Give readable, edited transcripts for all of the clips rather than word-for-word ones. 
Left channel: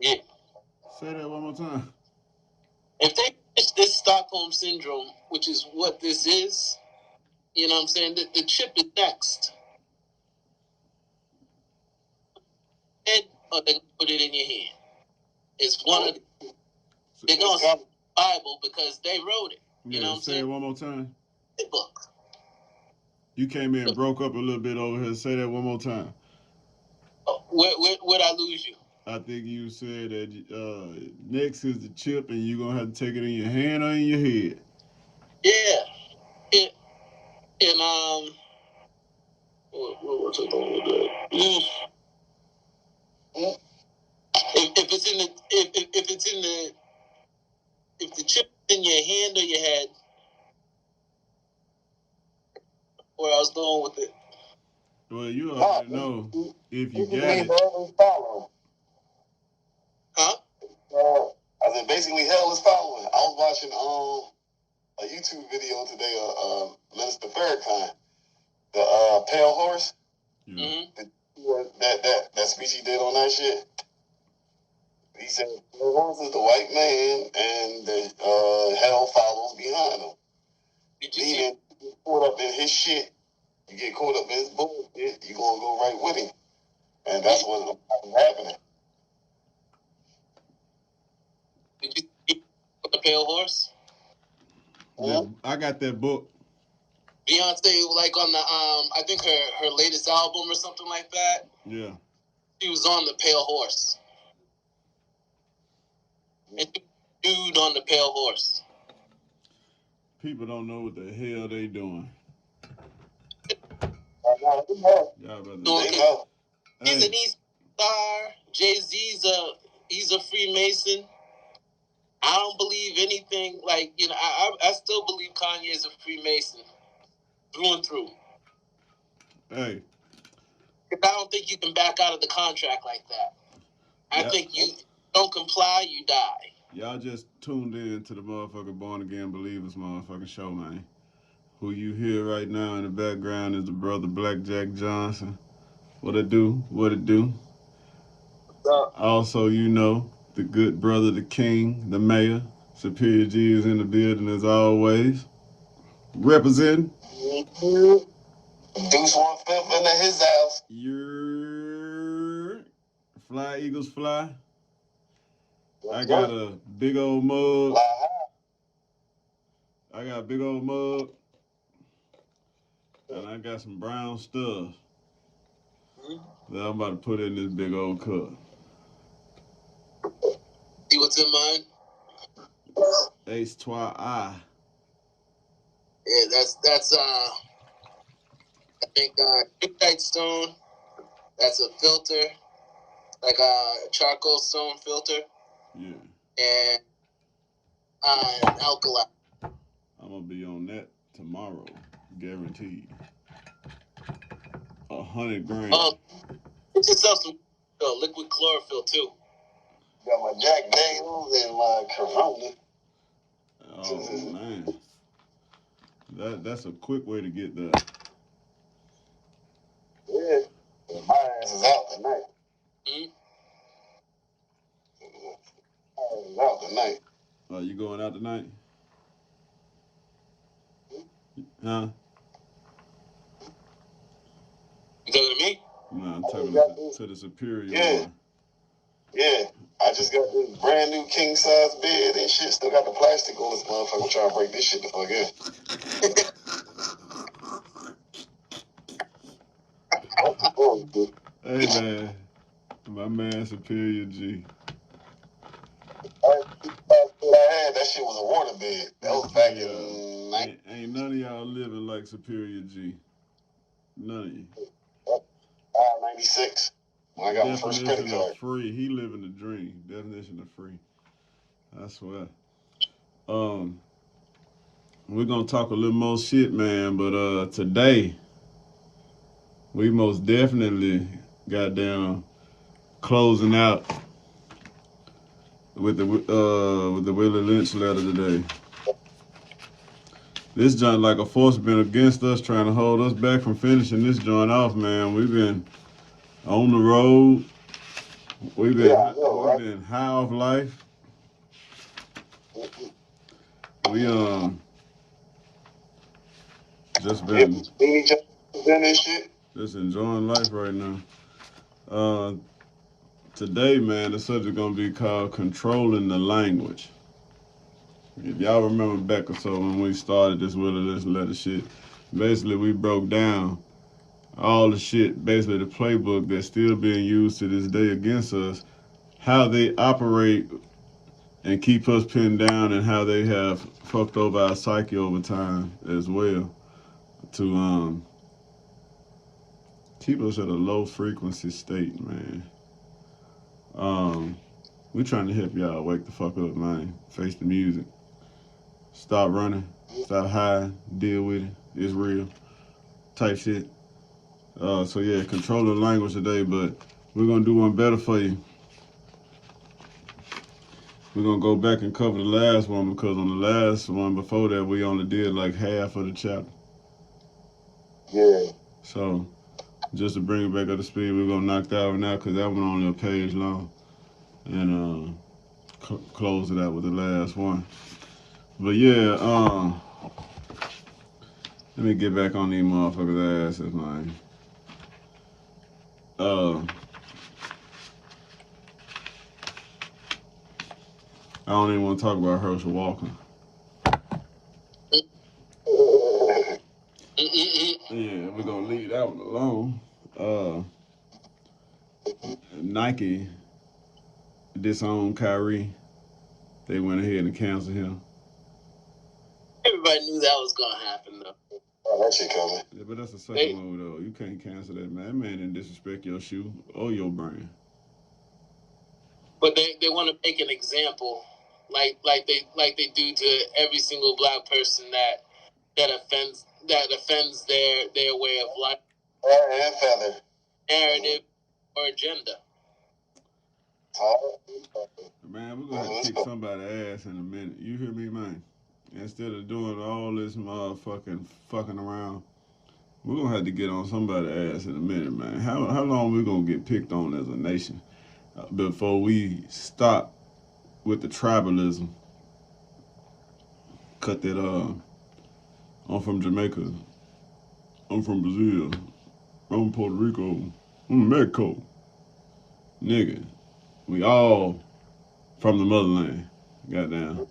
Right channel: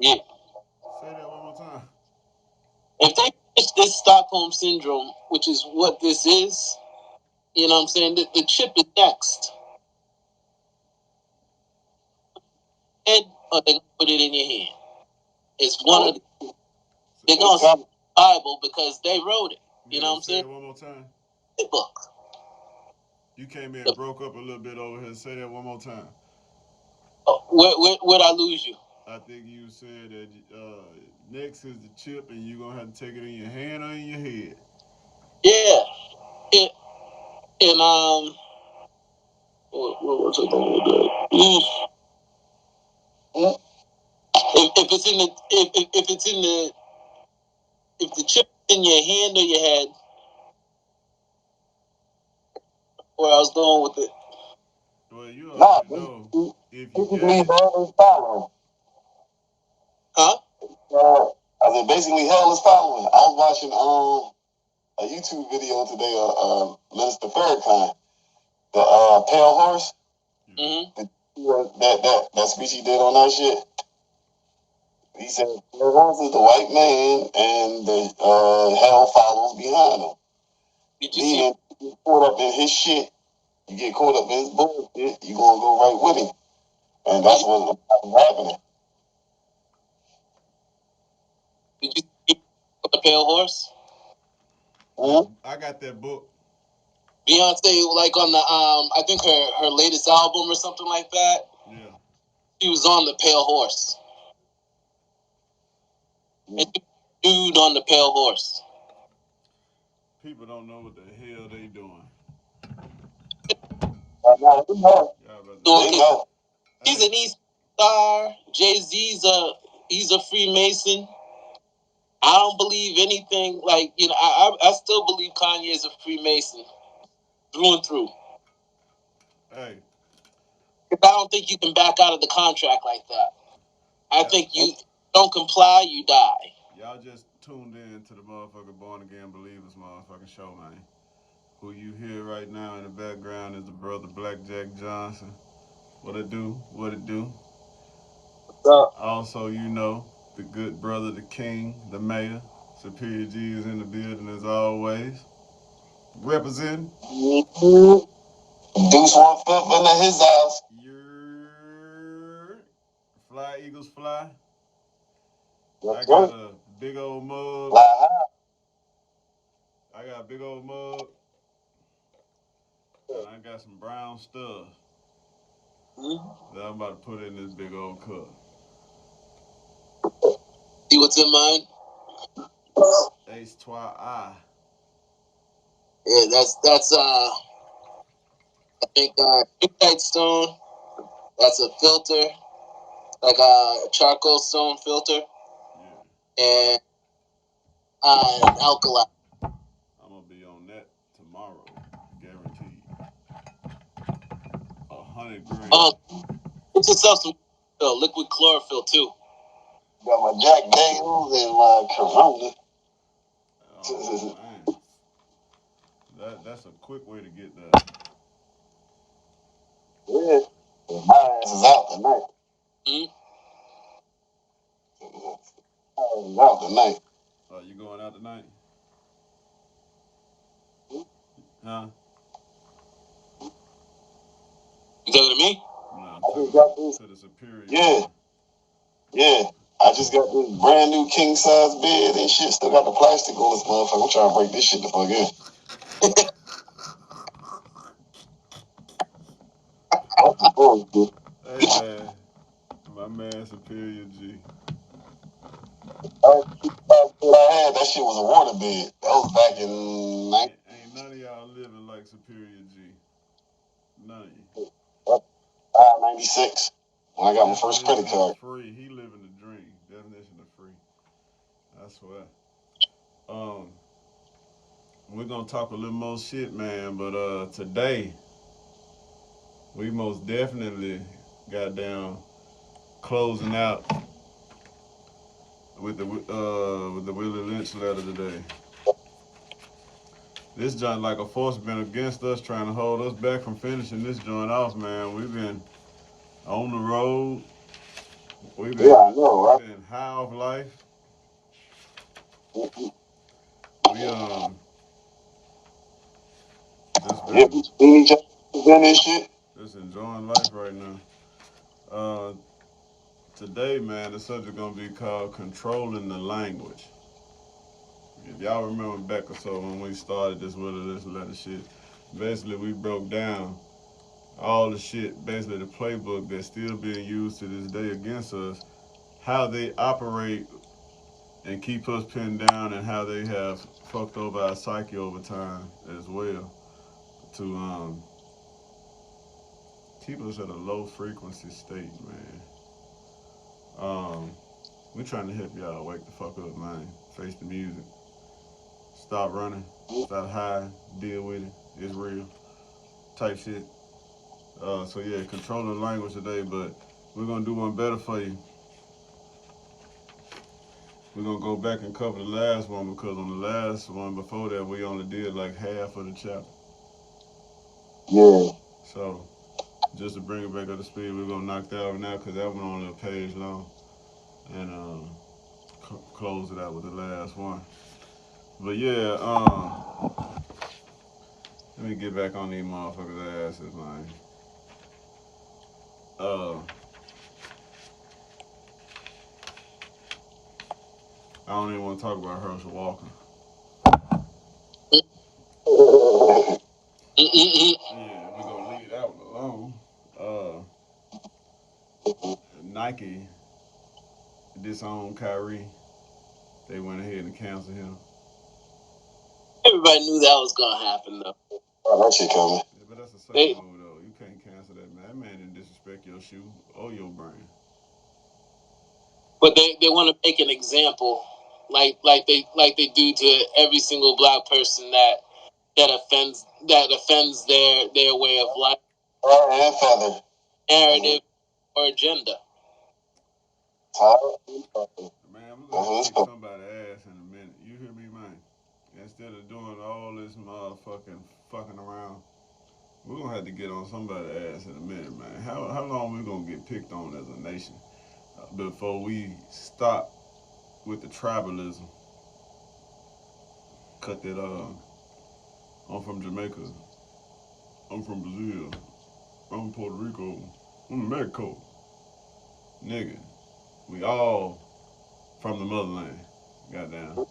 Yeah. Say that one more time. If they finish this Stockholm Syndrome, which is what this is, you know what I'm saying? The chip is next. Head, or they're going to put it in your hand. It's one of the... They're going to say Bible because they wrote it. You know what I'm saying? Say it one more time. The book. You came in and broke up a little bit over here. Say that one more time. Oh, where'd I lose you? I think you said that next is the chip, and you're going to have to take it in your hand or in your head. Yeah. What was it going to do? If it's in the if the chip is in your hand or your head, where I was going with it. Well, you already know if you got it. Huh? I said basically hell is following. I was watching a YouTube video today of Minister Farrakhan, the Pale Horse. Mm-hmm. That speech he did on that shit. He said Pale Horse is the white man, and the hell follows behind him. Did you see? You get caught up in his shit. You get caught up in his bullshit. You gonna go right with him, and that's what's happening. Did you see the Pale Horse? I got that book. Beyonce, like on the I think her latest album or something like that. Yeah. She was on the Pale Horse. And dude on the Pale Horse. People don't know what the hell they doing. He's an East Star. Jay-Z's he's a Freemason. I don't believe anything like, you know, I still believe Kanye is a Freemason through and through. Hey. I don't think you can back out of the contract like that. I think you don't comply, you die. Y'all just tuned in to the motherfucking Born Again Believers motherfucking show, man. Who you hear right now in the background is the brother BlackJack Johnson. What it do? What it do? What's up? Also, you know, the good brother, the king, the mayor. Superior G is in the building as always. Representing. Deuce 1/5 into his house. Fly Eagles fly. I got a big old mug. I got a big old mug. And I got some brown stuff that I'm about to put in this big old cup. See what's in mine? H2I. Yeah, that's I think Midnight Stone. That's a filter, like a charcoal stone filter. Yeah. And an alkali. I'm gonna be on that tomorrow, guaranteed. 100 grand. Get yourself some liquid chlorophyll too. Got my Jack Daniels and my Corona. Oh man, that's a quick way to get that. Yeah, my ass is out tonight. My ass is out tonight. You going out tonight? Huh? You talking to me? No, I'm talking to the superior. Yeah. Yeah. I just got this brand new king size bed and shit. Still got the plastic on this motherfucker. I'm trying to break this shit the fuck in. Hey man, my man Superior G. I had that shit was a water bed. That was back in Ain't none of y'all living like Superior G. None of you. 96. When I got my first credit card. Free. He living the dream. Definition of free. I swear. We're gonna talk a little more shit, man. But today, we most definitely got down closing out with the Willie Lynch letter today. This joint like a force been against us, trying to hold us back from finishing this joint off, man. We've been on the road, We've been, Yeah, I know, right? we've been high off life. We just Yeah, been we seen each other then and shit. just enjoying life right now. Uh, Today, man, the subject gonna be called controlling the language. If y'all remember back or so when we started this with this letter shit, basically we broke down all the shit, basically the playbook that's still being used to this day against us, how they operate and keep us pinned down, and how they have fucked over our psyche over time as well to keep us at a low frequency state, man. Um, we trying to help y'all wake the fuck up, man. Face the music. Stop running. Stop hiding. Deal with it. It's real. Type shit. So yeah, control the language today, but we're gonna do one better for you. We're gonna go back and cover the last one because on the last one before that we only did like half of the chapter. Yeah. So just to bring it back up to speed, we're gonna knock that one out because that one only a page long, and close it out with the last one. But yeah, let me get back on these motherfuckers' asses, man. Uh, I don't even want to talk about Herschel Walker. Yeah, we're gonna leave that one alone. Nike disowned Kyrie. They went ahead and canceled him. Everybody knew that was gonna happen, though. Oh, that shit coming. Yeah, but that's a second move though. You can't cancel that, man. That man didn't disrespect your shoe or your brand. But they want to make an example, like they do to every single black person that offends their way of life, And feather. narrative, or agenda. Man, we're gonna kick somebody's ass in a minute. You hear me, man? Instead of doing all this motherfucking fucking around, we're gonna have to get on somebody's ass in a minute, man. How long we gonna get picked on as a nation before we stop with the tribalism? Cut that I'm from Jamaica. I'm from Brazil. I'm from Puerto Rico. I'm from Mexico. Nigga, we all from the motherland. Goddamn.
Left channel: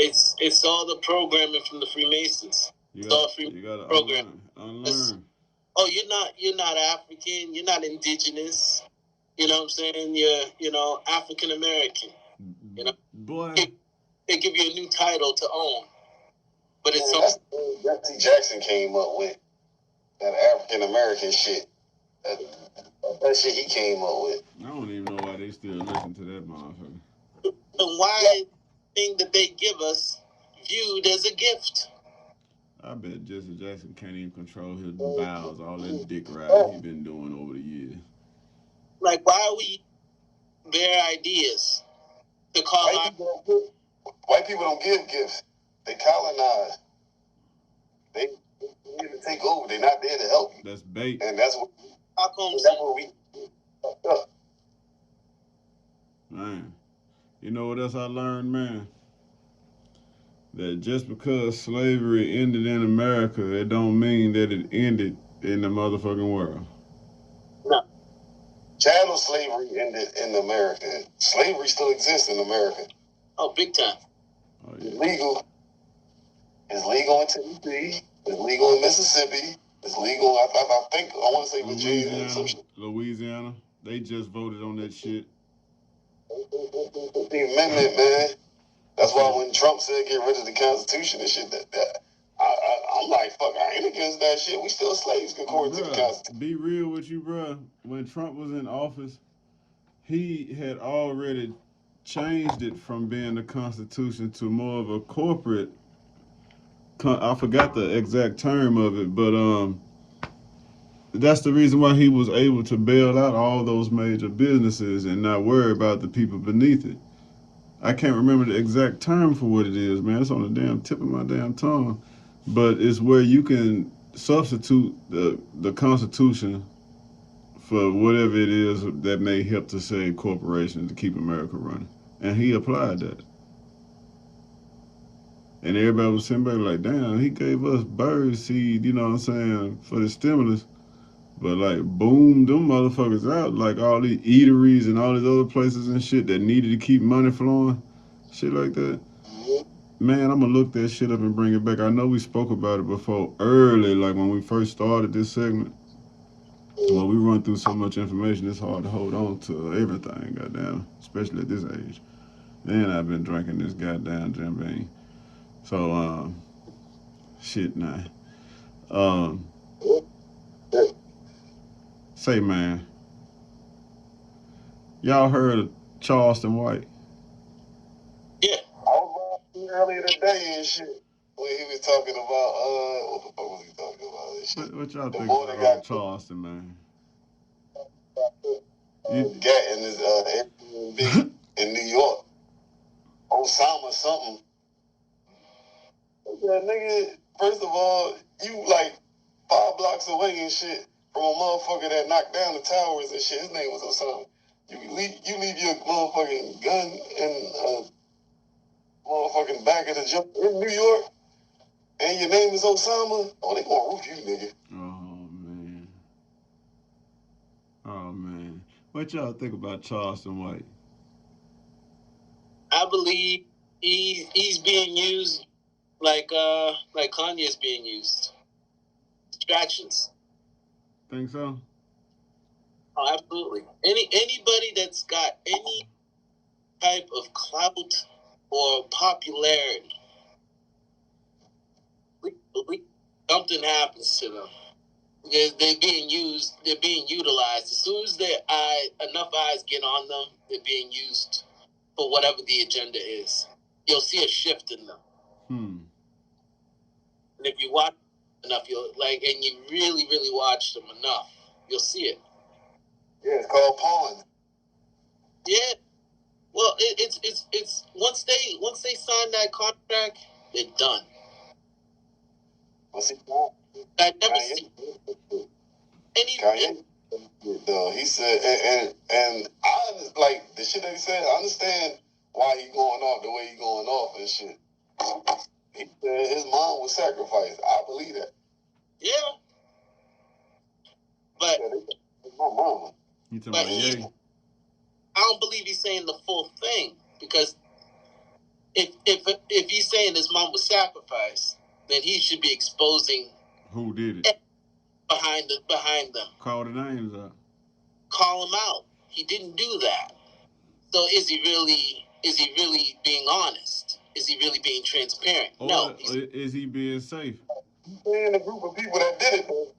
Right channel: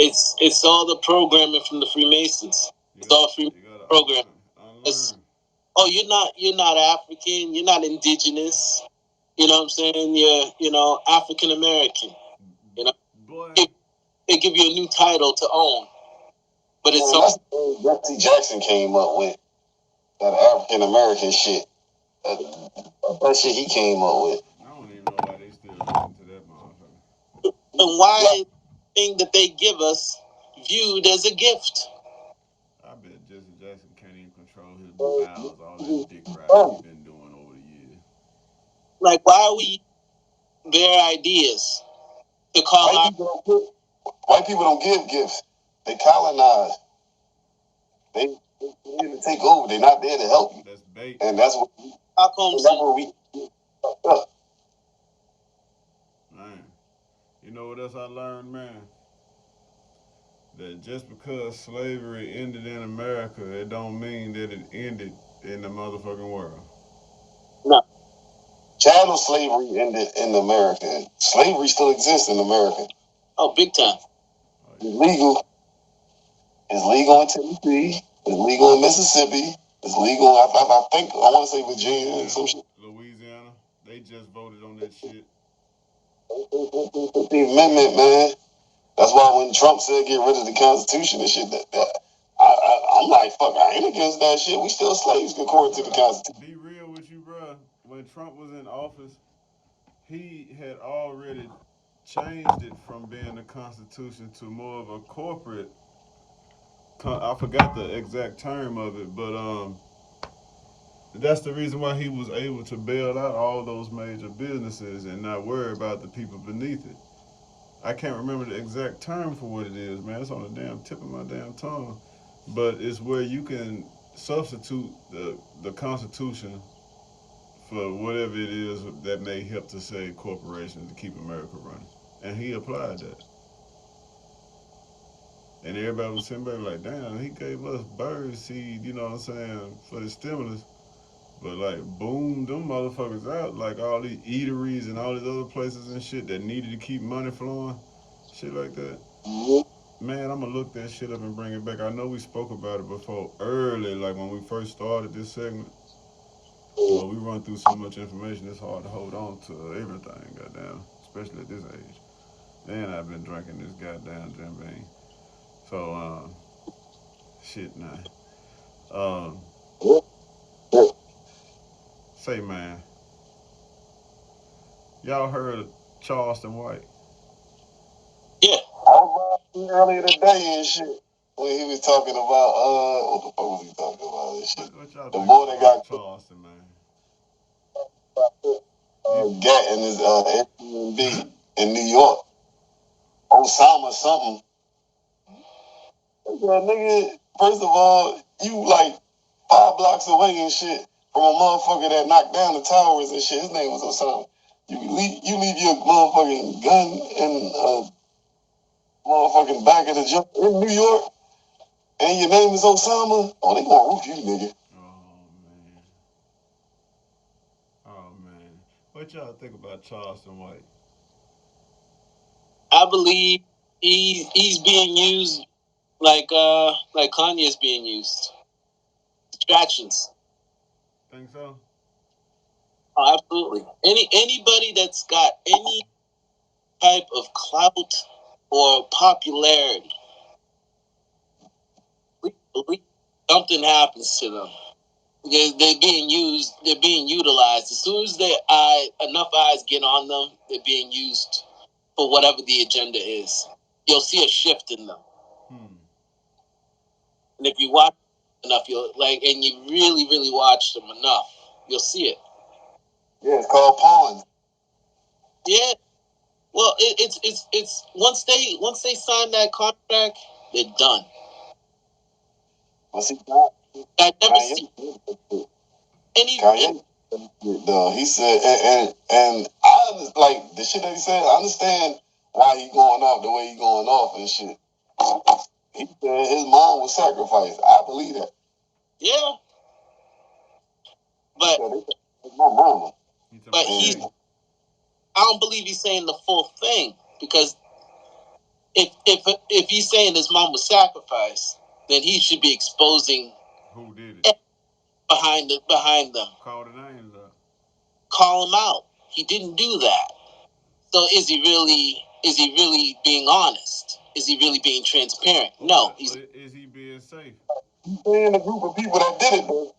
It's all the programming from the Freemasons. It's all free program. Unlearn. Oh, you're not African. You're not indigenous. You know what I'm saying? You're African American. You know, boy, they give you a new title to own. But it's that's Jesse Jackson came up with that African American shit. That shit he came up with. I don't even know why they still listen to that motherfucker. And why is the thing that they give us viewed as a gift? I bet Jesse Jackson can't even control his bowels, all that dick riding he's been doing over the years. Like, why are we their ideas to call white people don't give gifts. They colonize. They need to take over. They're not there to help you. That's bait. And that's what we man. You know what else I learned, man? That just because slavery ended in America, it don't mean that it ended in the motherfucking world. No. Chattel slavery ended in America. Slavery still exists in America. Oh, big time. Oh, yeah. It's legal. It's legal in Tennessee. It's legal in Mississippi. It's legal, I think, I want to say Virginia and some shit. Louisiana. They just voted on that shit. The amendment, man. That's why when Trump said get rid of the Constitution and shit, I'm like, fuck, I ain't against that shit. We still slaves according to the Constitution. Be real with you, bro. When Trump was in office, he had already changed it from being the Constitution to more of a corporate. I forgot the exact term of it, but that's the reason why he was able to bail out all those major businesses and not worry about the people beneath it. I can't remember the exact term for what it is, man. It's on the damn tip of my damn tongue. But it's where you can substitute the Constitution for whatever it is that may help to save corporations to keep America running. And he applied that. And everybody was sitting back like, damn, he gave us bird seed, you know what I'm saying, for the stimulus. But like, boom, them motherfuckers out. Like all these eateries and all these other places and shit that needed to keep money flowing, shit like that. Man, I'm gonna look that shit up and bring it back. I know we spoke about it before early, like when we first started this segment. When we run through so much information, it's hard to hold on to everything, goddamn, especially at this age. And I've been drinking this goddamn Jim Beam. So, shit now. Um, say, man, y'all heard of Charleston White? Yeah. I was watching earlier today and shit when he was talking about what the fuck was he talking about and shit? What y'all The think boy that about got Charleston, man? gat in his Airbnb in New York. Osama something. Nigga, first of all, you like 5 blocks away and shit from a motherfucker that knocked down the towers and shit. His name was Osama. You leave your motherfucking gun in motherfucking back of the jump in New York, and your name is Osama. Oh, they gonna roof you, nigga. Oh man. What y'all think about Charleston White? I believe he's being used like Kanye's being used. Distractions. Think so? Oh, absolutely. Anybody that's got any type of clout or popularity, something happens to them. They're being used. They're being utilized. As soon as enough eyes get on them, they're being used for whatever the agenda is. You'll see a shift in them. And if you watch enough, and you really, really watch them enough, you'll see it. Yeah, it's called pawn. Yeah. Well, it's once they sign that contract, they're done. What's he I never see any. He said, and I like the shit that he said. I understand why he going off the way he going off and shit. He said his mom was sacrificed. I believe that. Yeah. But my mama. I don't believe he's saying the full thing, because if he's saying his mom was sacrificed, then he should be exposing who did it behind them. Call the names out. Call him out. He didn't do that. So is he really being honest? Is he really being transparent? Or no. Is he being safe? He's saying a group of people that did it, though.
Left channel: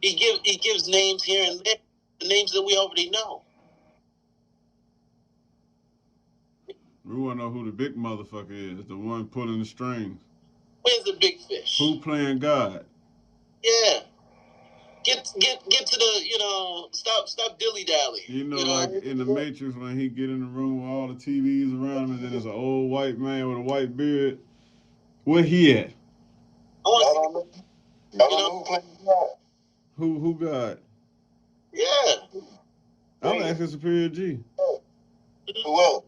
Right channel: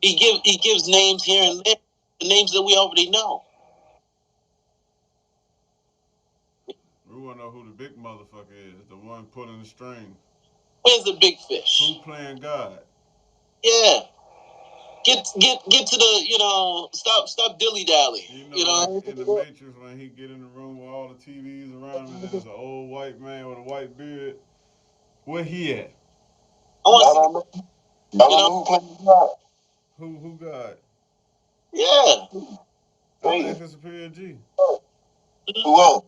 He gives names here and there, the names that we already know. We want to know who the big motherfucker is, the one pulling the strings. Where's the big fish? Who playing God? Yeah. Get to the, stop dilly-dally. Like in the Matrix when he get in the room with all the TVs around him and then there's an old white man with a white beard. Where he at? I want to see, Who God? Yeah. I'm asking Superior G. Who else?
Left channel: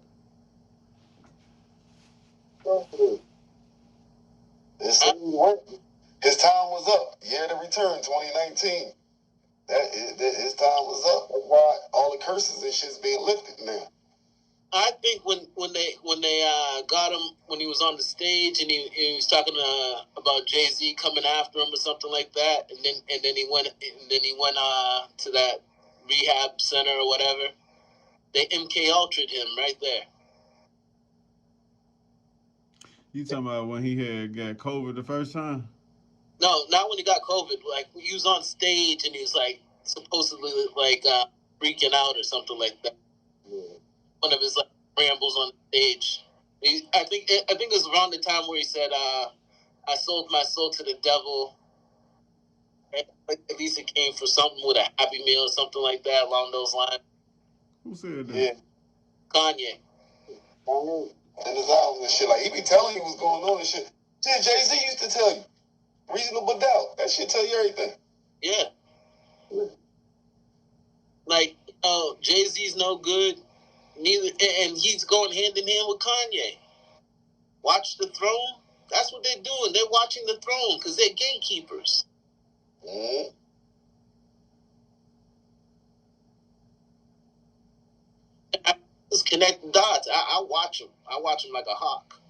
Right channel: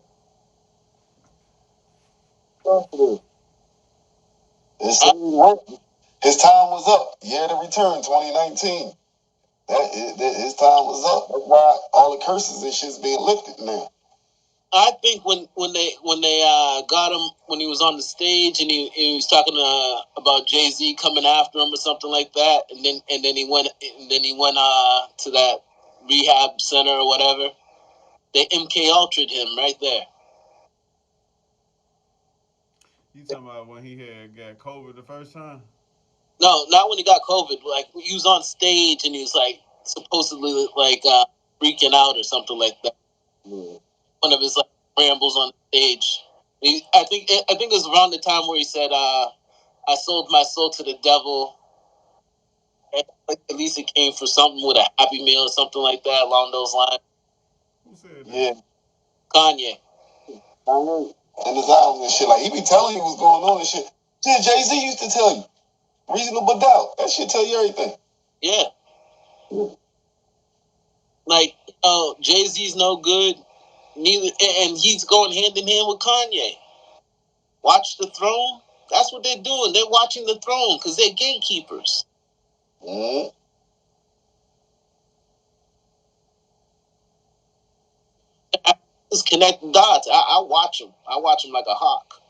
His time was up. Year to return, 2019. His time was up. That's why all the curses and shit's being lifted now. I think when they got him when he was on the stage and he was talking about Jay-Z coming after him or something like that, and then he went to that rehab center or whatever. They MK Ultra'd him right there. You talking about when he had got COVID the first time? No, not when he got COVID. Like he was on stage and he was like supposedly like freaking out or something like that. Yeah. One of his like rambles on stage. I think it was around the time where he said, "I sold my soul to the devil." And like, at least it came for something with a Happy Meal or something like that along those lines. Who said that? Yeah, Kanye. And his album and shit, like he be telling you what's going on and shit. Shit, Jay-Z used to tell you. Reasonable Doubt. That shit tell you everything. Yeah. Jay-Z's no good. Neither, and he's going hand in hand with Kanye. Watch the throne. That's what they're doing. They're watching the throne because they're gatekeepers. Mm-hmm. I just connect the dots. I watch them. I watch them like a hawk.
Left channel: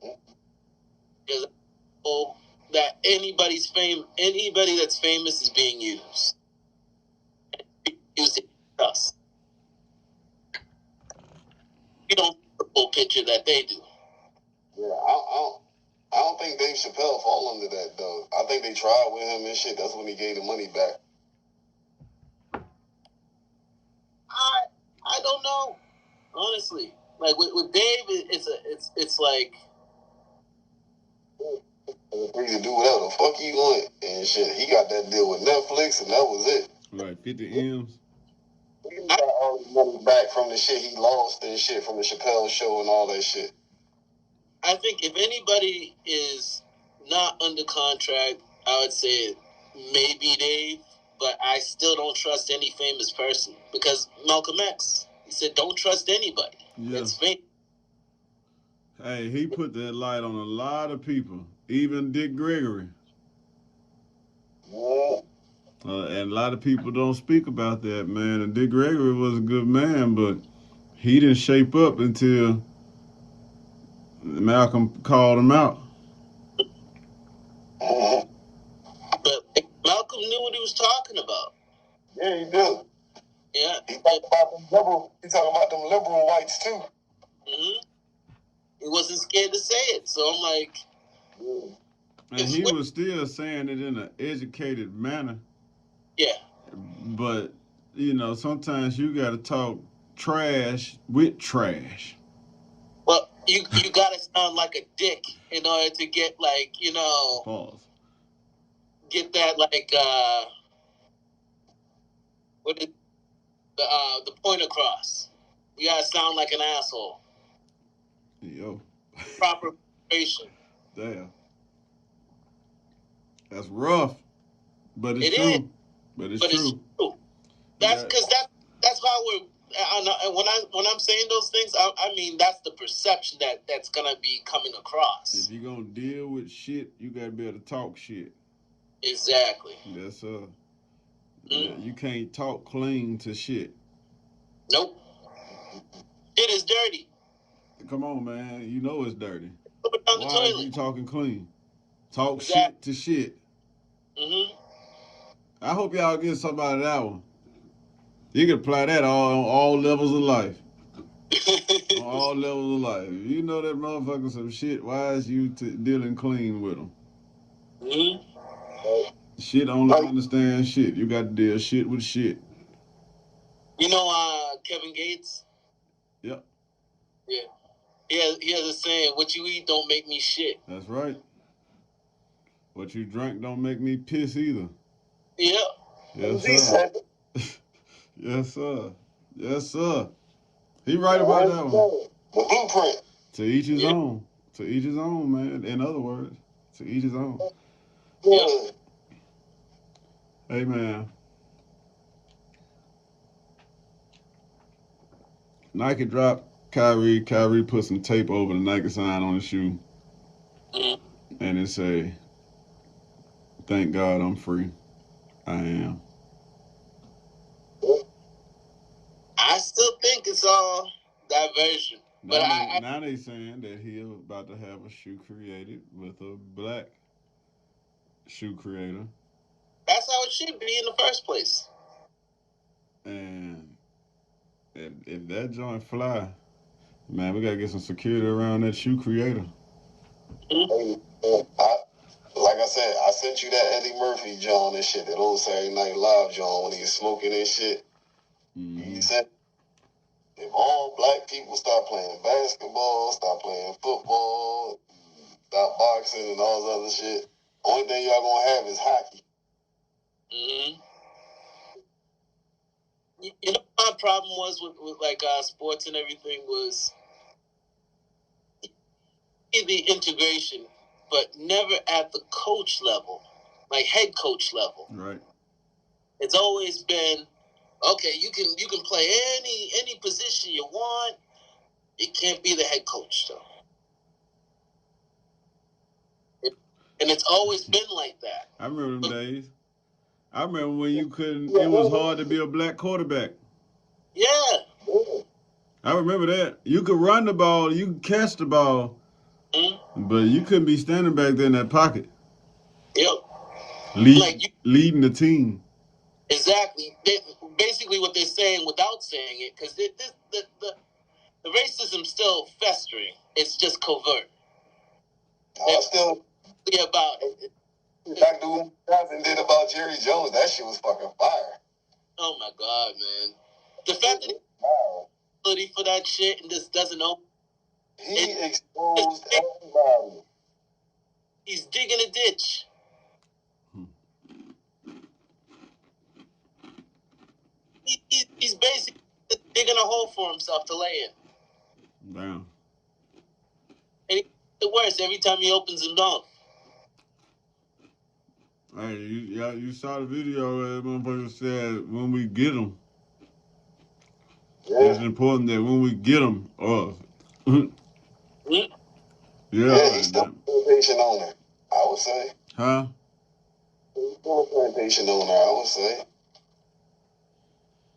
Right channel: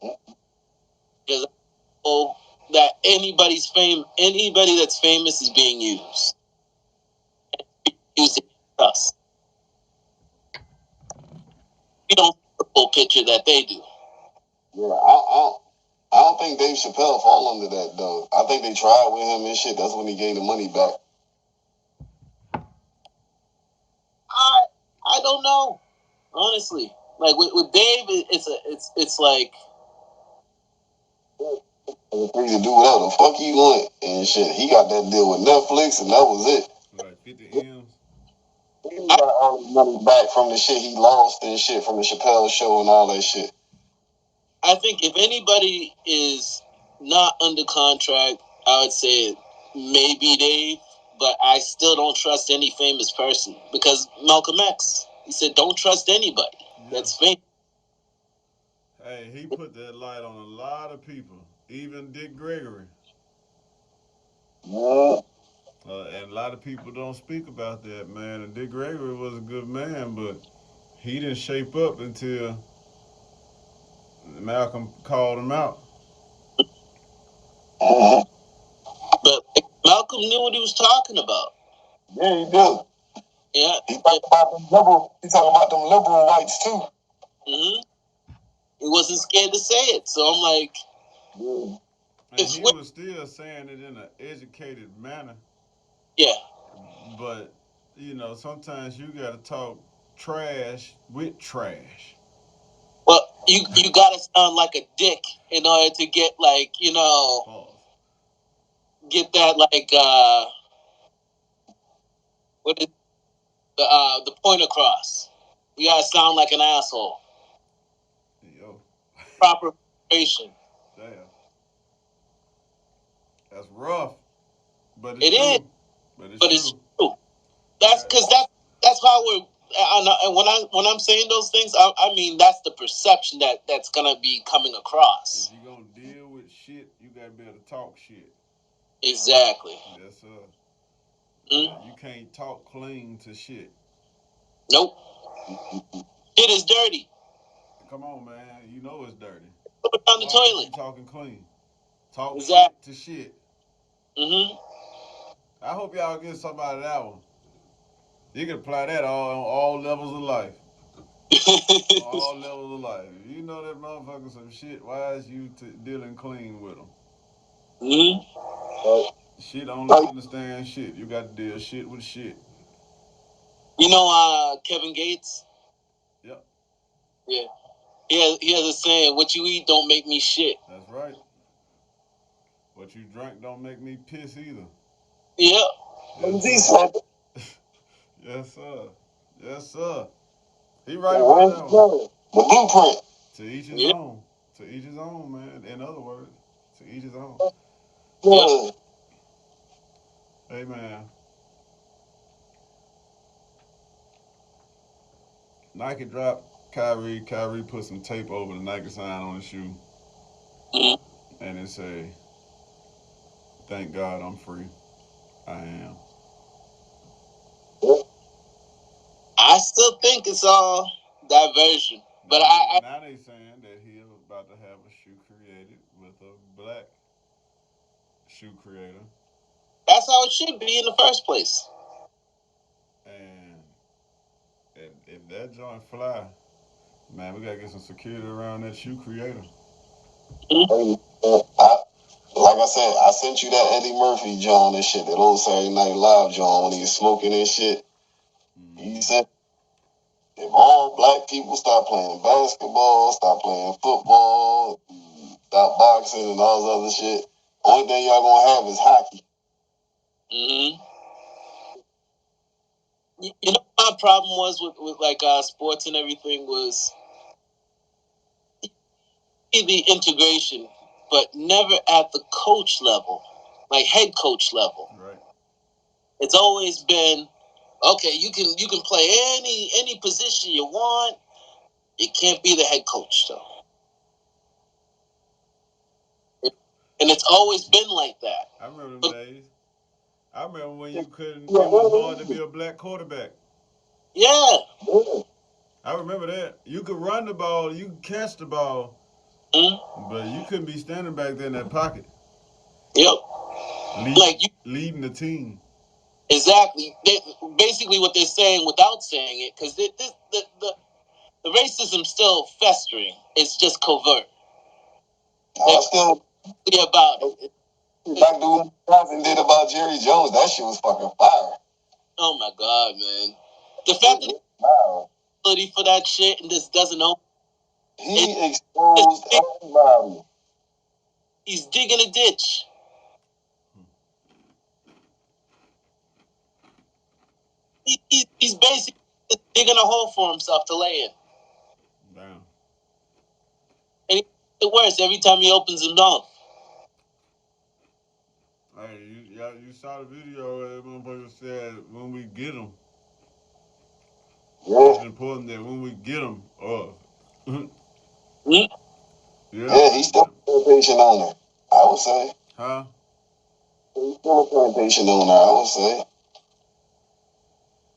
Because I know that anybody that's famous is being used. Used to us. We don't see the full picture that they do. Yeah, I don't think Dave Chappelle fall under that though. I think they tried with him and shit. That's when he gave the money back. I don't know, honestly. Like with Dave, it's like Free to do whatever the fuck he want and shit. He got that deal with Netflix and that was it. Like 50 M's. He got all the money back from the shit he lost and shit from the Chappelle show and all that shit. I think if anybody is not under contract, I would say maybe Dave, but I still don't trust any famous person because Malcolm X, he said, don't trust anybody. Yeah. That's famous. Hey, he put that light on a lot of people, even Dick Gregory. Yeah. And a lot of people don't speak about that, man. And Dick Gregory was a good man, but he didn't shape up until Malcolm called him out. But Malcolm knew what he was talking about. Yeah, he did. Yeah. He talking about them liberal whites too. Mm-hmm. He wasn't scared to say it. So I'm like, and he was still saying it in an educated manner. Yeah. But, you know, sometimes you got to talk trash with trash. Well, you got to sound like a dick in order to get, like, you know, Pause. Get that, like, what is the point across. You got to sound like an asshole. Yo. Proper preparation. Damn. That's rough. But it's It true. is. But it's true. That's because that's how we're. And when I'm saying those things, I mean that's the perception that's gonna be coming across. If you're gonna deal with shit, you gotta be able to talk shit. Exactly. That's yeah, you can't talk clean to shit. Nope. It is dirty. Come on, man. You know it's dirty. Put it down the toilet. Why are you talking clean? Talk exactly. shit to shit. Mm-hmm. I hope y'all get something out of that one. You can apply that on all levels of life. On all levels of life. If you know that motherfucker some shit, why is you dealing clean with them? Mm-hmm. Shit only understand shit. You got to deal shit with shit. You know Kevin Gates? Yep. Yeah. He has a saying, what you eat don't make me shit. That's right. What you drink don't make me piss either. Yep. Yes, sir. Yes, sir. Yes, sir. He right about that one. The blueprint. To each his own. To each his own, man. In other words, to each his own. Yeah. Hey, man. Nike dropped Kyrie. Kyrie put some tape over the Nike sign on the shoe. Mm-hmm. And it say, "Thank God I'm free. I am." I still think it's all diversion. But now they saying that he about to have a shoe created with a black shoe creator. That's how it should be in the first place. And if that joint fly, man, we gotta get some security around that shoe creator. Mm-hmm. Like I said, I sent you that Eddie Murphy John and shit, that old Saturday Night Live John when he was smoking and shit. Mm-hmm. He said, if all black people start playing basketball, start playing football, stop boxing and all this other shit, only thing y'all gonna have is hockey. Mm-hmm. You know what my problem was with like sports and everything was the integration, but never at the coach level, like head coach level. Right. It's always been, okay, you can play any position you want. It can't be the head coach though. And it's always been like that. I remember them days. I remember when you couldn't. It was hard to be a black quarterback. Yeah. I remember that. You could run the ball, you could catch the ball, but you couldn't be standing back there in that pocket. Yep. Leading the team. Exactly. Basically, what they're saying without saying it, because the racism's still festering. It's just covert. They're still about it. Like the Johnson did about Jerry Jones, that shit was fucking fire. Oh my god, man! The fact that he's for that shit and just doesn't know. He exposed everybody. He's digging a ditch. He's basically digging a hole for himself to lay in. Damn. And it worse every time he opens his mouth. Hey, you saw the video where that motherfucker said, when we get him, it's important that when we get him, yeah, he's still a plantation owner, I would say. Huh? He's still a plantation owner, I would say.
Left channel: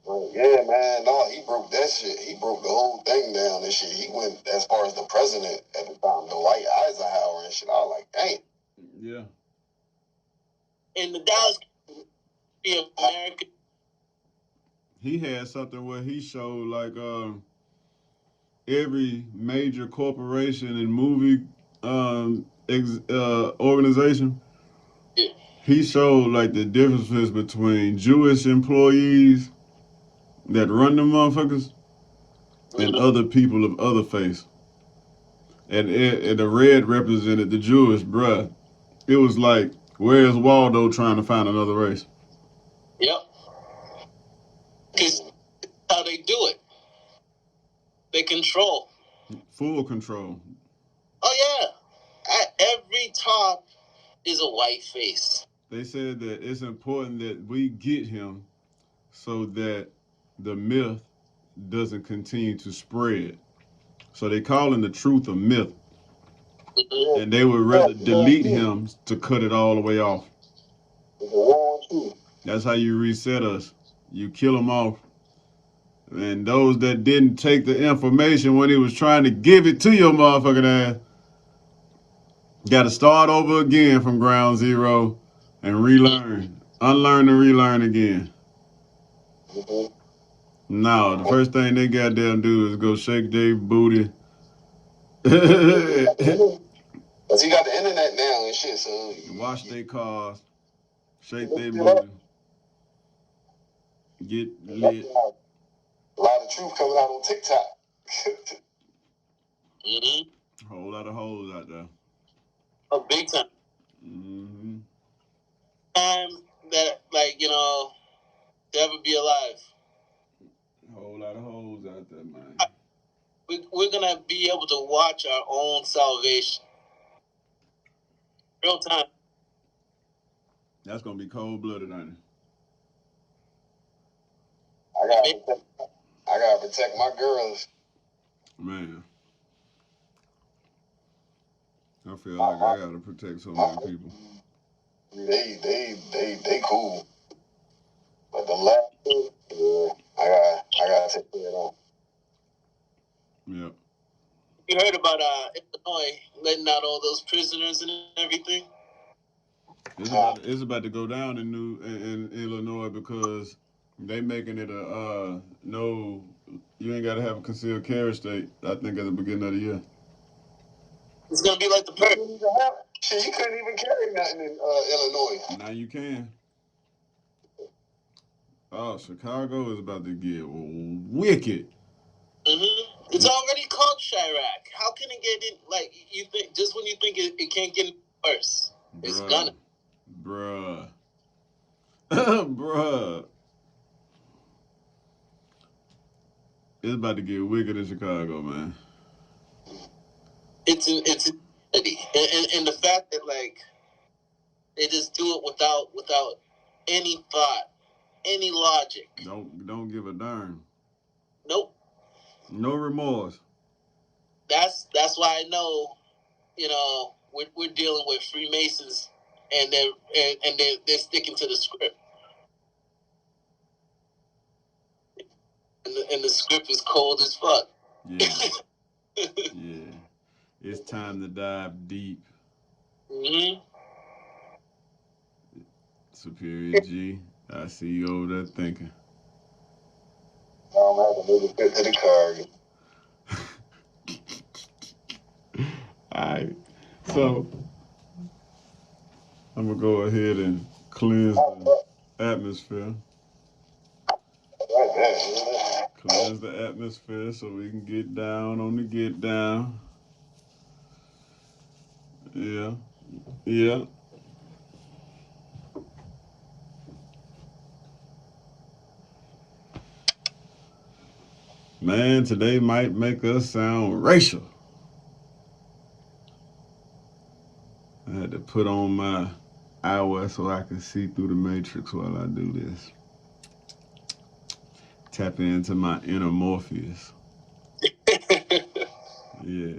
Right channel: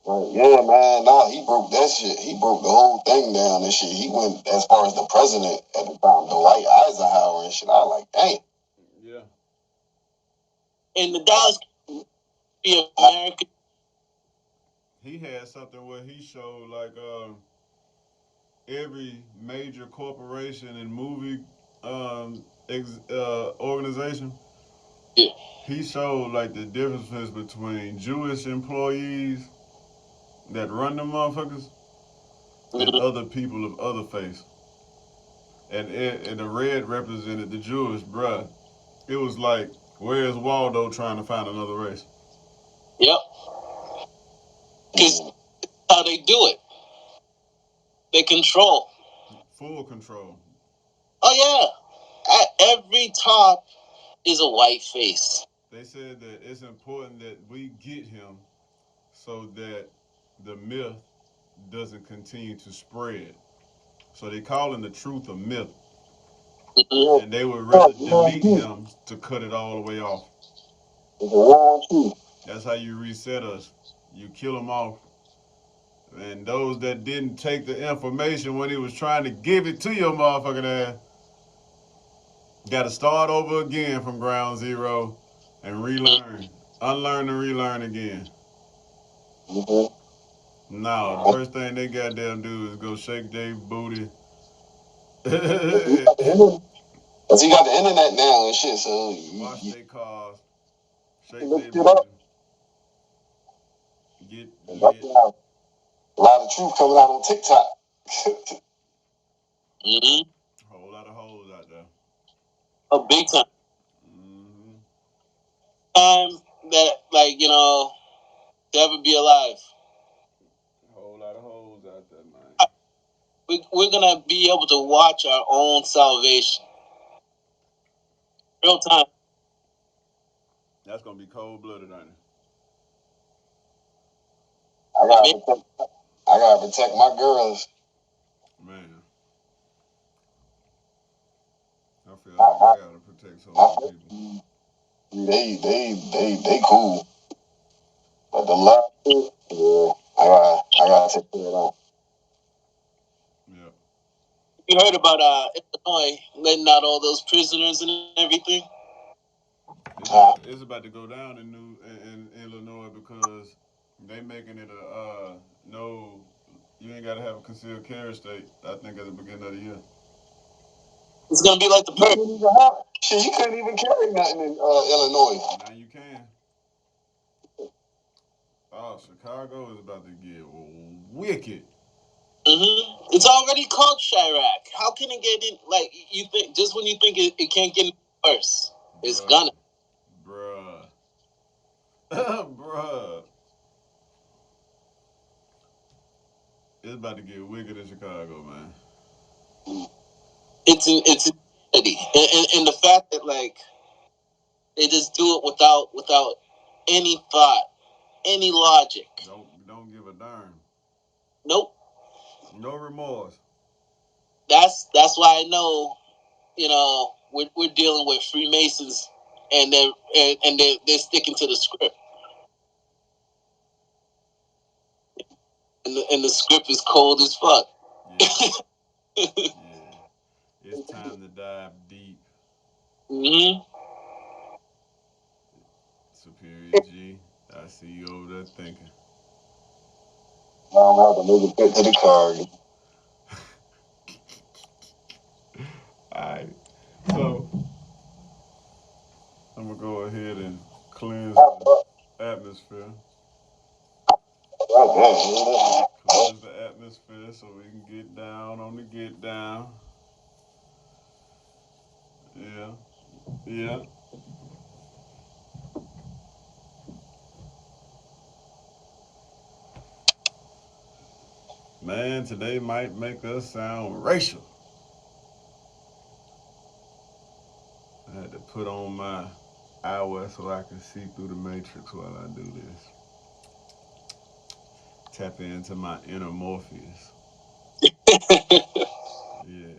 But yeah, man, he broke that shit. He broke the whole thing down and shit. He went as far as the president at the time, Dwight Eisenhower and shit. I was like, dang. Yeah. And the Dallas be American. He had something where he showed like every major corporation and movie organization. Yeah. He showed like the differences between Jewish employees that run them motherfuckers and other people of other faith. And the red represented the Jewish, bruh. It was like, where's Waldo trying to find another race? Yep. Because how they do it. They control. Full control. Oh, yeah. At every top is a white face. They said that it's important that we get him so that the myth doesn't continue to spread. So they calling the truth a myth. Mm-hmm. And they would rather delete him to cut it all the way off. That's how you reset us. You kill them off. And those that didn't take the information when he was trying to give it to your motherfucking ass, got to start over again from ground zero and relearn. Unlearn and relearn again. Mm-hmm. No, the first thing they goddamn do is go shake their booty. Cause he got the internet now and shit, so wash their cars, shake their booty, get lit. A lot of truth coming out on TikTok. Mm-hmm. A whole lot of hoes out there. A big time. Mm-hmm. Time that, like, to ever be alive. A whole lot of hoes out there, man. We're going to be able to watch our own salvation. Real time. That's going to be cold-blooded, ain't it? I gotta protect my girls. Man. I feel like I gotta protect so many people. They cool. But the love, I gotta take care of them. Yep. You heard about Illinois letting out all those prisoners and everything? It's about to go down in Illinois because they making it no, you ain't got to have a concealed carry state, I think, at the beginning of the year. It's going to be like the perk. Shit, you couldn't even carry nothing in Illinois. Now you can. Oh, Chicago is about to get wicked. Mm-hmm. It's already called Chirac. How can it get in? Like, you think, just when you think it can't get worse, it's gonna. Bruh. Bruh. It's about to get wicked in Chicago, man. It's insanity, and the fact that, like, they just do it without any thought, any logic. Don't give a darn. Nope. No remorse. That's why I know, we're dealing with Freemasons, and they're sticking to the script. And the script is cold as fuck. Yeah. Yeah. It's time to dive deep. Mm-hmm. Superior G, I see you over there thinking. I don't have to move it to the car. Alright. So I'm gonna go ahead and cleanse the atmosphere. Cleanse the atmosphere so we can get down on the get down. Yeah. Yeah. Man, today might make us sound racial. I had to put on my eyewear so I can see through the matrix while I do this. Tap into my inner Morpheus. Yeah.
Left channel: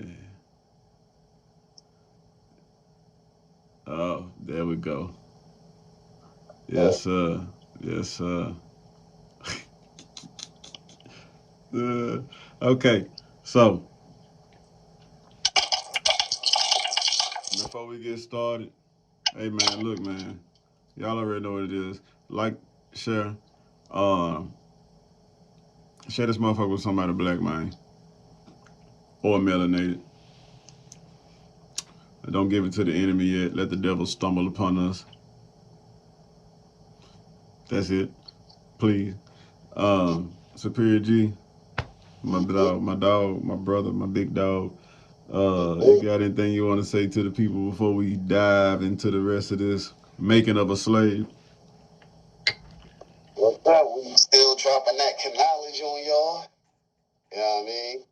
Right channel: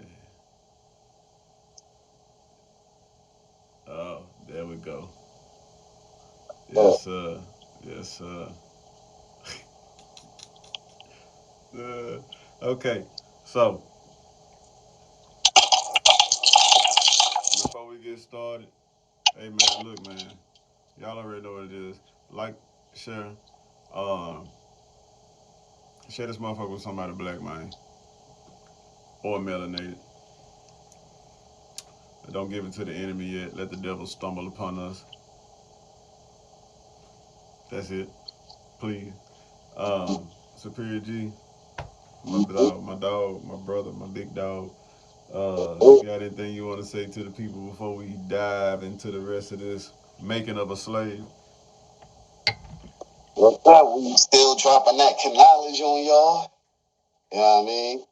Oh, there we go. Yes, sir. Yes, sir. Okay, so before we get started, hey man, look man, y'all already know what it is. Like, share, share this motherfucker with somebody black, man, or melanated. Don't give it to the enemy yet. Let the devil stumble upon us. That's it, please. Superior G, my dog, my brother, my big dog. You got anything you want to say to the people before we dive into the rest of this making of a slave? What's up? We still dropping that knowledge on y'all. You know what I mean?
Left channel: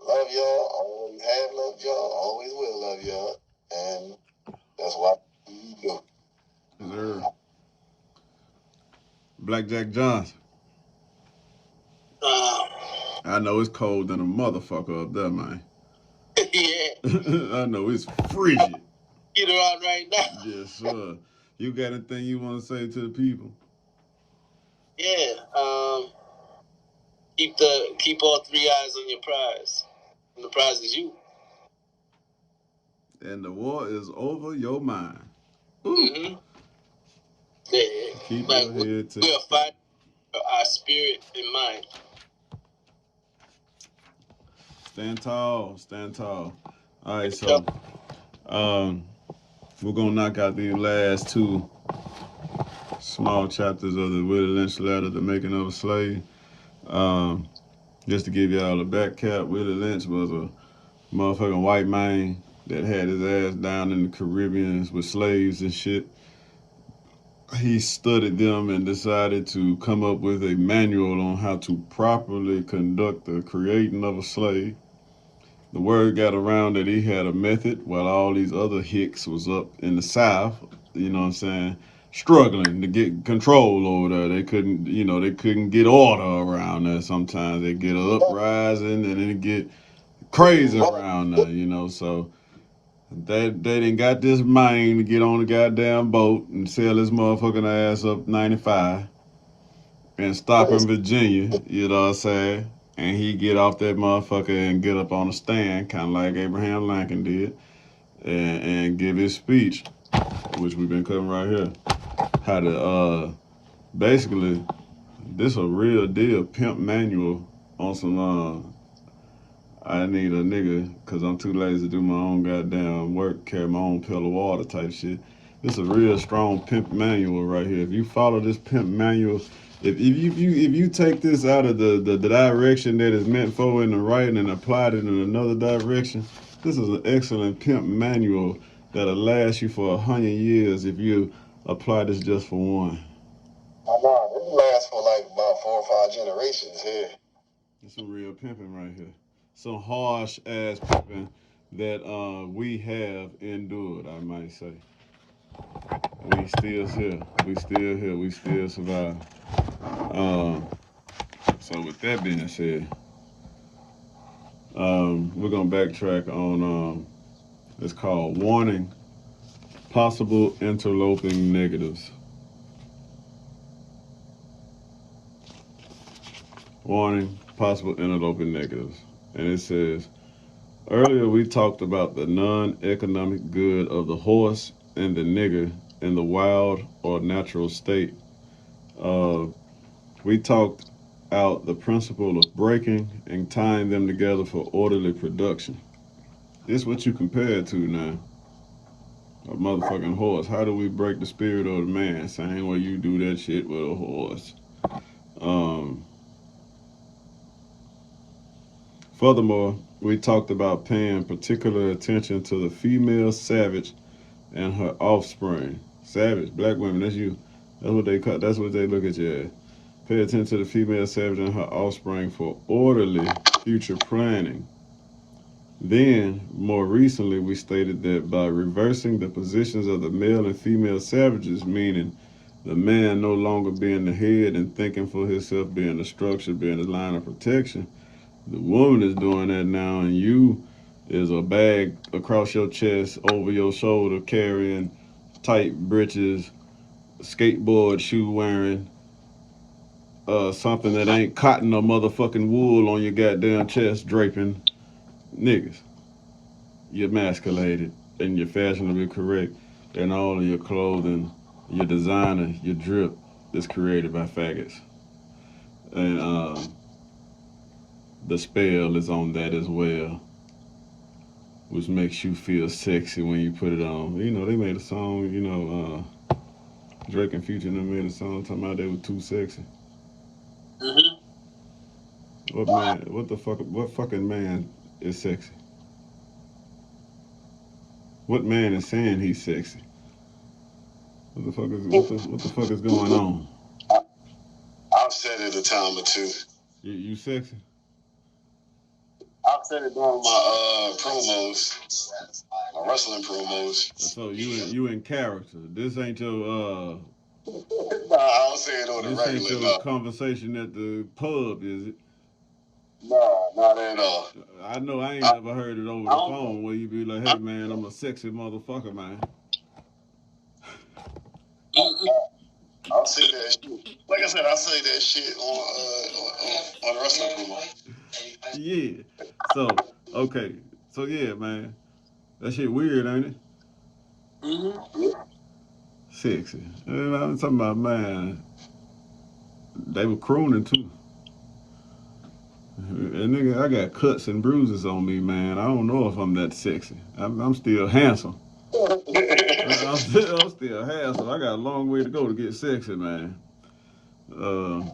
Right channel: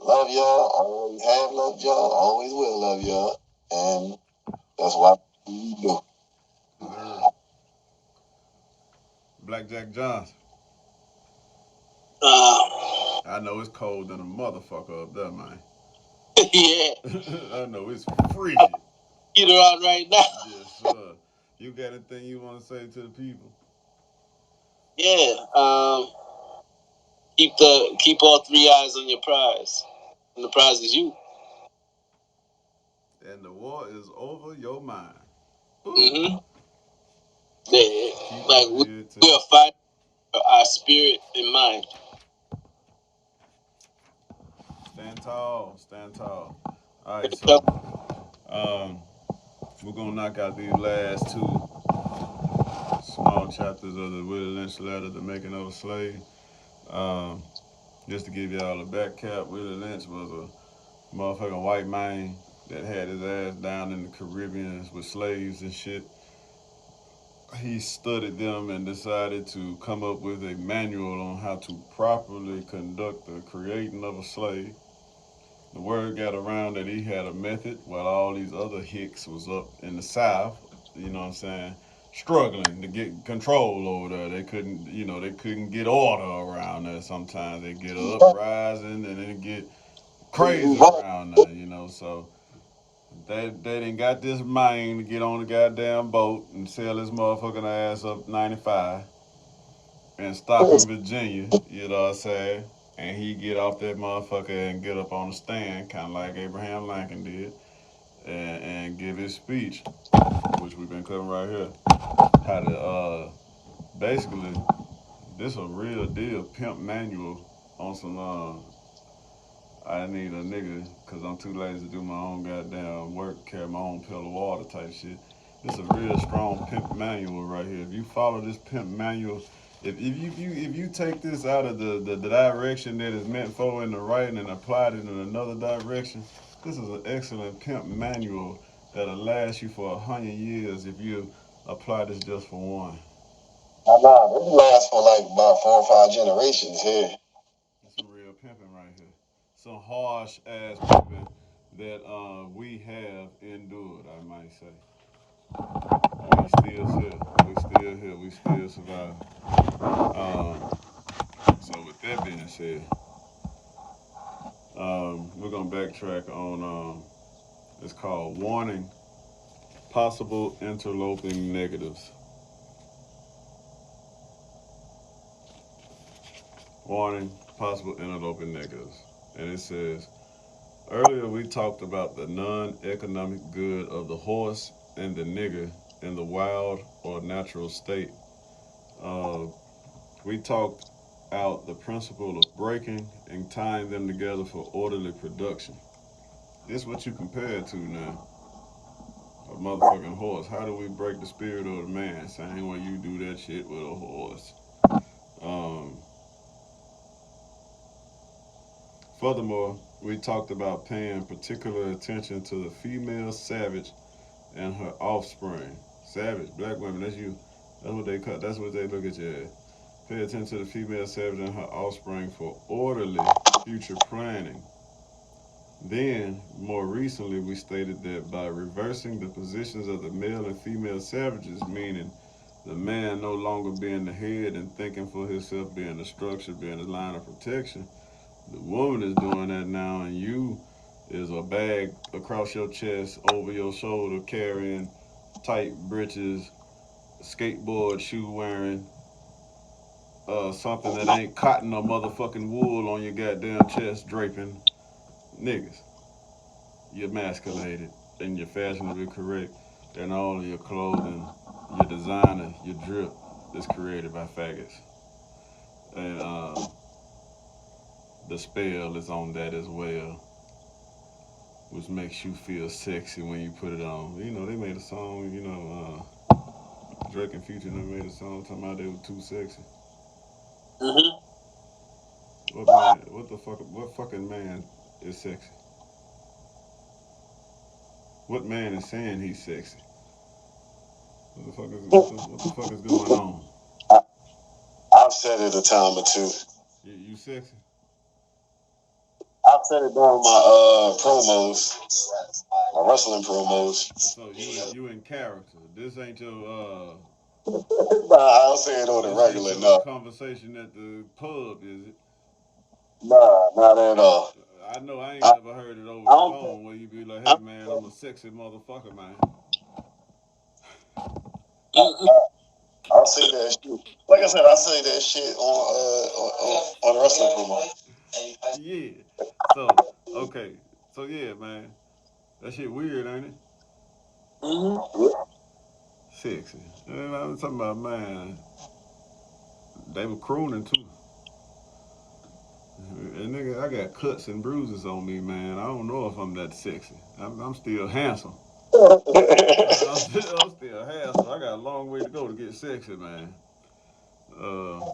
Love y'all. Always have loved y'all. Always will love y'all. And that's what we do. Yes, sir. BlackJack Johnson. I know it's cold than a motherfucker up there, man. Yeah. I know it's frigid. Get her out right now. Yes, sir. You got anything you want to say to the people? Yeah. Keep all three eyes on your prize. And the prize is you. And the war is over your mind. Mm-hmm. Yeah. Keep Like your head to we're fighting our spirit and mind. stand tall, stand tall. All right, so we're gonna knock out these last two small chapters of the Willie Lynch letter, The Making of a Slave. Just to give y'all a back cap, Willie Lynch was a motherfucking white man that had his ass down in the Caribbean with slaves and shit. He studied them and decided to come up with a manual on how to properly conduct the creating of a slave. The word got around that he had a method while all these other hicks was up in the South, you know what I'm saying, struggling to get control over there. They couldn't get order around there. Sometimes they get an uprising and then it get crazy around there, so they didn't got this man to get on the goddamn boat and sail his motherfucking ass up 95 and stop in Virginia, you know what I'm saying? And he get off that motherfucker and get up on a stand, kind of like Abraham Lincoln did, and give his speech, which we've been covering right here. How to, basically, this a real deal pimp manual on some, I need a nigga because I'm too lazy to do my own goddamn work, carry my own pill of water type shit. This is a real strong pimp manual right here. If you follow this pimp manual, if you take this out of the direction that it's meant for in the right and apply it in another direction, this is an excellent pimp manual that'll last you for 100 years if you apply this just for one. I know. This lasts for like about 4 or 5 generations here. It's some real pimping right here. Some harsh ass pimping that we have endured, I might say. We still here. We still here. We still survive. So with that being said, we're gonna backtrack on it's called warning possible interloping negatives. Warning possible interloping negatives. And it says earlier we talked about the non-economic good of the horse and the nigger in the wild or natural state. Uh, we talked out the principle of breaking and tying them together for orderly production. This what you compare it to now. A motherfucking horse. How do we break the spirit of the man? Same way you do that shit with a horse. Um, Furthermore, we talked about paying particular attention to the female savage and her offspring. Savage, black women, that's you. That's what they call. That's what they look at you as. Pay attention to the female savage and her offspring for orderly future planning. Then, more recently, we stated that by reversing the positions of the male and female savages, meaning the man no longer being the head and thinking for himself, being the structure, being the line of protection, the woman is doing that now, and you is a bag across your chest, over your shoulder, carrying tight breeches, skateboard shoe wearing, something that ain't cotton or motherfucking wool on your goddamn chest draping niggas. You're emasculated and you're fashionably correct, and all of your clothing, your designer, your drip is created by faggots. And the spell is on that as well, which makes you feel sexy when you put it on. You know, they made a song, Drake and Future them made a song talking about they were too sexy. Mm-hmm. What man, what fucking man is sexy? What man is saying he's sexy? What the fuck is going on? I've said it a time or two. You sexy? I've said it during my promos, my wrestling promos. So you in character. This ain't your Nah, I don't say it on the this regular. ain't your conversation at the pub, is it? Nah, not at all. I know I ain't never heard it over the phone where you be like, hey man, I'm a sexy motherfucker, man. I'll say that shit. Like I said, I say that shit on the wrestling promo. Yeah. So, okay. So yeah, man. That shit weird, ain't it? Mm-hmm. Sexy. And I'm talking about, man, they were crooning too. And nigga, I got cuts and bruises on me, man. I don't know if I'm that sexy. I'm still handsome. I'm still handsome. I got a long way to go to get sexy, man. And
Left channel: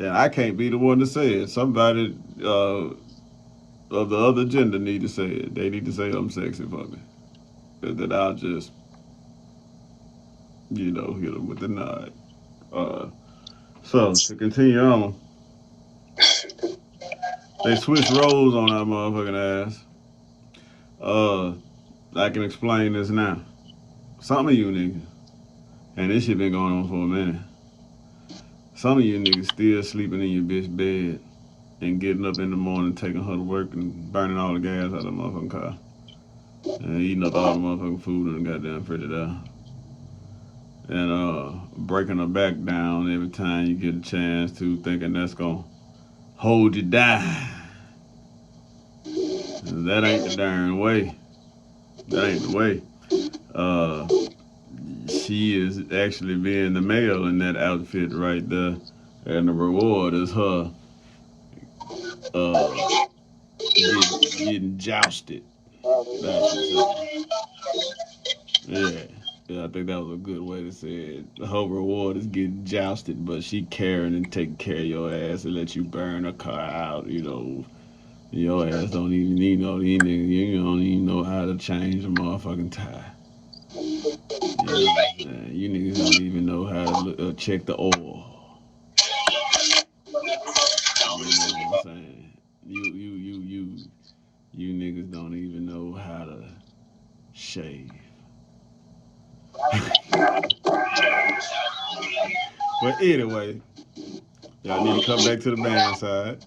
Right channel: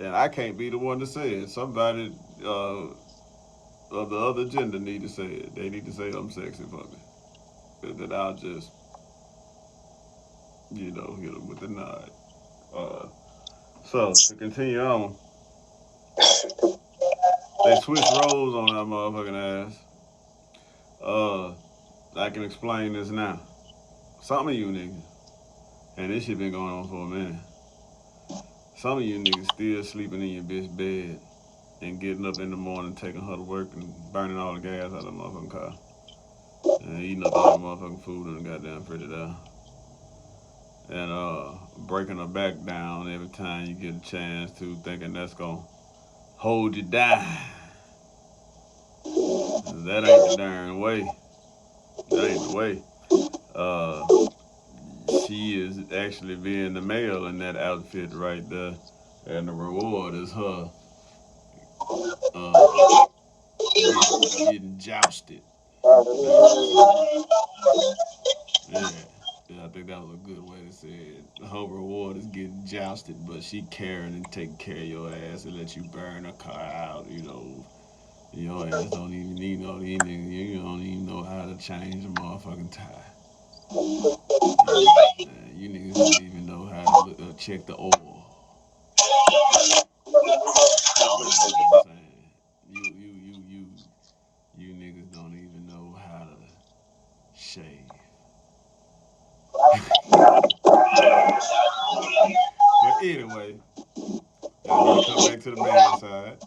I can't be the one to say it. Somebody of the other gender need to say it. They need to say I'm sexy for me. And then I'll just, hit them with the nod. So, to continue on, they switched roles on that motherfucking ass. I can explain this now. Some of you niggas, and this shit been going on for a minute, some of you niggas still sleeping in your bitch bed and getting up in the morning, taking her to work and burning all the gas out of the motherfucking car. And eating up all the motherfucking food in the goddamn Frigidaire. And breaking her back down every time you get a chance to, thinking that's gonna hold you down. And that ain't the darn way. That ain't the way. She is actually being the male in that outfit right there. And the reward is her getting jousted. Yeah. Yeah, I think that was a good way to say it. Her reward is getting jousted, but she caring and taking care of your ass and let you burn her car out, Your ass don't even need no these niggas. You don't even know how to change a motherfucking tire. You niggas don't even know how to check the oil. You know what I'm saying? You niggas don't even know how to shave. jump back to the man side.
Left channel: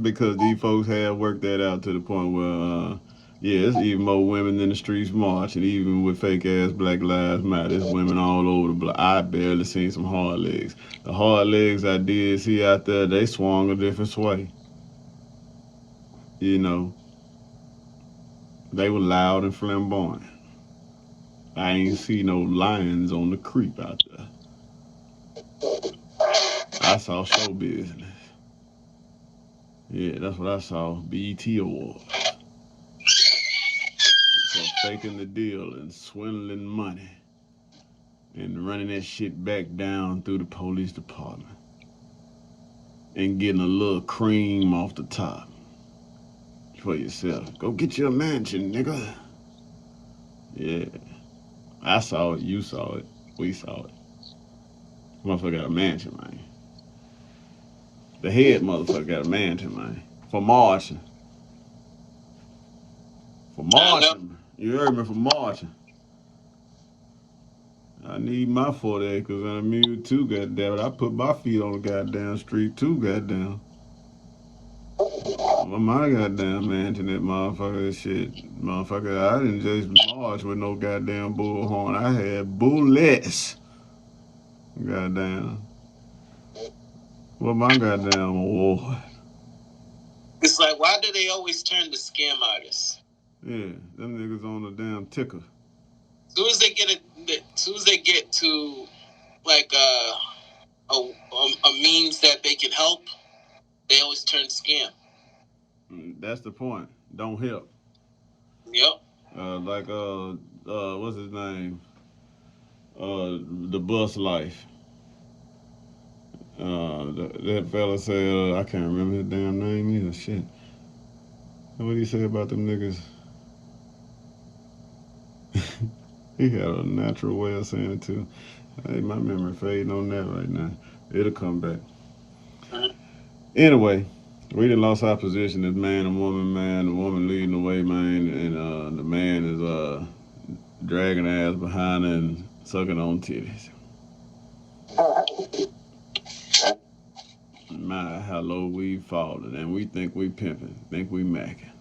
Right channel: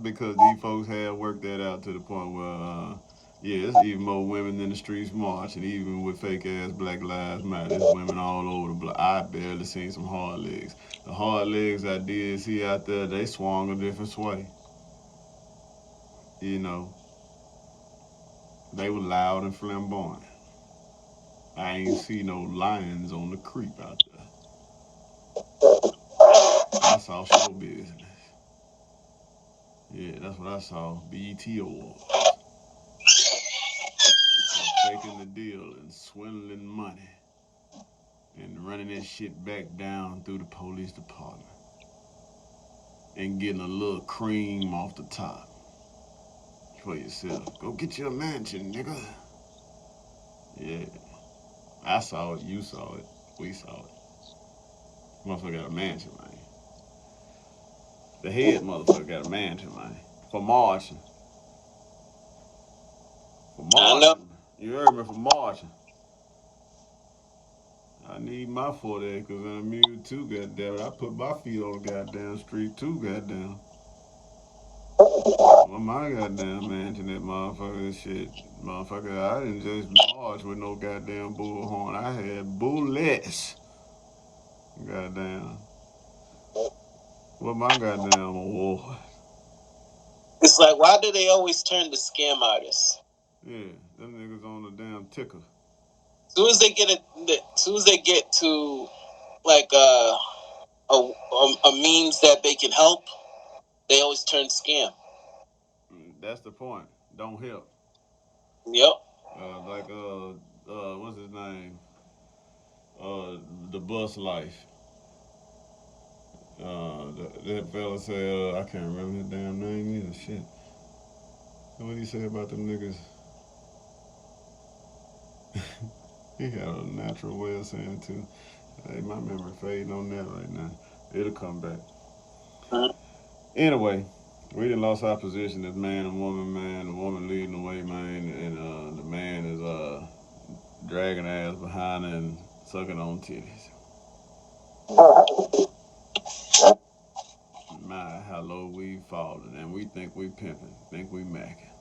Because these folks have worked that out to the point where, yeah, it's even more women in the streets marching, even with fake ass Black Lives Matter. There's women all over the block. I barely seen some hard legs. The hard legs I did see out there, they swung a different way. You know, they were loud and flamboyant. I ain't see no lions on the creep out there. I saw show business. Yeah, that's what I saw. BET Awards. For faking the deal and swindling money and running that shit back down through the police department and getting a little cream off the top for yourself. Go get you a mansion, nigga. Yeah, I saw it. You saw it. We saw it. Motherfucker got a mansion, man. The head motherfucker got a mansion, man. For marching. For marching. You heard me, for marching. I need my 40 acres and a mule too, goddamn it. I put my feet on the goddamn street too, goddamn. Well, my goddamn mansion, that motherfucker, shit. Motherfucker, I didn't just march with no goddamn bullhorn. I had bullets. Goddamn. What my goddamn award? It's like, why do they always turn to scam artists? Yeah, them niggas on the damn ticker. As soon as they get to like a means that they can help, they always turn scam. That's the point. Don't help. Yep. What's his name? The Bus Life. That fella said, I can't remember his damn name either. Shit. What did he say about them niggas? He had a natural way of saying it too. Hey, my memory fading on that right now. It'll come back. Mm-hmm. Anyway, we done lost our position as man and woman, man. The woman leading the way, man, and the man is dragging ass behind her and sucking on titties. My, how low we've fallen, and we think we pimping, think we macking.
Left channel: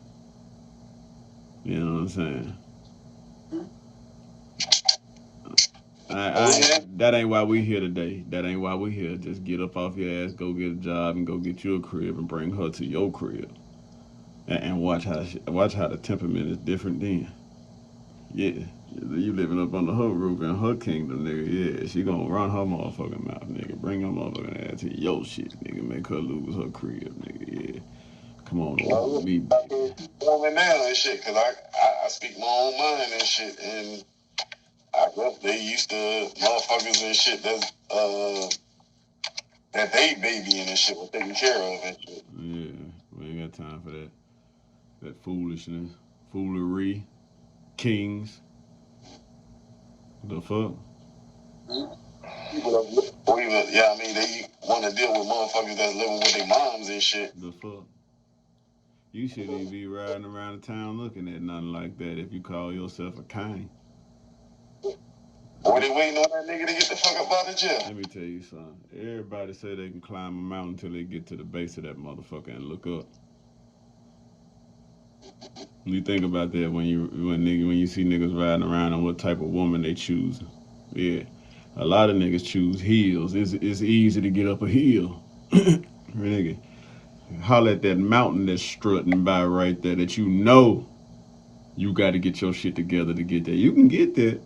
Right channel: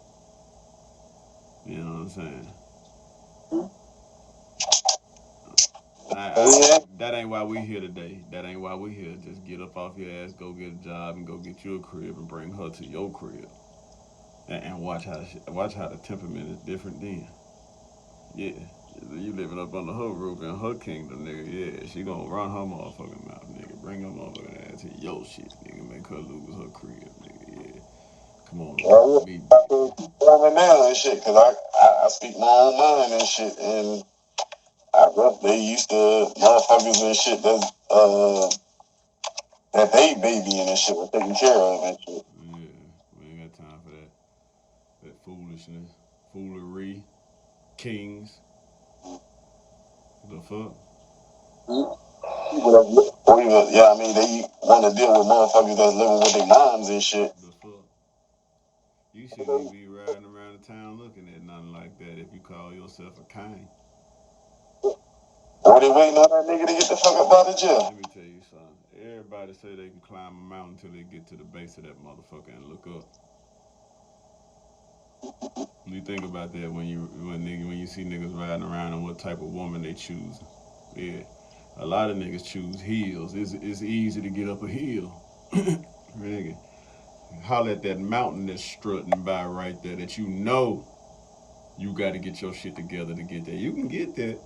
You know what I'm saying? That ain't why we here today. That ain't why we here. Just get up off your ass, go get a job, and go get you a crib, and bring her to your crib, and watch how the temperament is different then. Yeah, you living up under her roof in her kingdom, nigga. Yeah, she gonna run her motherfucking mouth, nigga. Bring her motherfucking ass to your shit, nigga. Make her lose her crib, nigga. Yeah, come on, be now and shit, cause I speak my own mind and shit, and I guess they used to motherfuckers and shit that they babying and shit was taken care of and shit. Yeah, we ain't got time for that. That foolishness, foolery, kings. The fuck? Yeah, I mean, they want to deal with motherfuckers that's living with their moms and shit. The fuck? You shouldn't even be riding around the town looking at nothing like that if you call yourself a king. Or they waiting on that nigga to get the fuck up out of jail. Let me tell you something. Everybody say they can climb a mountain until they get to the base of that motherfucker and look up. You think about that when you see niggas riding around and what type of woman they choose. Yeah, a lot of niggas choose heels. It's easy to get up a hill. Nigga, holler at that mountain that's strutting by right there that you know you got to get your shit together to get there. You can get there,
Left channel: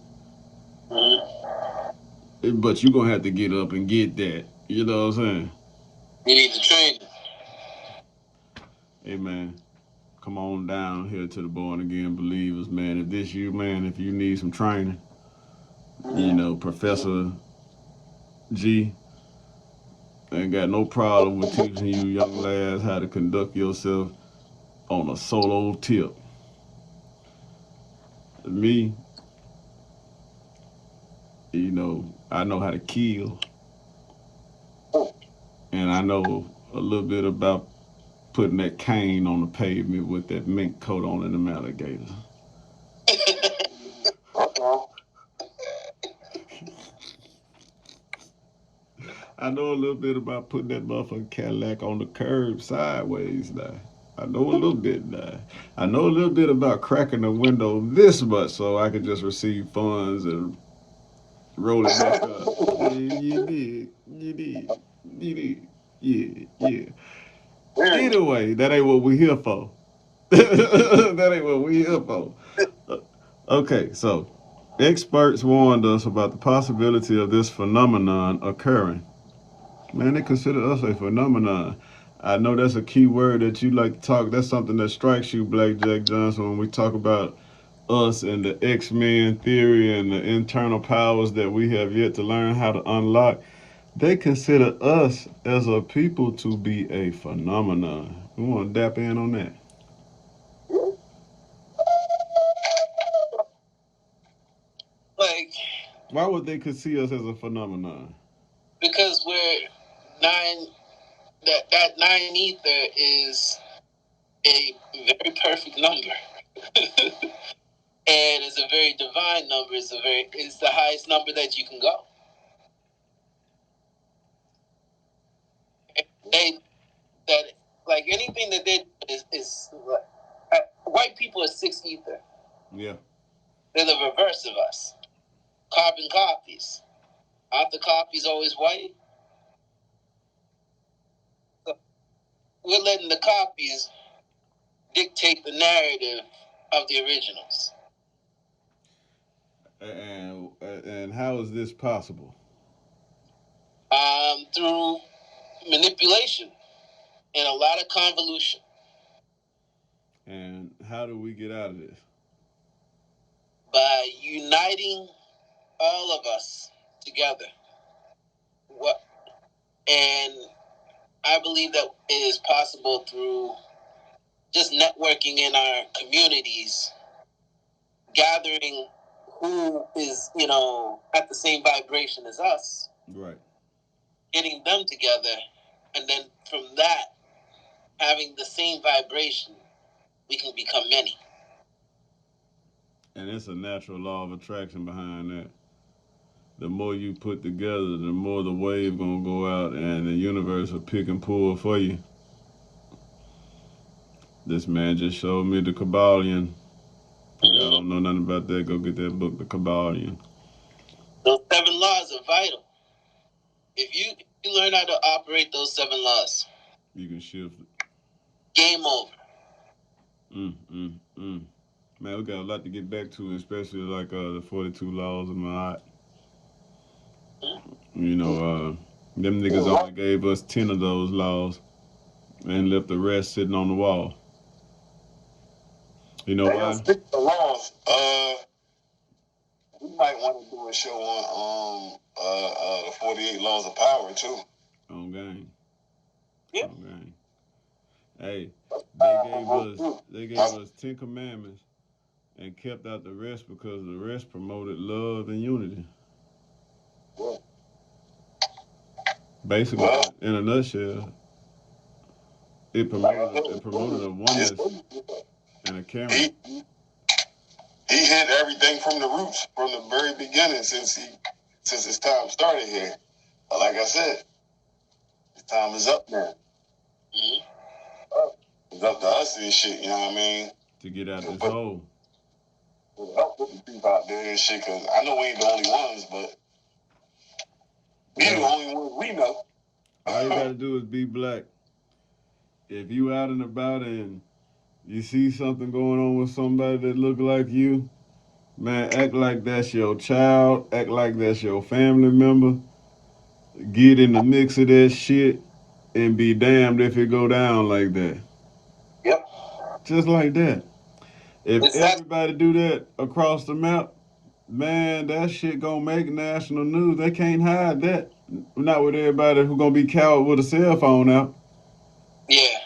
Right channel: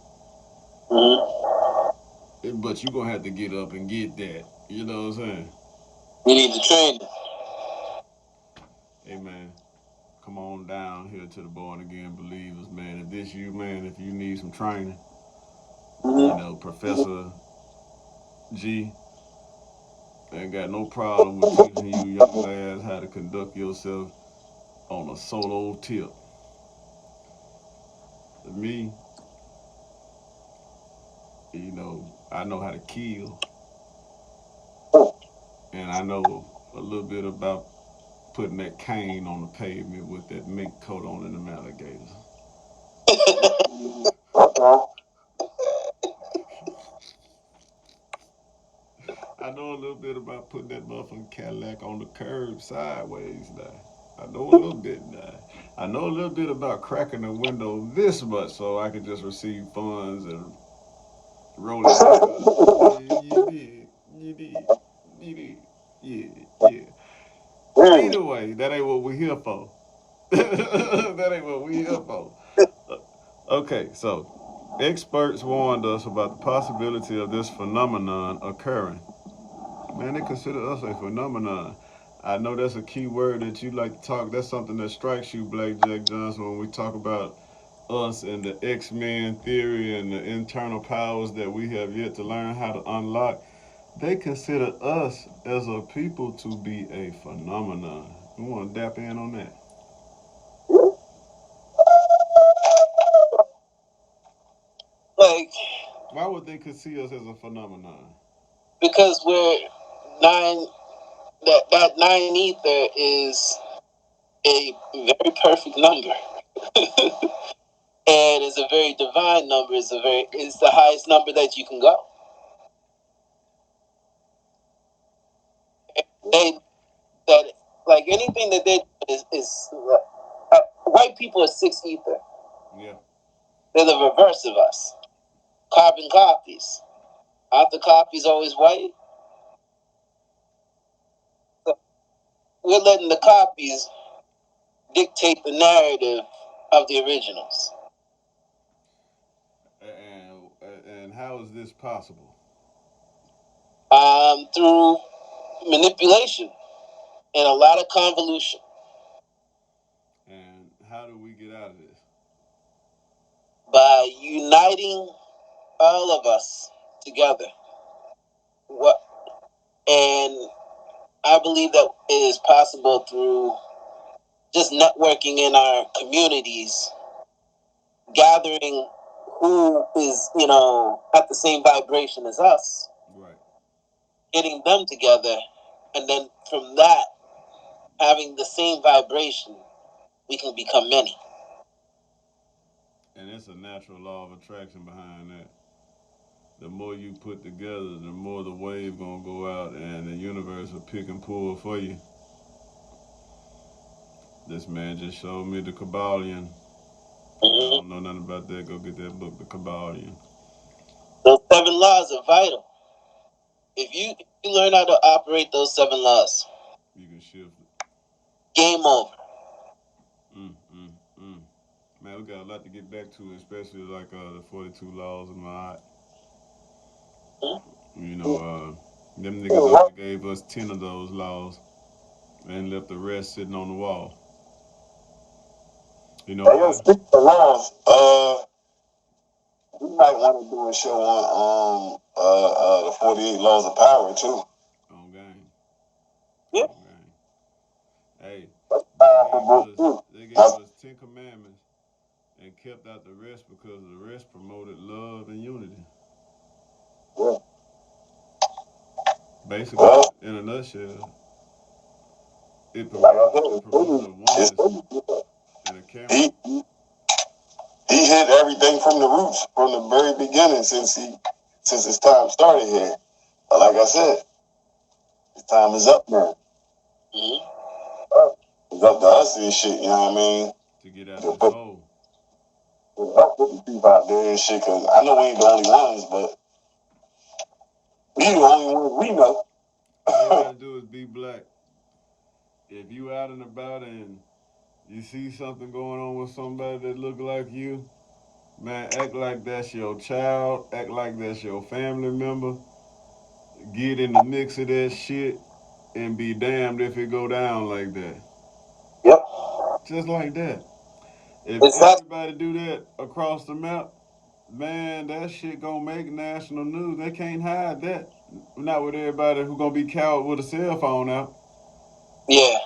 but you gonna have to get up and get that. You know what I'm saying? You need to train. Hey man, come on down here to the Born Again Believers, man. If this you, man, if you need some training, you know, Professor G ain't got no problem with teaching you young lads how to conduct yourself on a solo tip. Me, you know, I know how to kill, and I know a little bit about putting that cane on the pavement with that mink coat on and them alligators. I know a little bit about putting that motherfucking Cadillac on the curb sideways now. I know a little bit now. I know a little bit about cracking the window this much so I could just receive funds and roll it back up. Yeah, you did. You did. You did. Yeah, yeah. Either way, that ain't what we here for. That ain't what we here for. Okay, so experts warned us about the possibility of this phenomenon occurring. Man, they consider us a phenomenon. I know that's a key word that you like to talk. That's something that strikes you, BlackJack Johnson, when we talk about us and the X-Men theory and the internal powers that we have yet to learn how to unlock. They consider us as a people to be a phenomenon. We want to dap in on that. Like, why would they see us as a phenomenon? Because we're nine. That nine ether is a very perfect number, and it's a very divine number. It's the highest number that you can go. They that like anything that they is white people are six ether. Yeah, they're the reverse of us. Carbon copies. Aren't the copies always white? So we're letting the copies dictate the narrative of the originals. And how is this possible? Through manipulation and a lot of convolution. And how do we get out of this? By uniting all of us together. And I believe that it is possible through just networking in our communities, gathering who is, at the same vibration as us. Right. Getting them together, and then from that, having the same vibration, we can become many. And it's a natural law of attraction behind that. The more you put together, the more the wave gonna go out, and the universe will pick and pull for you. This man just showed me the Kabbalion. I don't know nothing about that. Go get that book, The Kabbalion. Those 7 laws are vital. If you learn how to operate those 7 laws, you can shift it. Game over. Man, we got a lot to get back to, especially like the 42 laws of my them niggas only gave us 10 of those laws and left the rest sitting on the wall. You know why? Speaking of laws, we might want to do a show on the 48 laws of power too. On game. Yeah. On game. Hey, they gave us 10 commandments and kept out the rest because the rest promoted love and unity. Yeah. Basically, in a nutshell, it promoted a oneness and a camera. He hit everything from the roots, from the very beginning, since his time started here. But like I said, his time is up now. Mm-hmm. It's up to us and shit, you know what I mean? To get out this hole. Help put the people out there and shit, because I know we ain't the only ones, but we the only ones we know. All you gotta do is be black. If you out and about and you see something going on with somebody that look like you, man, act like that's your child. Act like that's your family member. Get in the mix of that shit and be damned if it go down like that. Yep. Just like that. If everybody do that across the map, man, that shit gonna make national news. They can't hide that. Not with everybody who gonna be cowed with a cell phone out. Yeah.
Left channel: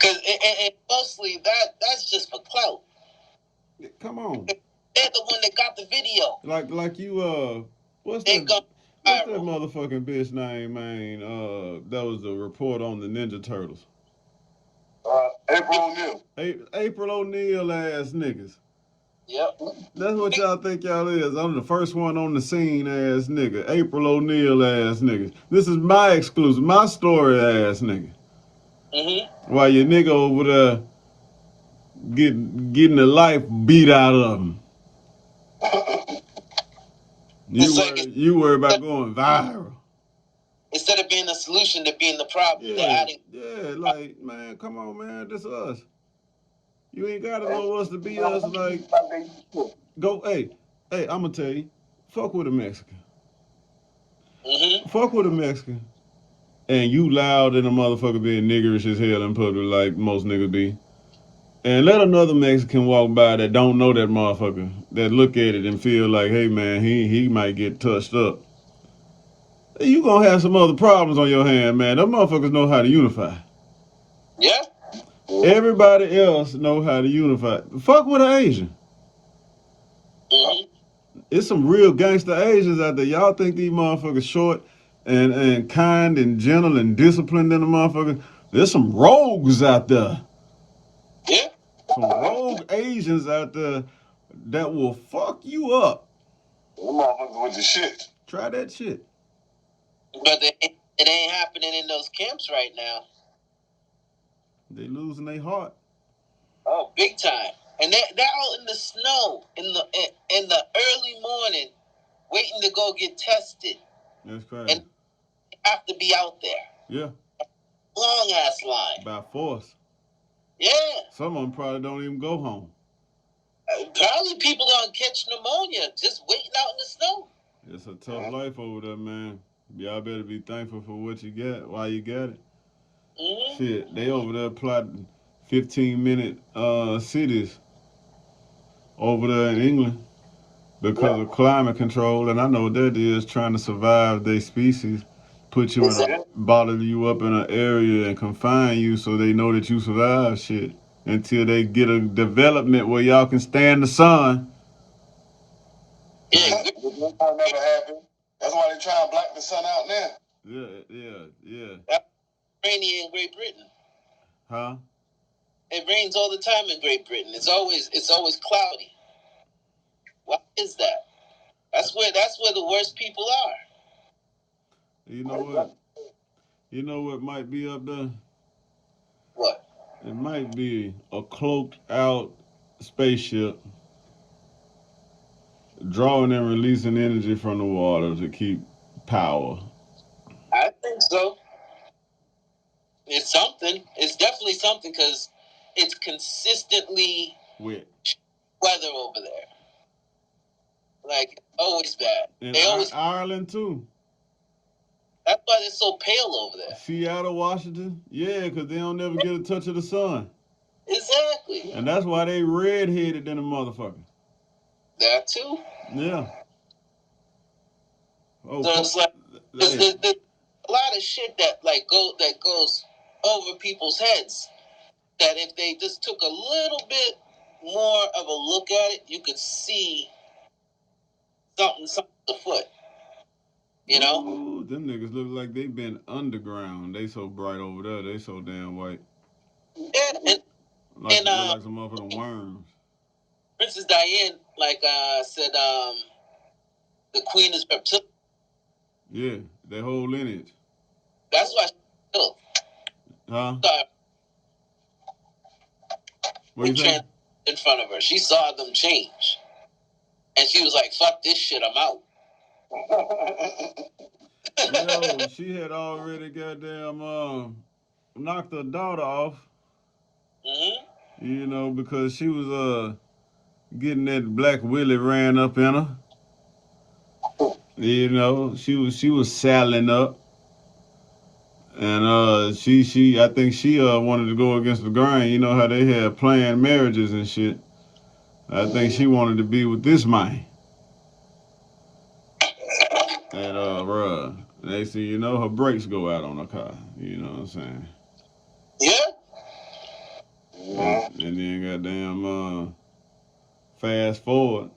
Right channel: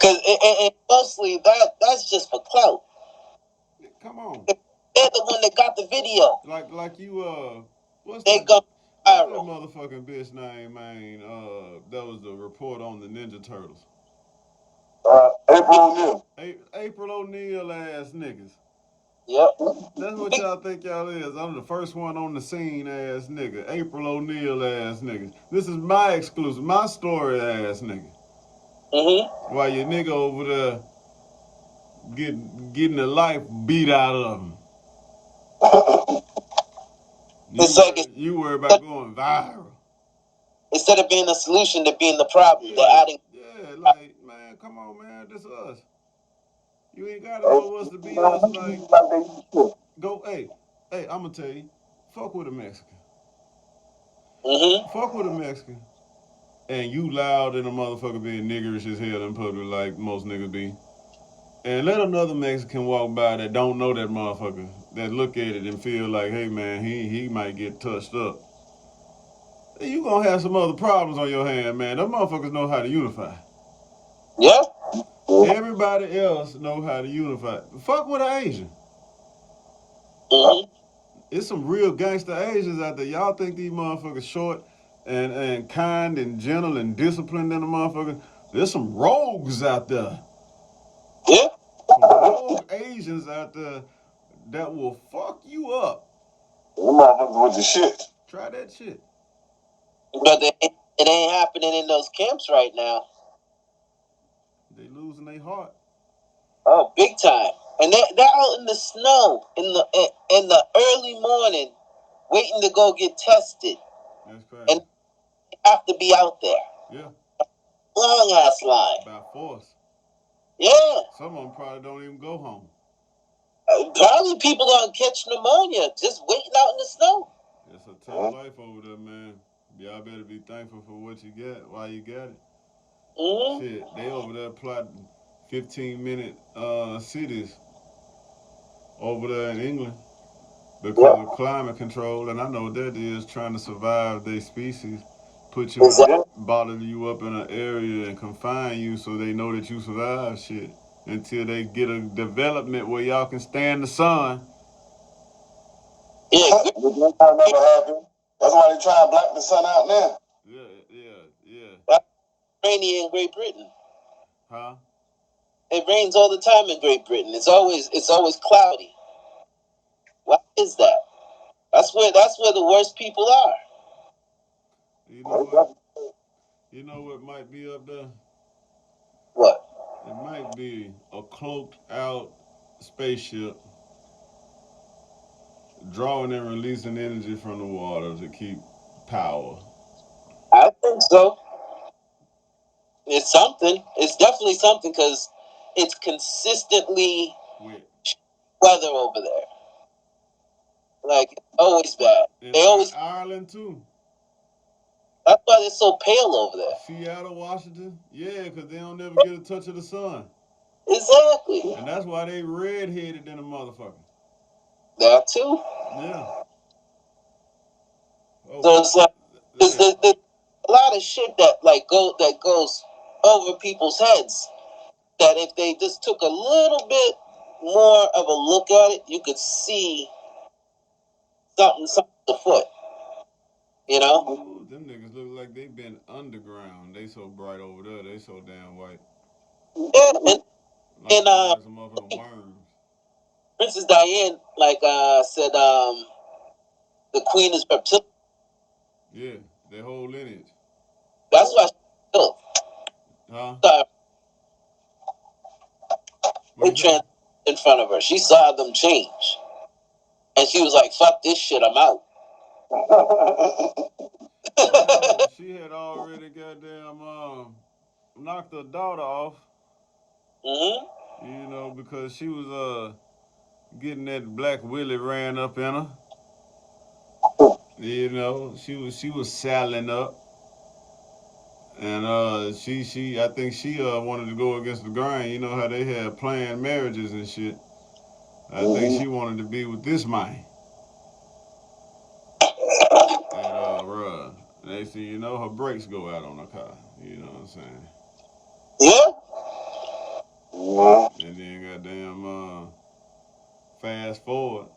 Cause and mostly that's just for clout. Come on. They're the one that got the video. Like you what's that motherfucking bitch name, man? That was the report on the Ninja Turtles. April O'Neil. April O'Neil ass niggas. Yep. That's what y'all think y'all is. I'm the first one on the scene ass nigga. April O'Neil ass nigga. This is my exclusive, my story ass nigga. While your nigga over there getting the life beat out of him. You worry about going viral. Instead of being the solution to being the problem, they're adding. Yeah, like, man, come on, man, this us. You ain't gotta know us to be us. Like, go, hey, I'ma tell you, fuck with a Mexican. Fuck with a Mexican. And you loud and a motherfucker being niggerish as hell in public like most niggas be. And let another Mexican walk by that don't know that motherfucker, that look at it and feel like, hey man, he might get touched up. You gonna have some other problems on your hand, man. Them motherfuckers know how to unify. Yeah. Everybody else know how to unify. Fuck with an Asian. It's some real gangster Asians out there. Y'all think these motherfuckers short and kind and gentle and disciplined in the motherfucker? There's some rogues out there. Yeah. Some rogue Asians out there that will fuck you up. Them motherfuckers with the shit. Try that shit. But it ain't happening in those camps right now. They losing their heart. Oh, big time. And they're out in the snow in the early morning, waiting to go get tested. That's crazy. And they have to be out there. Yeah. Long ass line. By force. Yeah. Some of them probably don't even go home. Probably people gonna catch pneumonia just waiting out in the snow. It's a tough life over there, man. Y'all better be thankful for what you got while you got it. Shit, they over there plotting 15-minute cities over there in England because of climate control. And I know what that is, trying to survive their species. Put you bottle you up in an area and confine you so they know that you survive shit until they get a development where y'all can stand the sun. Yeah. That's why they try to black the sun out now. Yeah. That's rainy in Great Britain. Huh? It rains all the time in Great Britain. It's always cloudy. Why is that? That's where the worst people are. You know what? You know what might be up there? What? It might be a cloaked out spaceship drawing and releasing energy from the water to keep power. I think so. It's something. It's definitely something because it's consistently wet weather over there. Like, always bad. And they always Ireland too. That's why they're so pale over there. Seattle, Washington? Yeah, because they don't never get a touch of the sun. Exactly. And that's why they red-headed than a motherfucker. That too? Yeah. Oh, so it's like, there's a lot of shit that goes over people's heads that if they just took a little bit more of a look at it, you could see something afoot. You know? Ooh, them niggas look like they been underground. They so bright over there. They so damn white. Yeah, like some motherfucking worms. Princess Diane, said, the queen is reptilian. Yeah, their whole lineage. That's why she killed. Huh? In front of her. She saw them change. And she was like, fuck this shit, I'm out. Yo, she had already goddamn knocked her daughter off. You know, because she was getting that black willie ran up in her. You know, she was saddling up. And I think she wanted to go against the grain. You know how they had planned marriages and shit. I think she wanted to be with this man. And next thing you know, her brakes go out on her car. You know what I'm saying? Yeah. And then goddamn fast forward,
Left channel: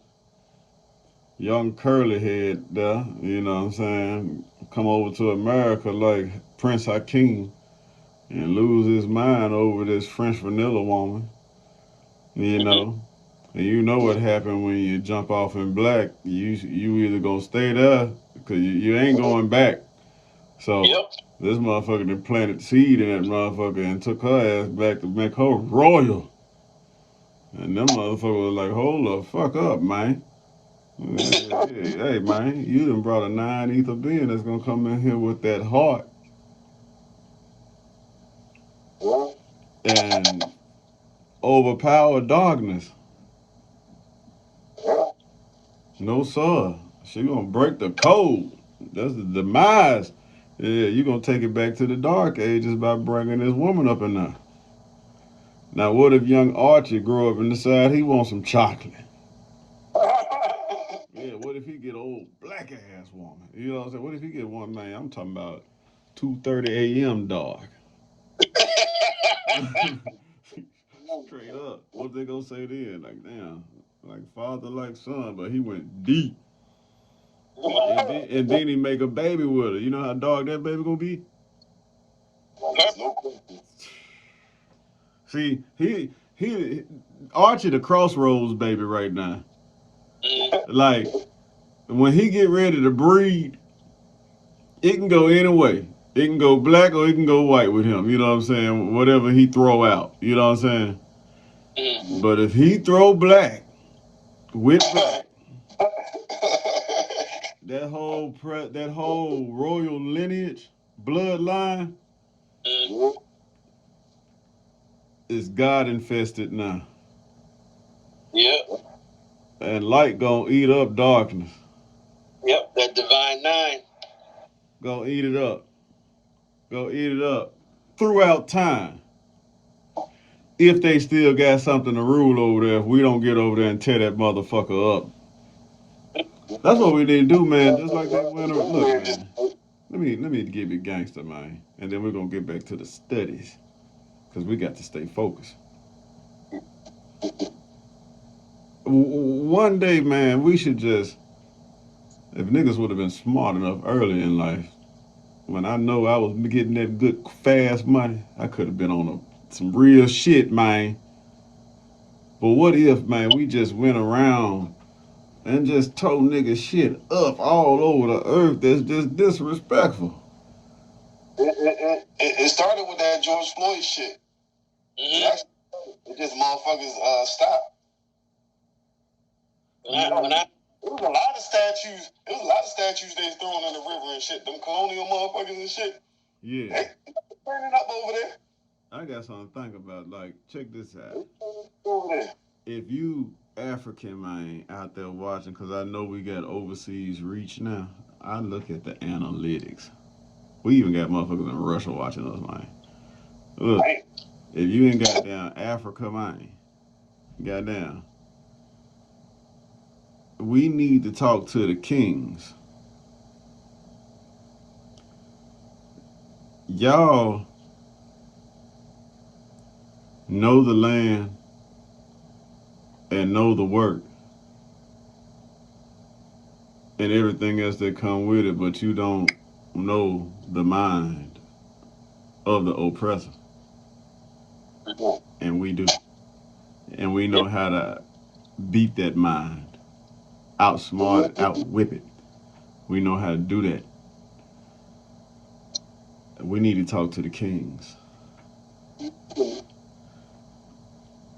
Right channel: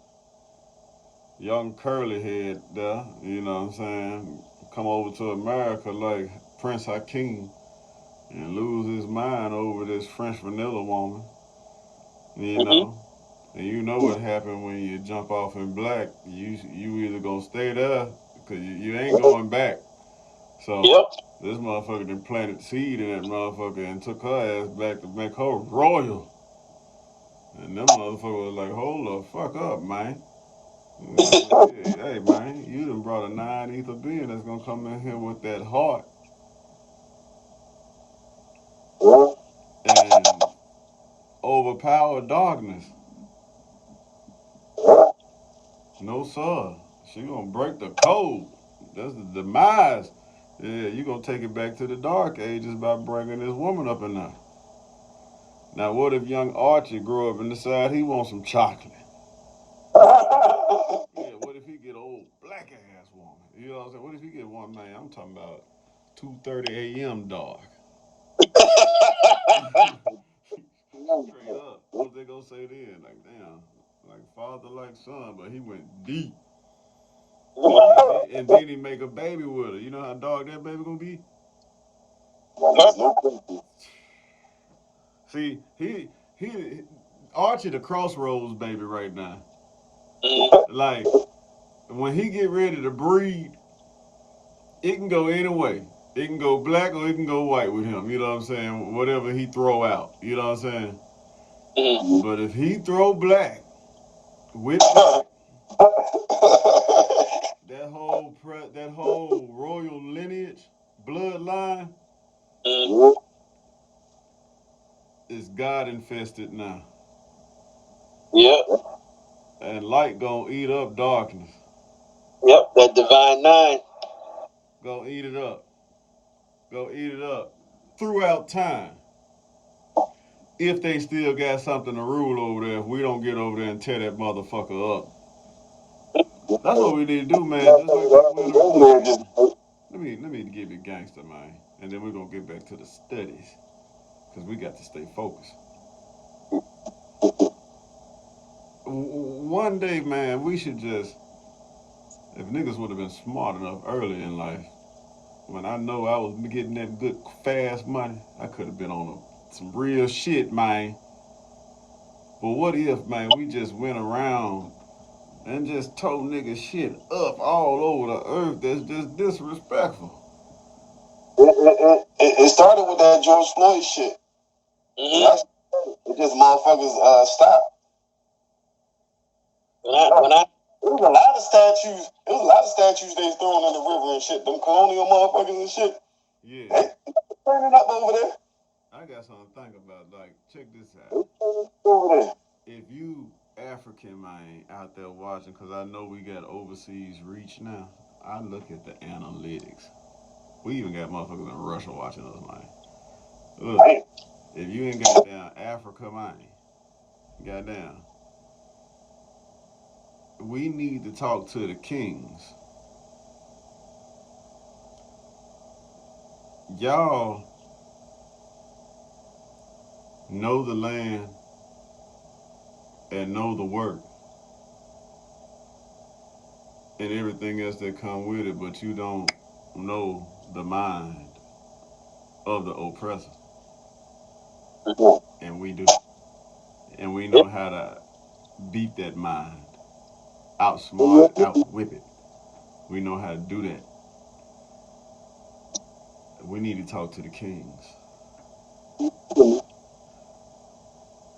young curly head there, you know what I'm saying, come over to America like Prince Hakeem and lose his mind over this French vanilla woman, you know. And you know what happened when you jump off in black. You either gonna stay there because you ain't going back. So Yep. this motherfucker that planted seed in that motherfucker and took her ass back to make her royal. And them motherfuckers was like, hold the fuck up, man. Hey, man, you done brought a 9 ether being that's gonna come in here with that heart and overpower darkness. No, sir. She gonna break the code. That's the demise. Yeah, you gonna take it back to the dark ages by bringing this woman up in there. Now, what if young Archie grow up and decide he wants some chocolate? Yeah, what if he get old black ass woman? You know what I'm saying? What if he get one, man? I'm talking about 2:30 a.m. dark. Straight up. What they gonna say then? Like, damn, like father, like son, but he went deep. And then he make a baby with her. You know how dark that baby gonna be? See, he Archie the crossroads baby right now. Like when he get ready to breed, it can go any way. It can go black or it can go white with him. You know what I'm saying? Whatever he throw out. You know what I'm saying? But if he throw black with black, that whole royal lineage, bloodline is God infested now. Yep. And light gonna eat up darkness. Yep. That divine nine. Gonna eat it up. Go eat it up throughout time. If they still got something to rule over there, if we don't get over there and tear that motherfucker up. That's what we need to do, man. Just like that winter. Look, man. Let me give you gangster, man. And then we're gonna get back to the studies. Cause we got to stay focused. One day, man, we should just, if niggas would have been smart enough early in life, when I know I was getting that good fast money, I could have been on some real shit, man. But what if, man, we just went around and just told niggas shit up all over the earth that's just disrespectful? It started with that George Floyd shit. It just motherfuckers stopped. It was a lot of statues. It was a lot of statues they was throwing in the river and shit. Them colonial motherfuckers and shit. Yeah. They burning up over there. I got something to think about. Like, check this out. Over there. If you African, man, out there watching, because I know we got overseas reach now, I look at the analytics. We even got motherfuckers in Russia watching us, man. Look, if you ain't got down Africa, man, goddamn, we need to talk to the kings. Y'all know the land and know the work and everything else that come with it, but you don't know the mind of the oppressor. And we do. And we know how to beat that mind, outsmart, outwhip it. We know how to do that. We need to talk to the kings.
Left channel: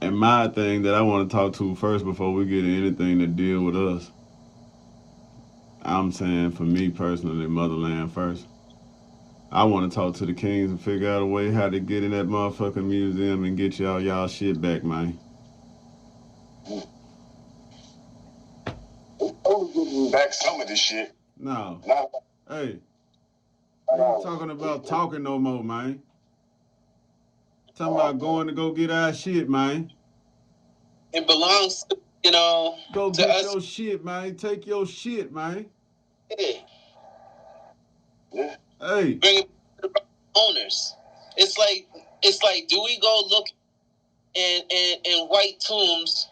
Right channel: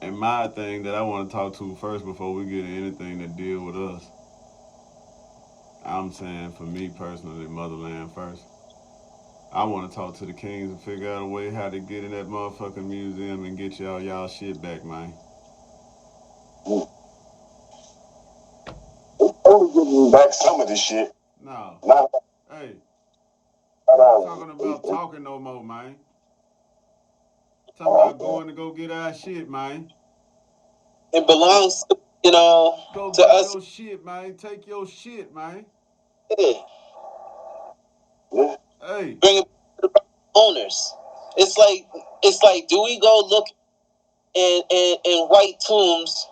And my thing that I want to talk to first before we get into anything that deal with us, I'm saying for me personally, motherland first. I want to talk to the kings and figure out a way how to get in that motherfucking museum and get y'all shit back, man. Only giving back some of this shit. No. Not, hey. I'm not talking about talking no more, man. Talking about going to go get our shit, man. It belongs, go to get us. Your shit, man. Take your shit, man. Yeah. Hey. Bring it to the owners. It's like, do we go look in white tombs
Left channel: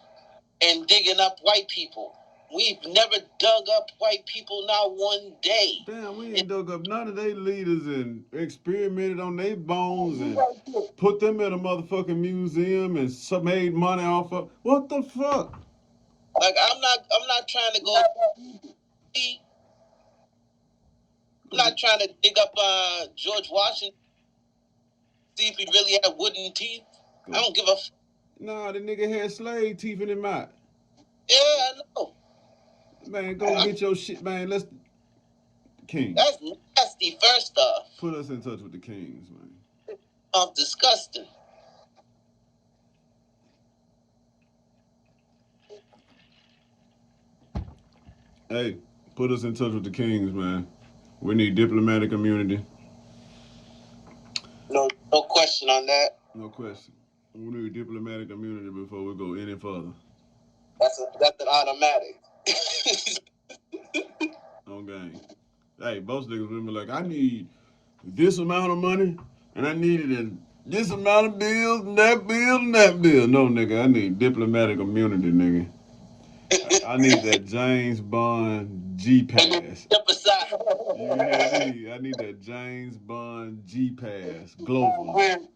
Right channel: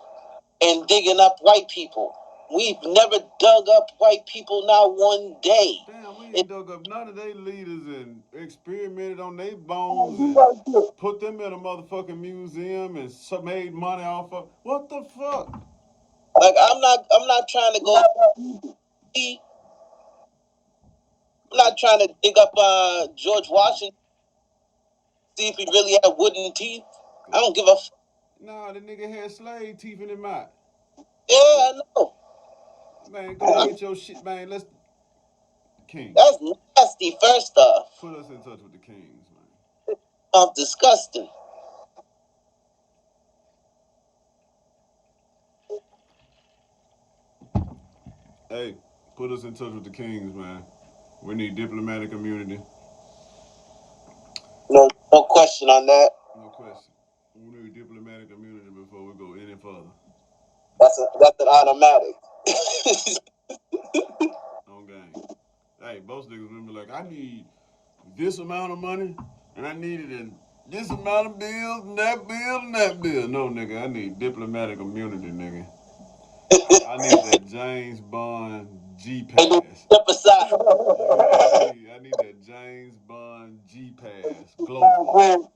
and digging up white people? We've never dug up white people, not one day. Damn, we ain't dug up none of their leaders and experimented on their bones and put them in a motherfucking museum and made money off of. What the fuck? Like I'm not trying to go. I'm not trying to dig up George Washington, see if he really had wooden teeth. I don't give a fuck. Nah, the nigga had slave teeth in his mouth. Yeah, I know. Man, go get your shit, man. Let's King. That's nasty. First off, put us in touch with the Kings, man. Disgusting. Hey, put us in touch with the Kings, man. We need diplomatic immunity. No question on that. No question. We need diplomatic immunity before we go any further. That's an automatic. On game. Hey, most niggas would be like, I need this amount of money, and I needed this amount of bills, and that bill, and that bill. No, nigga, I need diplomatic immunity, nigga. I need that James Bond G-Pass. Step aside. I need that James Bond G-Pass. Global.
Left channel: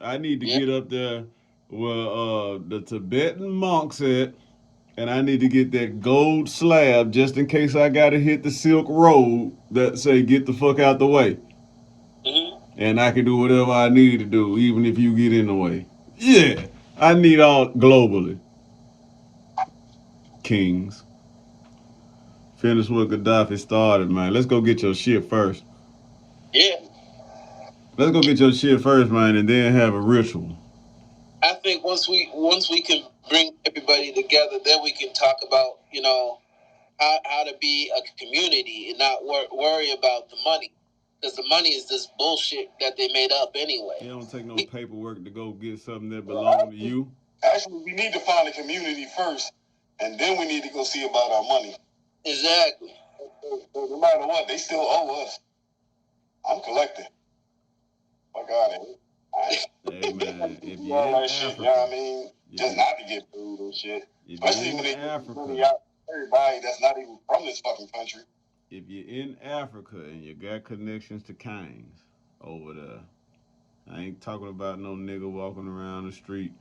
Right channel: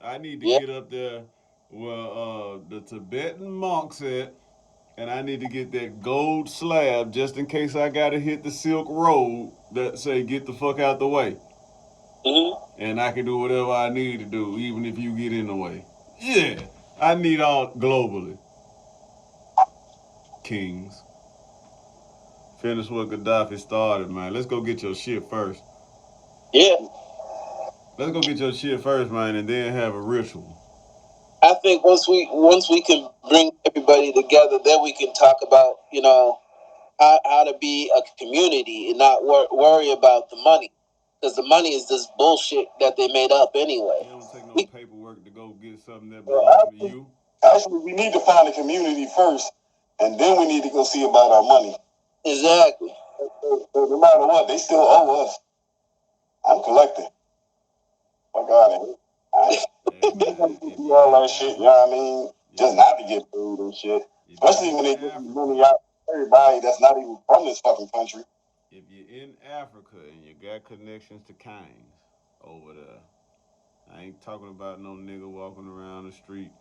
I need to get up there where the Tibetan monks at, and I need to get that gold slab just in case I gotta hit the Silk Road that say get the fuck out the way. Mm-hmm. And I can do whatever I need to do, even if you get in the way. Yeah, I need all globally. Kings. Finish what Gaddafi started, man. Let's go get your shit first. Yeah. Let's go get your shit first, man, and then have a ritual. I think once we can bring everybody together, then we can talk about, how to be a community and not worry about the money. Because the money is this bullshit that they made up anyway. It don't take no paperwork to go get something that belongs to you. Actually, we need to find a community first, and then we need to go see about our money. Exactly. So no matter what, they still owe us. I'm collecting. Fuck out of here. Hey, man, if you all that shit, you know what I mean? Just not to get food and shit. Especially when they get money out everybody that's not even from this fucking country. If you're in Africa and you got connections to Kings over there, I ain't talking about no nigga walking around the street.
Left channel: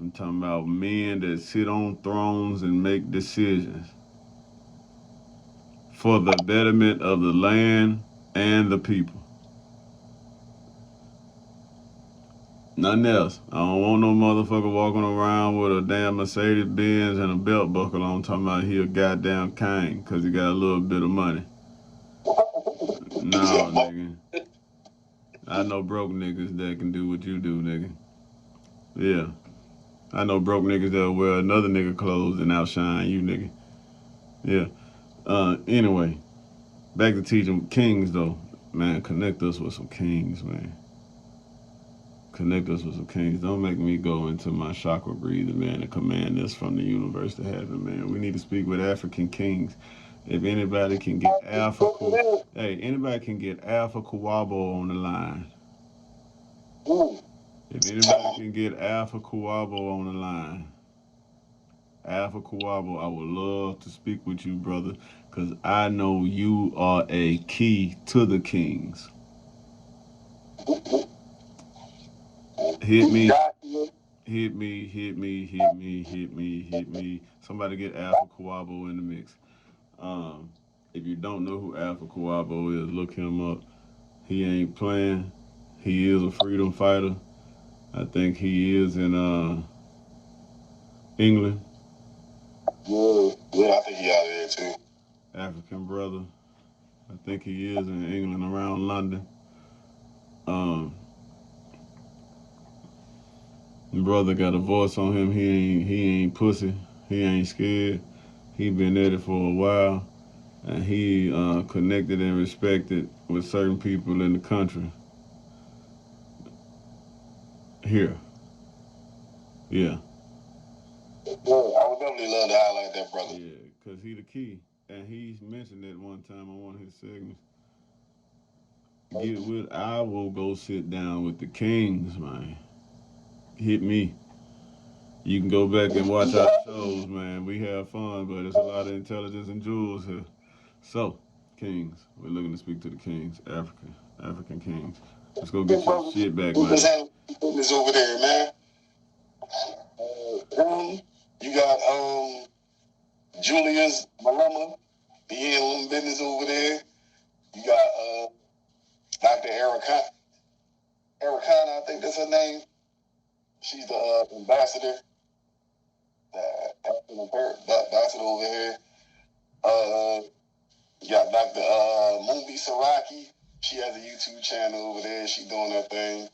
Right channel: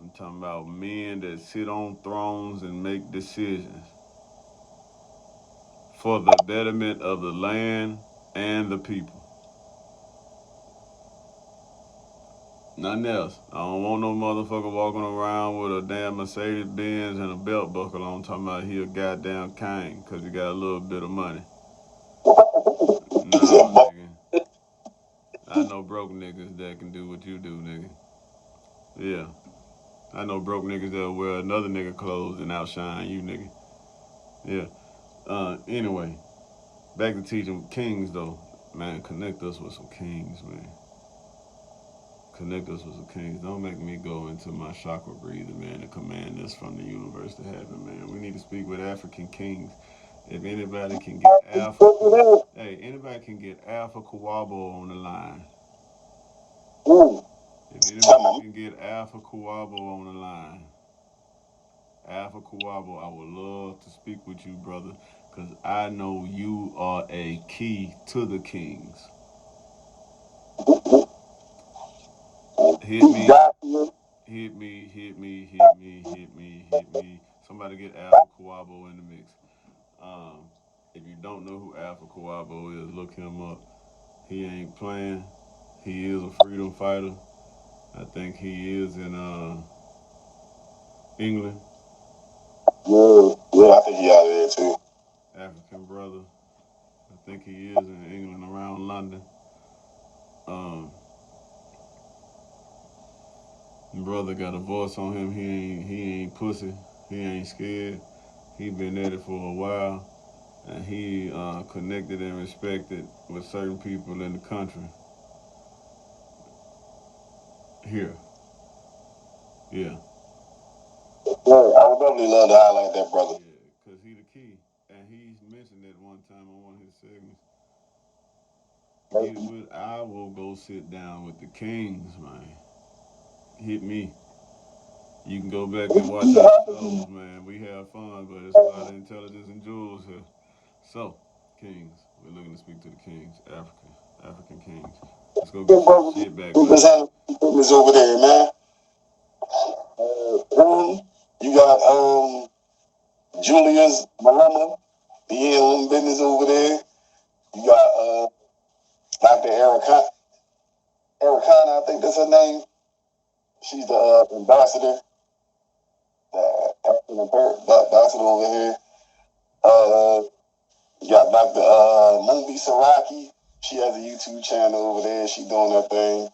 I'm talking about men that sit on thrones and make decisions for the betterment of the land and the people. Nothing else. I don't want no motherfucker walking around with a damn Mercedes Benz and a belt buckle on talking about he a goddamn king because he got a little bit of money. No, nigga. I know broke niggas that can do what you do, nigga. Yeah. I know broke niggas that'll wear another nigga clothes and outshine you, nigga. Yeah. Anyway, back to teaching kings, though. Man, connect us with some kings, man. Connect us with some kings. Don't make me go into my chakra breather, man, and command us from the universe to heaven, man. We need to speak with African kings. If anybody can get Alpha Kawabo on the line. If anybody can get Alpha Kawabo on the line. Alpha Kawabo, I would love to speak with you, brother, because I know you are a key to the kings. Hit me. Somebody get Alpha Kawabo in the mix. If you don't know who Alpha Kawabo is, look him up. He ain't playing. He is a freedom fighter. I think he is in England. Yeah, I think he out of there too. African brother. I think he is in England, around London. Brother got a voice on him. He ain't pussy. He ain't scared. He been at it for a while, and he connected and respected with certain people in the country. Here. Yeah. Yeah, I would definitely love to highlight that brother. Yeah, because he the key. And he's mentioned it one time on one of his segments. I will go sit down with the kings, man. Hit me. You can go back and watch our shows, man. We have fun, but it's a lot of intelligence and jewels here. So, kings. We're looking to speak to the kings. African kings. Let's go get your shit back, man. Over there, man. You got Julia's mama. He in own business over there. You got Dr. Ericana, I think that's her name. She's the ambassador, ambassador over here. You got Dr. Moonbi Saraki. She has a YouTube channel over there. She doing her thing.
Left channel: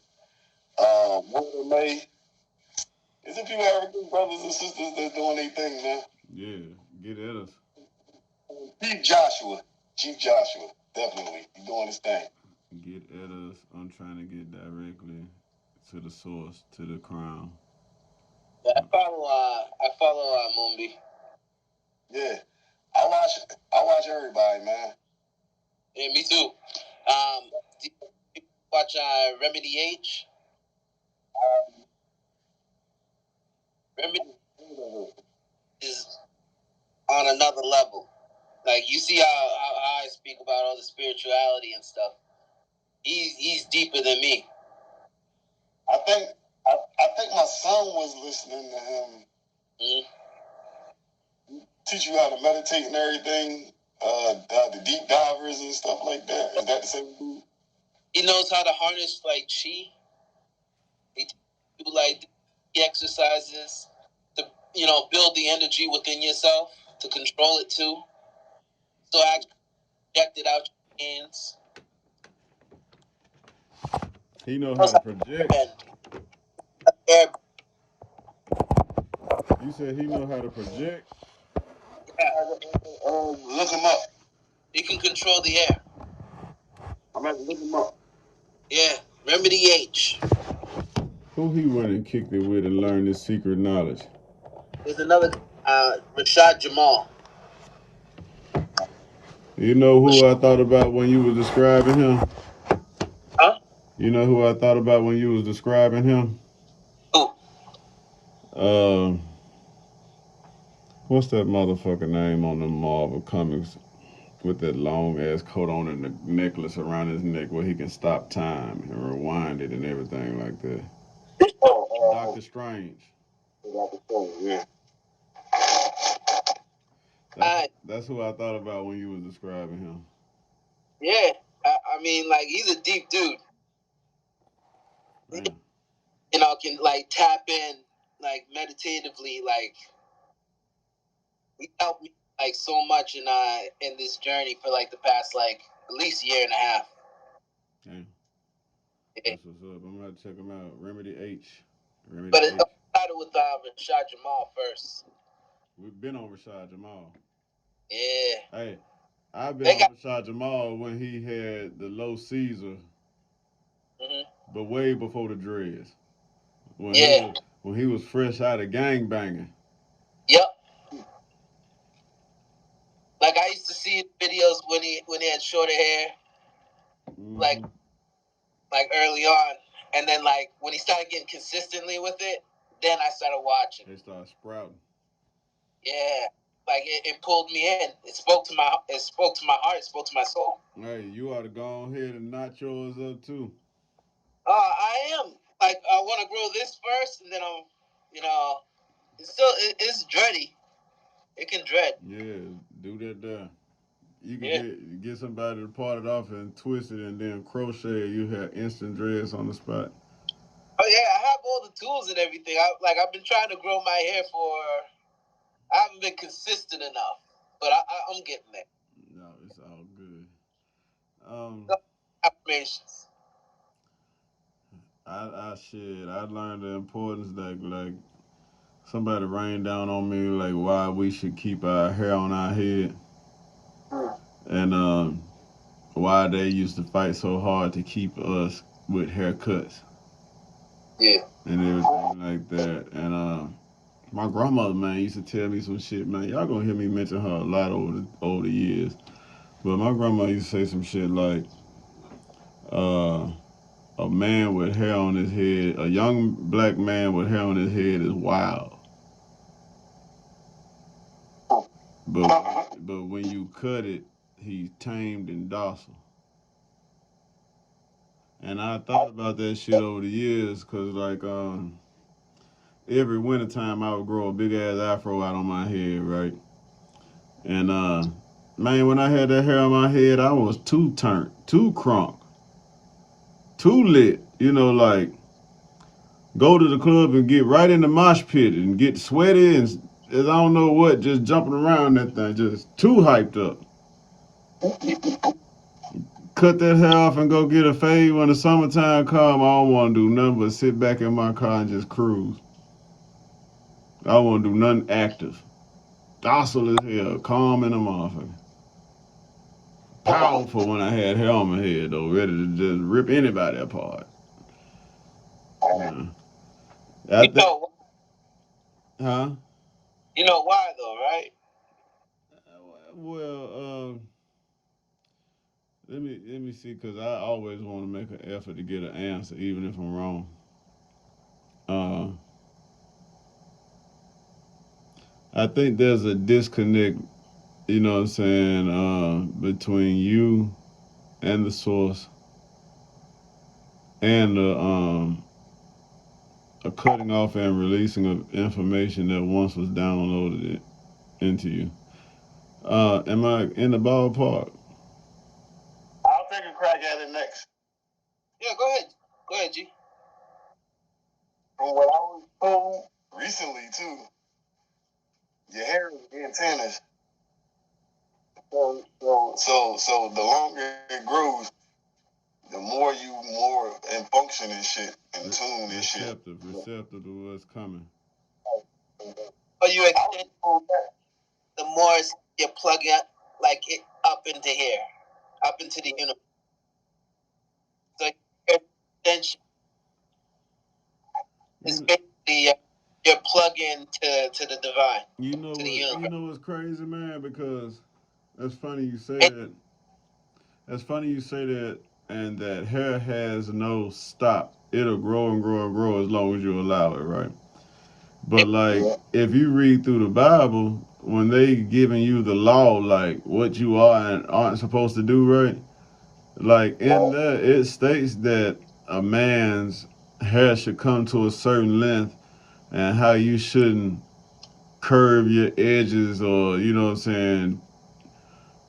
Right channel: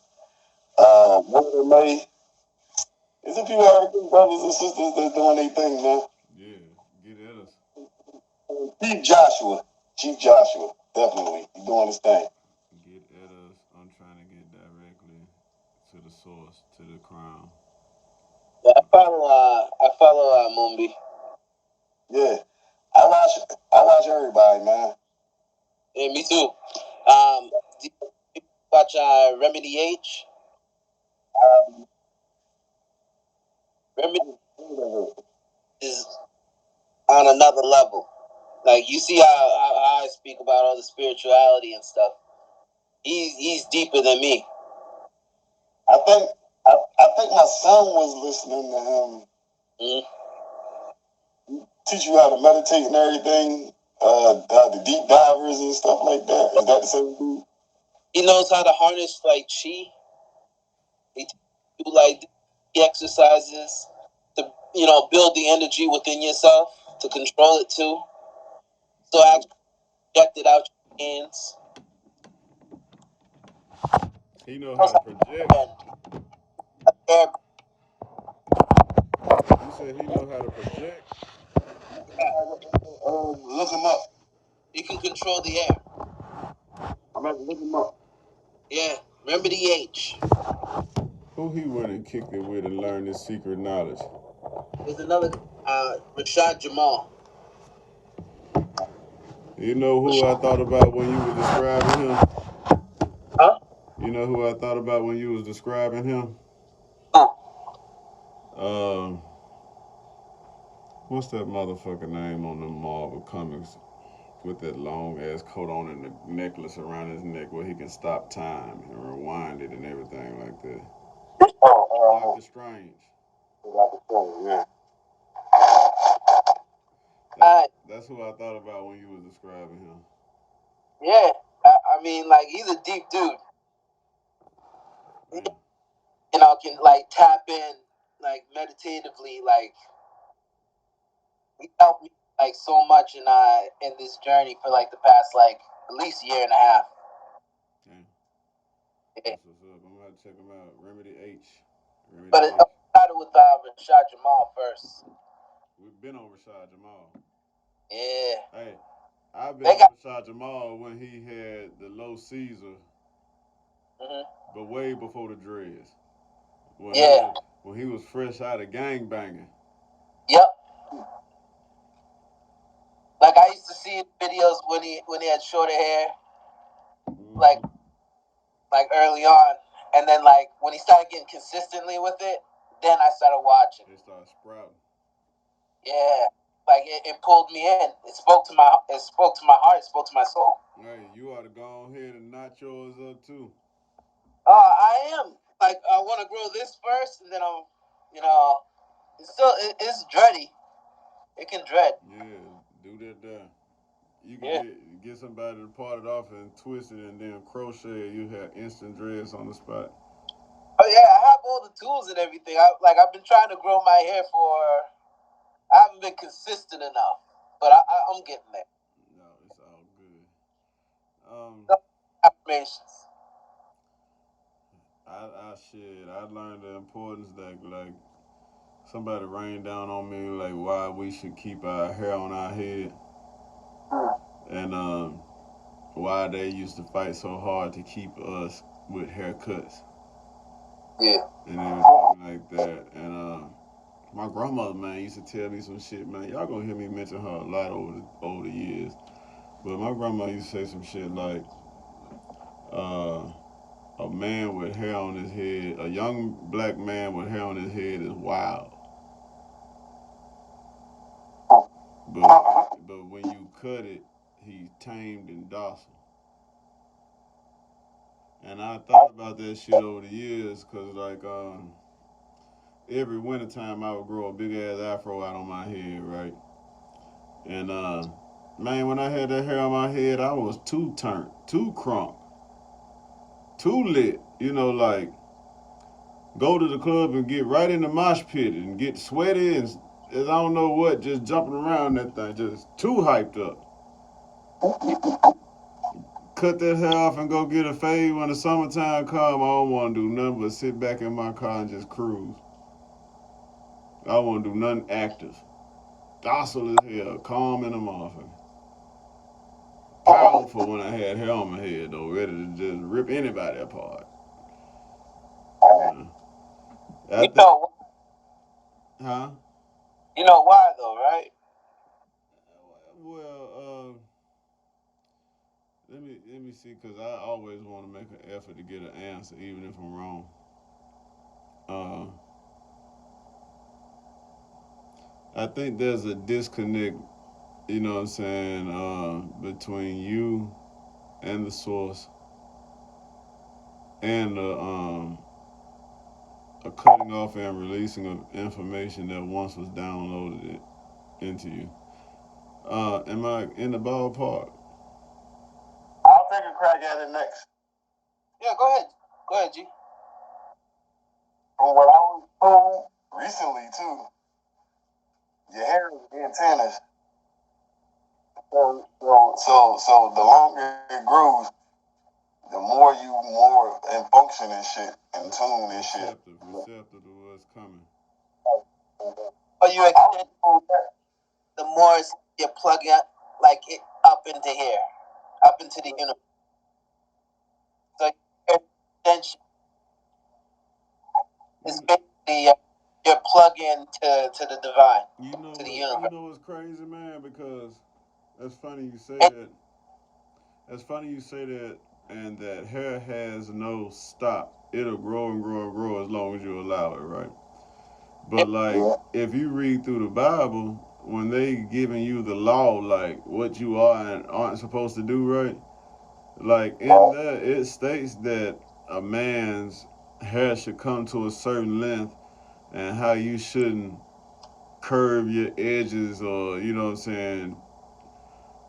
Walter May. There's a few African brothers and sisters that's doing their thing, man. Yeah, get at us. Chief Joshua, definitely. He doing his thing. Get at us. I'm trying to get directly to the source, to the crown. Yeah, I follow Moonbi. Yeah. I watch everybody, man. Yeah, me too. Do you watch Remedy H? Remedy is on another level. Like, you see how I speak about all the spirituality and stuff. He's deeper than me. I think my son was listening to him. Mm-hmm. Teach you how to meditate and everything. The deep divers and stuff like that. Is that the same dude? He knows how to harness like chi. He do like exercises to build the energy within yourself, to control it too. So actually project it out your hands. He know how to project. You said he know how to project? Look him up. He can control the air. Look him up. Yeah, Remedy H. Who he went and kicked it with and learned his secret knowledge? There's another Rashad Jamal. You know who I thought about when you were describing him? Huh? You know who I thought about when you was describing him? What's that motherfucker name on the Marvel comics with that long ass coat on and the necklace around his neck where he can stop time and rewind it and everything like that? Doctor Strange. Yeah. That's who I thought about when you was describing him. Yeah, I mean, like, he's a deep dude. Man. Can like tap in like meditatively, like he helped me like so much in this journey for like the past like at least year and a half. Damn. That's what's up. I'm gonna have to check him out. Remedy H. But it started with Rashad Jamal first. We've been on Rashad Jamal. Yeah. Hey, I've been on Rashad Jamal when he had the low Caesar, but way before the dreads. When he was fresh out of gangbanging. Yep. Like, I used to see his videos when he had shorter hair, like early on, and then like when he started getting consistently with it, then I started watching. They started sprouting. Yeah, like it pulled me in. It spoke to my heart. It spoke to my soul. Hey, you ought to go ahead and notch yours up too. I am. Like, I want to grow this first, and then it's dready. It can dread. Yeah, do that there. You can get somebody to part it off and twist it and then crochet. You have instant dreads on the spot. Oh yeah, I have all the tools and everything. I've been trying to grow my hair I haven't been consistent enough, but I'm getting there. No, it's all good. Affirmations. I learned the importance that like somebody rained down on me like why we should keep our hair on our head, and why they used to fight so hard to keep us with haircuts. Yeah. And everything like that. And my grandmother, man, used to tell me some shit, man. Y'all gonna hear me mention her a lot over the years. But my grandma used to say some shit like, a man with hair on his head, a young black man with hair on his head is wild. But when you cut it, he's tamed and docile. And I thought about that shit over the years, cause like every wintertime I would grow a big ass afro out on my head, right? And man, when I had that hair on my head, I was too turned, too crunk, too lit. You know, like go to the club and get right in the mosh pit and get sweaty and I don't know what, just jumping around that thing, just too hyped up. Cut that hair off and go get a fade when the summertime come. I don't want to do nothing but sit back in my car and just cruise. I don't want to do nothing active. Docile as hell, calm in the motherfucker. Powerful when I had hair on my head though, ready to just rip anybody apart. Yeah. I think, huh? You know why though, right? Well, let me see, cause I always want to make an effort to get an answer, even if I'm wrong. Uh, I think there's a disconnect, you know what I'm saying, between you and the source and the a cutting off and releasing of information that once was downloaded into you. Am I in the ballpark? I'll take a crack at it next. Yeah, go ahead. Go ahead, G. From what I was told recently too, your hair is being tarnished. So the longer it grows, the more you more in function and shit, in tune and shit. Receptive to what's coming. Or you extend the more you plug it like it up into here, up into the universe. So extension is basically your plug in to the divine. You know to what? the universe. You know what's crazy, man? Because that's funny you say that. That's funny you say that, and that hair has no stop. It'll grow and grow and grow as long as you allow it, right? But like, if you read through the Bible, when they giving you the law, like what you are and aren't supposed to do, right? Like in there, it states that a man's hair should come to a certain length, and how you shouldn't curve your edges, or you know what I'm saying,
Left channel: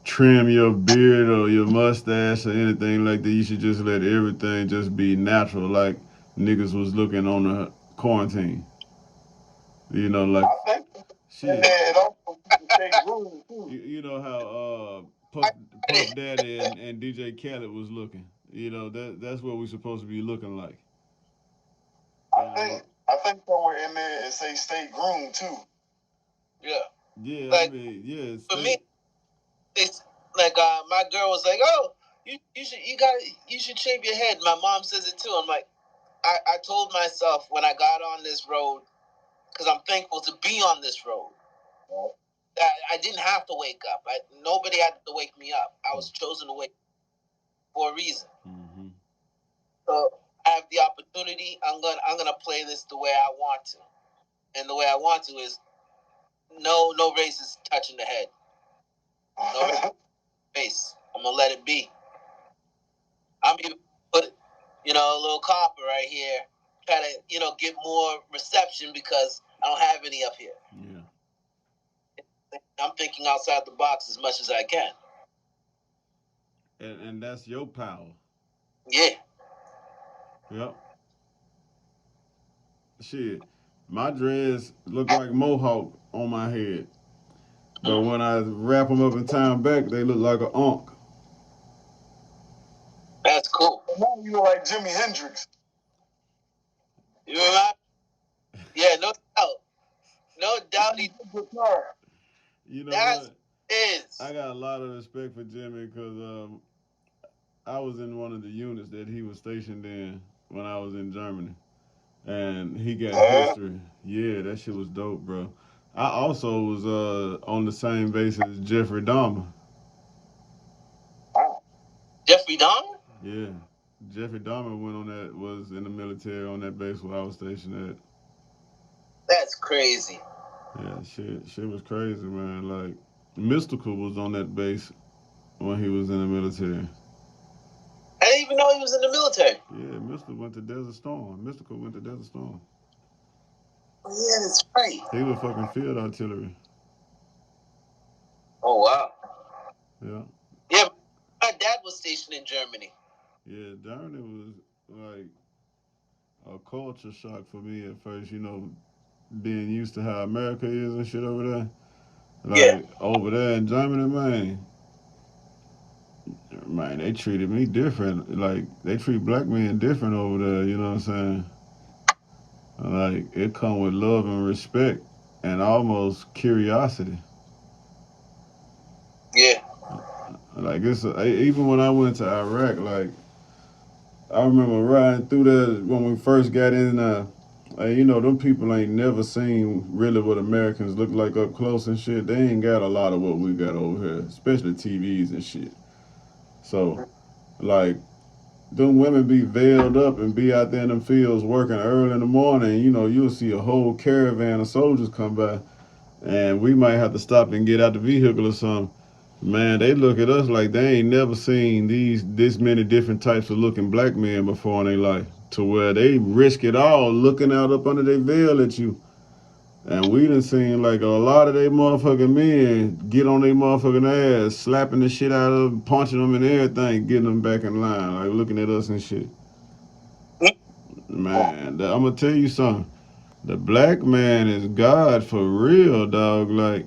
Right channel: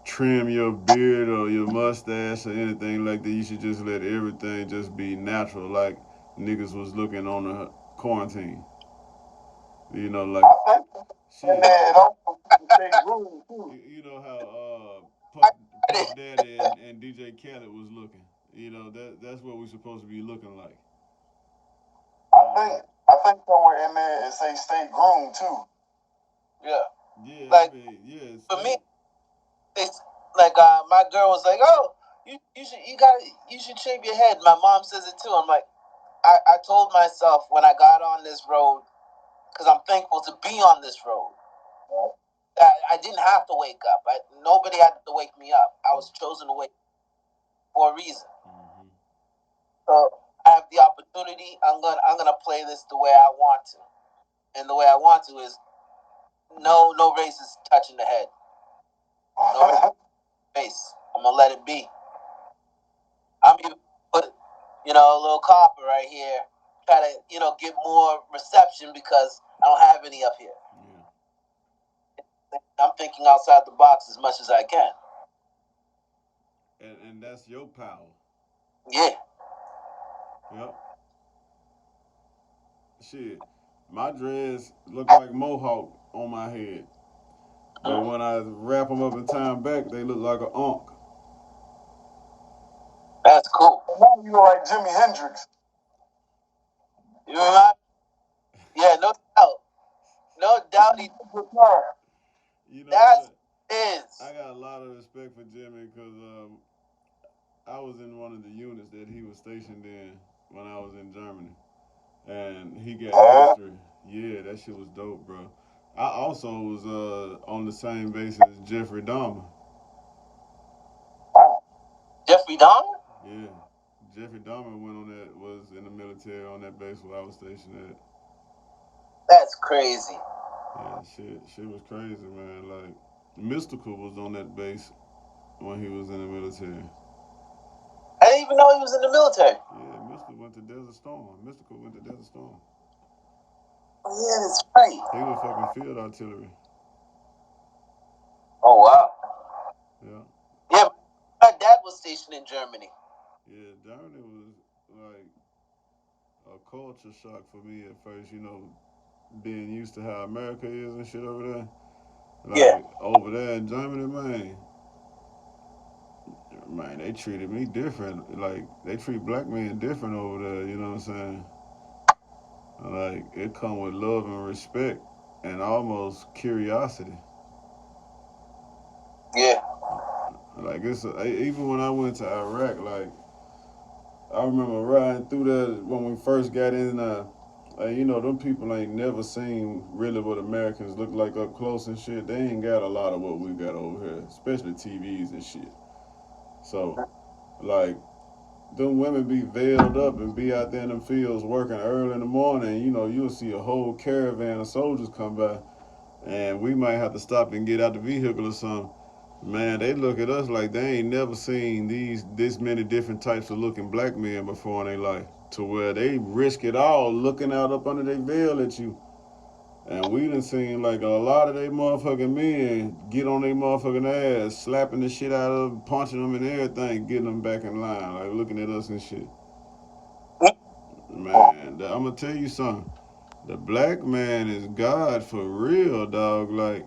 trim your beard or your mustache or anything like that. You should just let everything just be natural, like niggas was looking on the quarantine. You know, like shit. You know how Puff Daddy and DJ Khaled was looking. You know that's what we're supposed to be looking like. I think somewhere in there it say stay groomed too. Yeah. Yeah, like, I mean, yeah. For me, it's like my girl was like, "Oh, you should shave your head." My mom says it too. I'm like, I told myself when I got on this road, because I'm thankful to be on this road, that I didn't have to wake up. Nobody had to wake me up. I was chosen to wake for a reason. Mm-hmm. So I have the opportunity. I'm gonna play this the way I want to, and the way I want to is no races touching the head. No face. I'm gonna let it be. I'm even put a little copper right here, try to get more reception because I don't have any up here. Yeah. I'm thinking outside the box as much as I can. And that's your power. Yeah. Yep. Shit, my dreads look like mohawk on my head, but when I wrap them up and tie them back, they look like an ankh. That's cool. You look like Jimi Hendrix. You know what? Yeah, no doubt. No doubt he's a guitar. You know what? I got a lot of respect for Jimmy because I was in one of the units that he was stationed in when I was in Germany. And he got history. Yeah, that shit was dope, bro. I also was on the same base as Jeffrey Dahmer. Jeffrey Dahmer? Yeah. Jeffrey Dahmer was in the military on that base where I was stationed at. That's crazy. Yeah, shit was crazy, man. Like, Mystical was on that base when he was in the military. I didn't even know he was in the military. Yeah, Mystical went to Desert Storm. Oh, yeah, that's right. He was fucking field artillery. Oh, wow. Yeah. Yeah, my dad was stationed in Germany. Yeah, Germany was like a culture shock for me at first, you know, being used to how America is and shit over there. Like, over there in Germany, man, they treated me different. Like, they treat black men different over there, you know what I'm saying? Like, it come with love and respect and almost curiosity. Yeah. Like, even when I went to Iraq, like, I remember riding through there when we first got in. You know, them people ain't never seen really what Americans look like up close and shit. They ain't got a lot of what we got over here, especially TVs and shit. So, like, them women be veiled up and be out there in them fields working early in the morning. You know, you'll see a whole caravan of soldiers come by, and we might have to stop and get out the vehicle or something. Man, they look at us like they ain't never seen this many different types of looking black men before in their life. To where they risk it all looking out up under their veil at you. And we done seen like a lot of they motherfucking men get on their motherfucking ass, slapping the shit out of them, punching them and everything, getting them back in line, like looking at us and shit. Man, I'm gonna tell you something. The black man is God for real, dog. Like,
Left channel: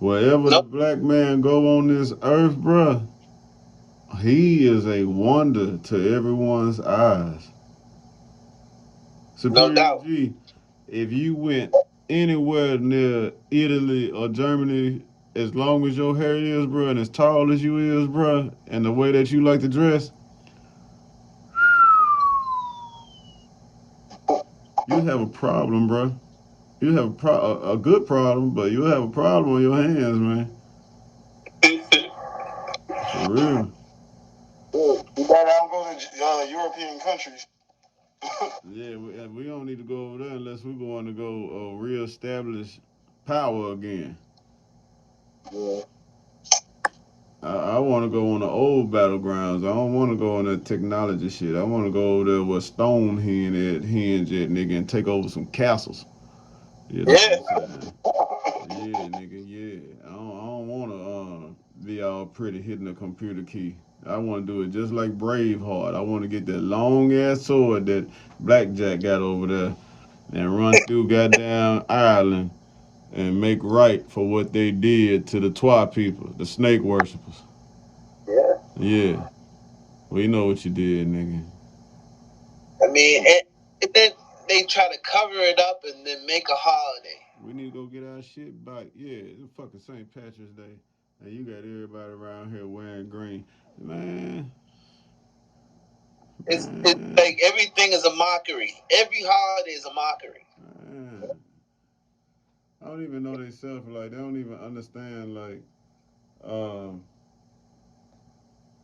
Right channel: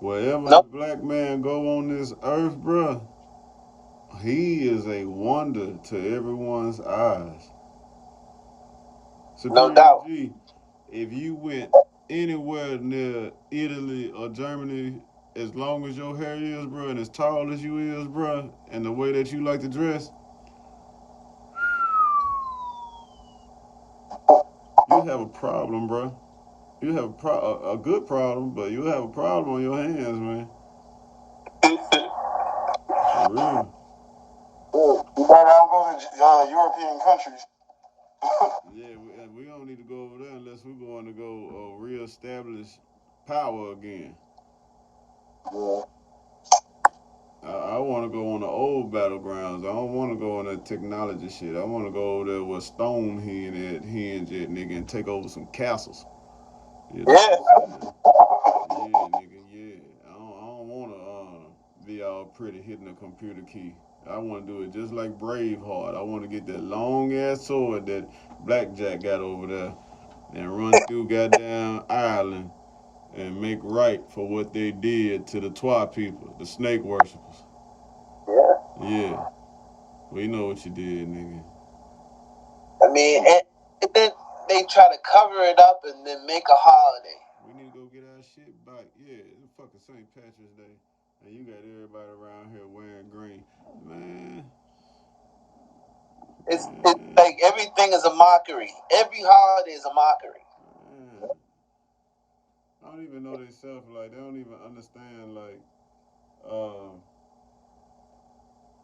wherever the black man go on this earth, bruh, he is a wonder to everyone's eyes. Superior G, if you went anywhere near Italy or Germany, as long as your hair is, bruh, and as tall as you is, bruh, and the way that you like to dress, you'd have a problem, bruh. You have a good problem, but you'll have a problem on your hands, man. For real. You gotta go to European countries. Yeah, we don't need to go over there unless we're going to go reestablish power again. I want to go on the old battlegrounds. I don't want to go on that technology shit. I want to go over there where Stonehenge at, nigga, and take over some castles. You know what I'm saying? Yeah, nigga, yeah. I don't want to be all pretty hitting a computer key. I want to do it just like Braveheart. I want to get that long ass sword that BlackJack got over there and run through goddamn Ireland and make right for what they did to the Twa people, the snake worshippers. Yeah, we know what you did, nigga. I mean, and then they try to cover it up and then make a holiday. We need to go get our shit back. Yeah, it's fucking St. Patrick's Day. And you got everybody around here wearing green. Man. It's like everything is a mockery. Every holiday is a mockery. Man. I don't even know themselves. Like, they don't even understand, like, um,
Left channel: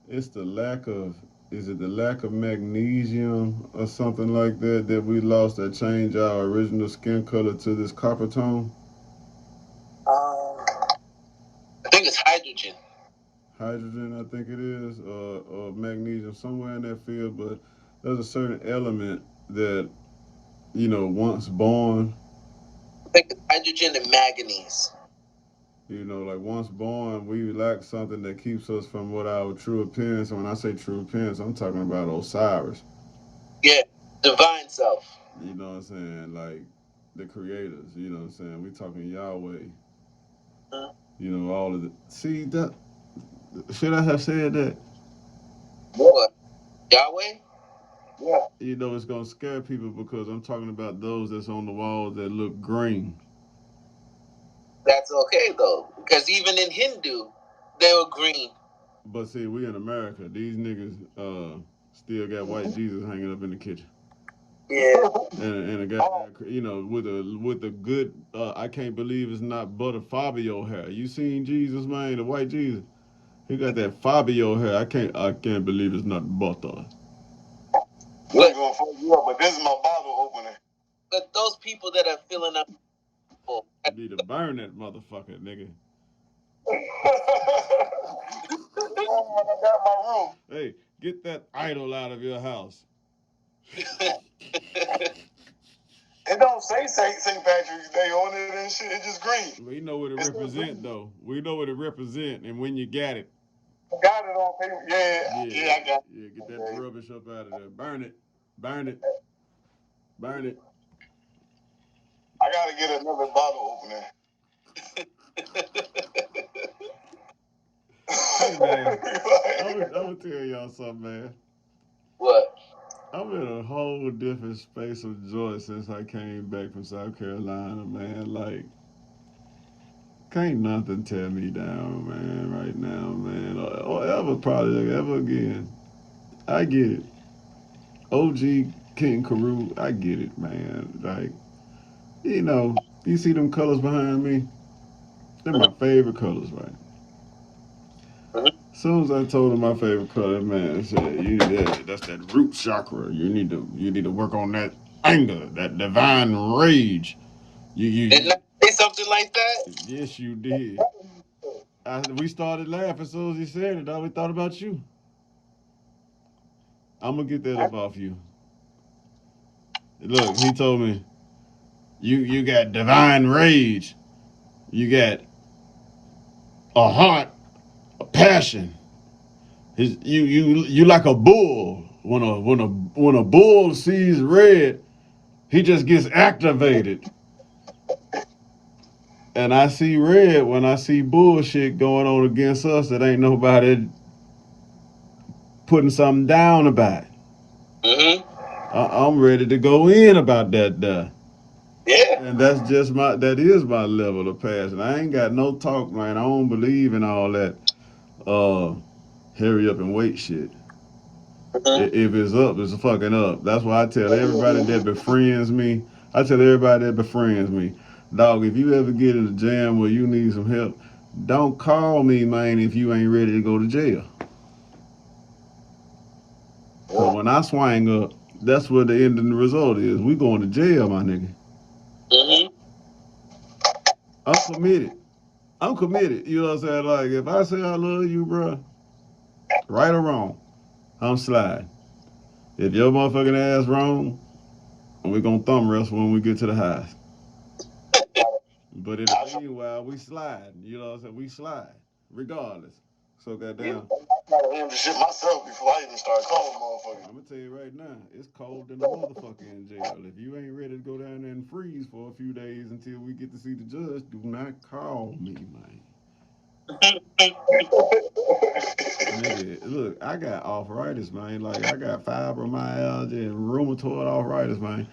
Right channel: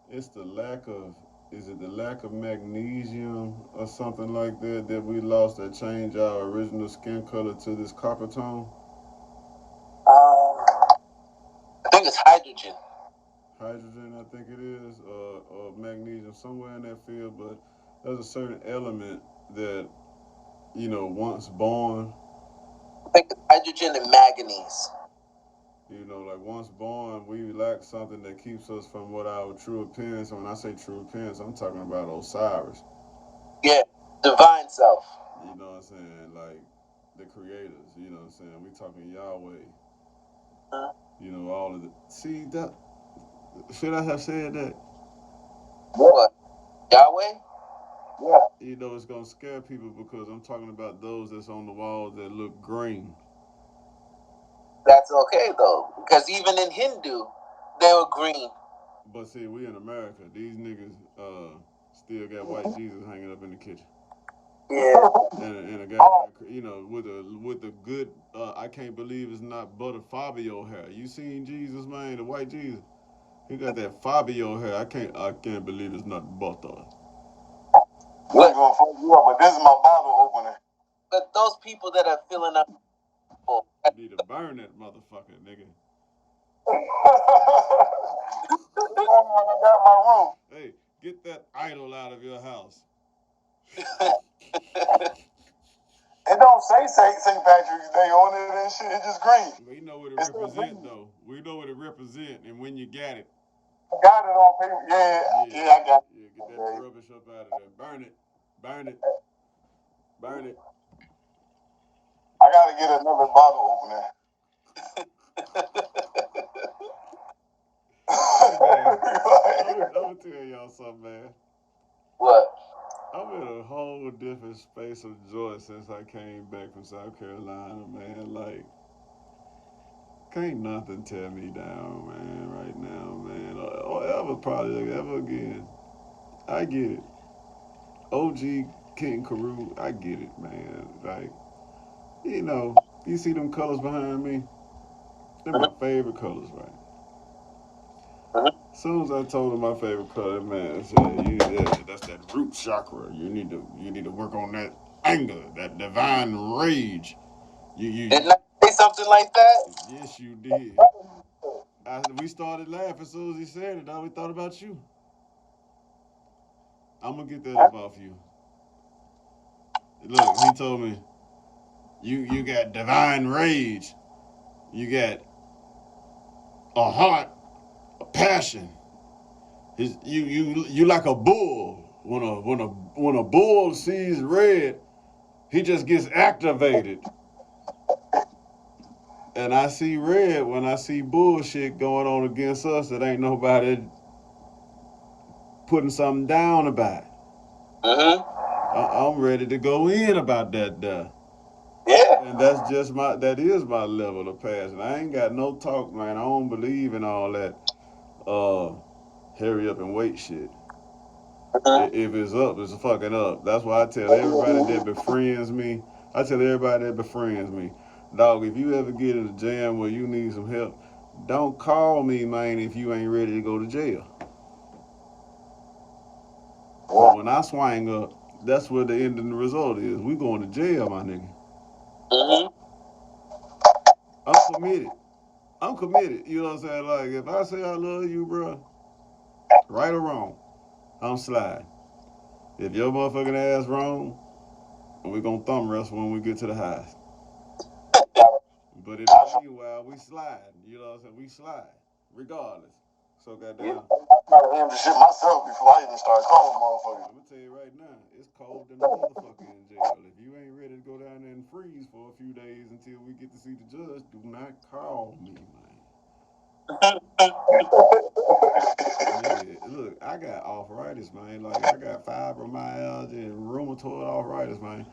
it's the lack of, is it the lack of magnesium or something like that we lost that changed our original skin color to this copper tone? I think it's hydrogen. Hydrogen, I think it is, or magnesium, somewhere in that field. But there's a certain element that, you know, once born, I think it's hydrogen and manganese. you know, like once born, we lack something that keeps us from what our true appearance. And when I say true appearance, I'm talking about Osiris. Yeah, divine self. You know what I'm saying? Like the creators. You know what I'm saying? We talking Yahweh. You know all of the. See that? Should I have said that? What? Yahweh? You know it's gonna scare people because I'm talking about those that's on the walls that look green. That's okay though, because even in Hindu, they were green. But see, we in America, these niggas still got white Jesus hanging up in the kitchen. Yeah. And a goddamn, you know, with a good, I can't believe it's not butter Fabio hair. You seen Jesus, man, the white Jesus? He got that Fabio hair. I can't believe it's not butter. What? But this is my bottle opener. But those people that are filling up, You need to burn that motherfucker, nigga. Hey, get that idol out of your house. It don't say St. Patrick's Day on it and shit. It's just green. We know what it represent, though. We know what it represent, and when you got it. Got it on paper. Yeah, I got it. Yeah, get that rubbish up out of there. Burn it. Burn it. Burn it. I gotta get another bottle opener. Hey, man. I'm gonna tell y'all something, man. What? I'm in a whole different space of joy since I came back from South Carolina, man. Like, can't nothing tear me down, man, right now, man. Or ever, probably, ever again. I get it. OG King Carew, I get it, man. Like, you know, you see them colors behind me? They're my favorite colors, right? As soon as I told him my favorite color, man, I said, that's that root chakra. You need to work on that anger, that divine rage. You Didn't I say something like that? Yes, you did. We started laughing as soon as he said it. All we thought about you. I'm gonna get that up off you. Look, he told me, you got divine rage. You got a heart, a passion. You like a bull. When a bull sees red, he just gets activated. And I see red when I see bullshit going on against us that ain't nobody putting something down about. I'm ready to go in about that. Yeah. And that is my level of passion. I ain't got no talk, man. I don't believe in all that hurry up and wait shit. If it's up, it's fucking up. That's why I tell everybody that befriends me, dog, if you ever get in a jam where you need some help, don't call me, man, if you ain't ready to go to jail. So when I swing up, that's what the end of the result is. We going to jail, my nigga. I'm committed. You know what I'm saying? Like, if I say I love you, bro, right or wrong, I'm sliding. If your motherfucking ass wrong, we gonna thumb wrestle when we get to the house. But in the meanwhile, we slide. You know what I'm saying? We slide, regardless. So goddamn. I gotta shit myself before I even start calling motherfuckers. I'm gonna tell you right now, it's cold than a motherfucker in jail. If you ain't ready to go down there and freeze for a few days until we get to see the judge, do not call me, man. Nigga, look, I got arthritis, man. Like, I got fibromyalgia and rheumatoid arthritis, man.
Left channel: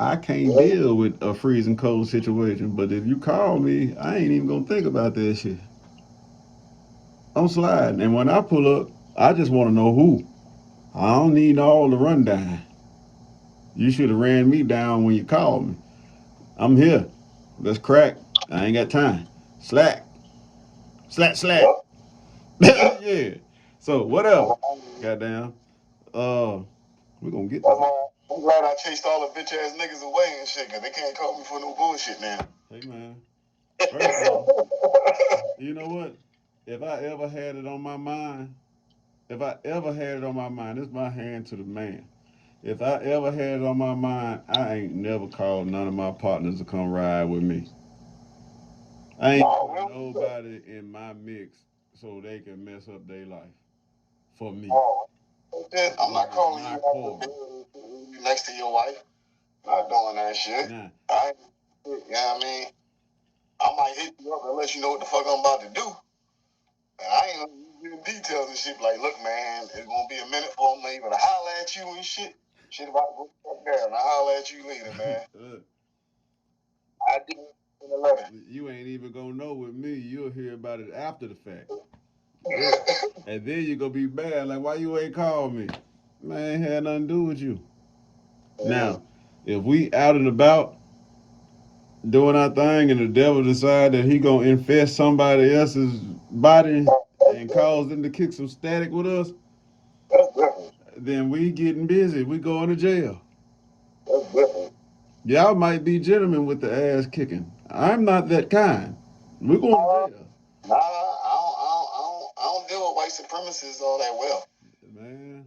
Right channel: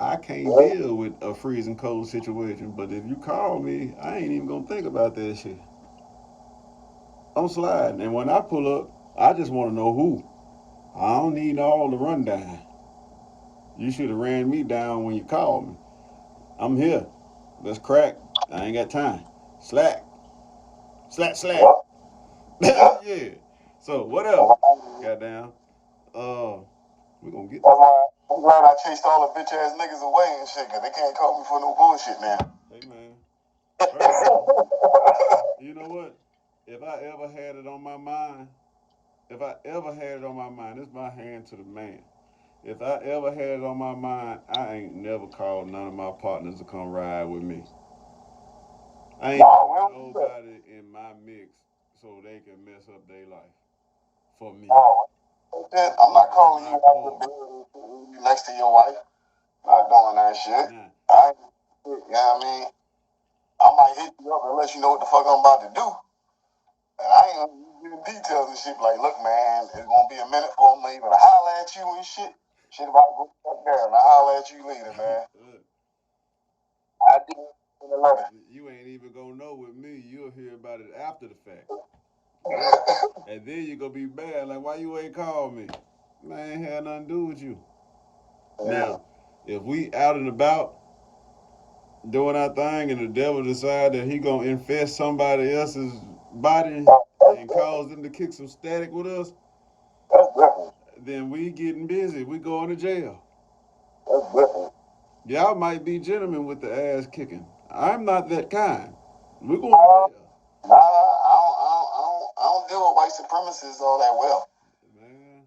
I can't deal with a freezing cold situation, but if you call me, I ain't even gonna think about that shit. I'm sliding, and when I pull up, I just want to know who. I don't need all the rundown. You should have ran me down when you called me. I'm here. Let's crack. I ain't got time. Slack. Slack. Yeah. So whatever. Goddamn. We gonna get that. I'm glad I chased all the bitch ass niggas away and shit, cause they can't call me for no bullshit now. Hey man. First of all, you know what? If I ever had it on my mind, it's my hand to the man. If I ever had it on my mind, I ain't never called none of my partners to come ride with me. I ain't put nobody in my mix so they can mess up their life for me. I'm not calling you next to your wife. Not doing that shit. Nah. You know what I mean? I might hit you up and let you know what the fuck I'm about to do. And I ain't gonna give you details and shit. Like, look, man, it's gonna be a minute for me even to holler at you and shit. Shit about to go there and I'll holler at you later, man. You ain't even gonna know with me. You'll hear about it after the fact. And then you gonna be mad, like, why you ain't called me? Man, ain't had nothing to do with you. Now, if we out and about doing our thing and the devil decide that he gonna infest somebody else's body and cause them to kick some static with us, then we getting busy. We going to jail. Y'all might be gentlemen with the ass kicking. I'm not that kind. We're going to jail. I don't deal with white supremacists all that well. Man,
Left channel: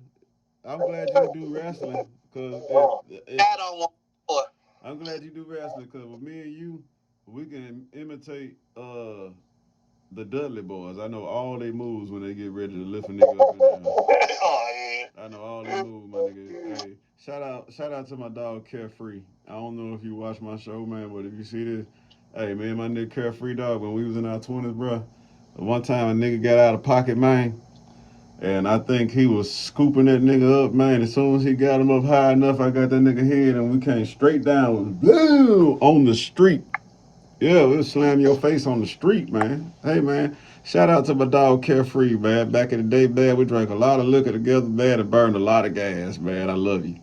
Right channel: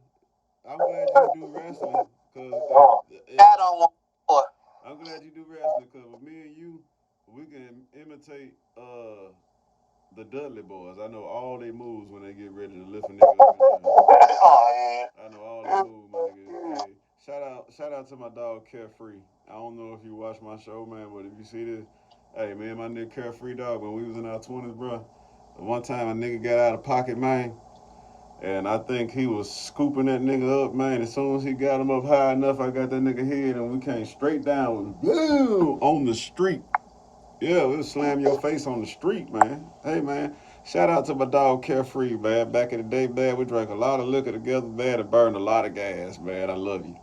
I'm glad you do wrestling. Cause I don't want more. I'm glad you do wrestling, cause with me and you, we can imitate the Dudley boys. I know all they moves when they get ready to lift a nigga up in the air. Oh, I know all they moves, my nigga. Hey, shout out to my dog Carefree. I don't know if you watch my show, man, but if you see this, hey, man, my nigga Carefree dog, when we was in our 20s, bro, one time a nigga got out of pocket, man, and I think he was scooping that nigga up, man. As soon as he got him up high enough, I got that nigga head, and we came straight down, boom, on the street. Yeah, we'll slam your face on the street, man. Hey, man, shout out to my dog Carefree, man. Back in the day, man, we drank a lot of liquor together, man, and burned a lot of gas, man. I love you.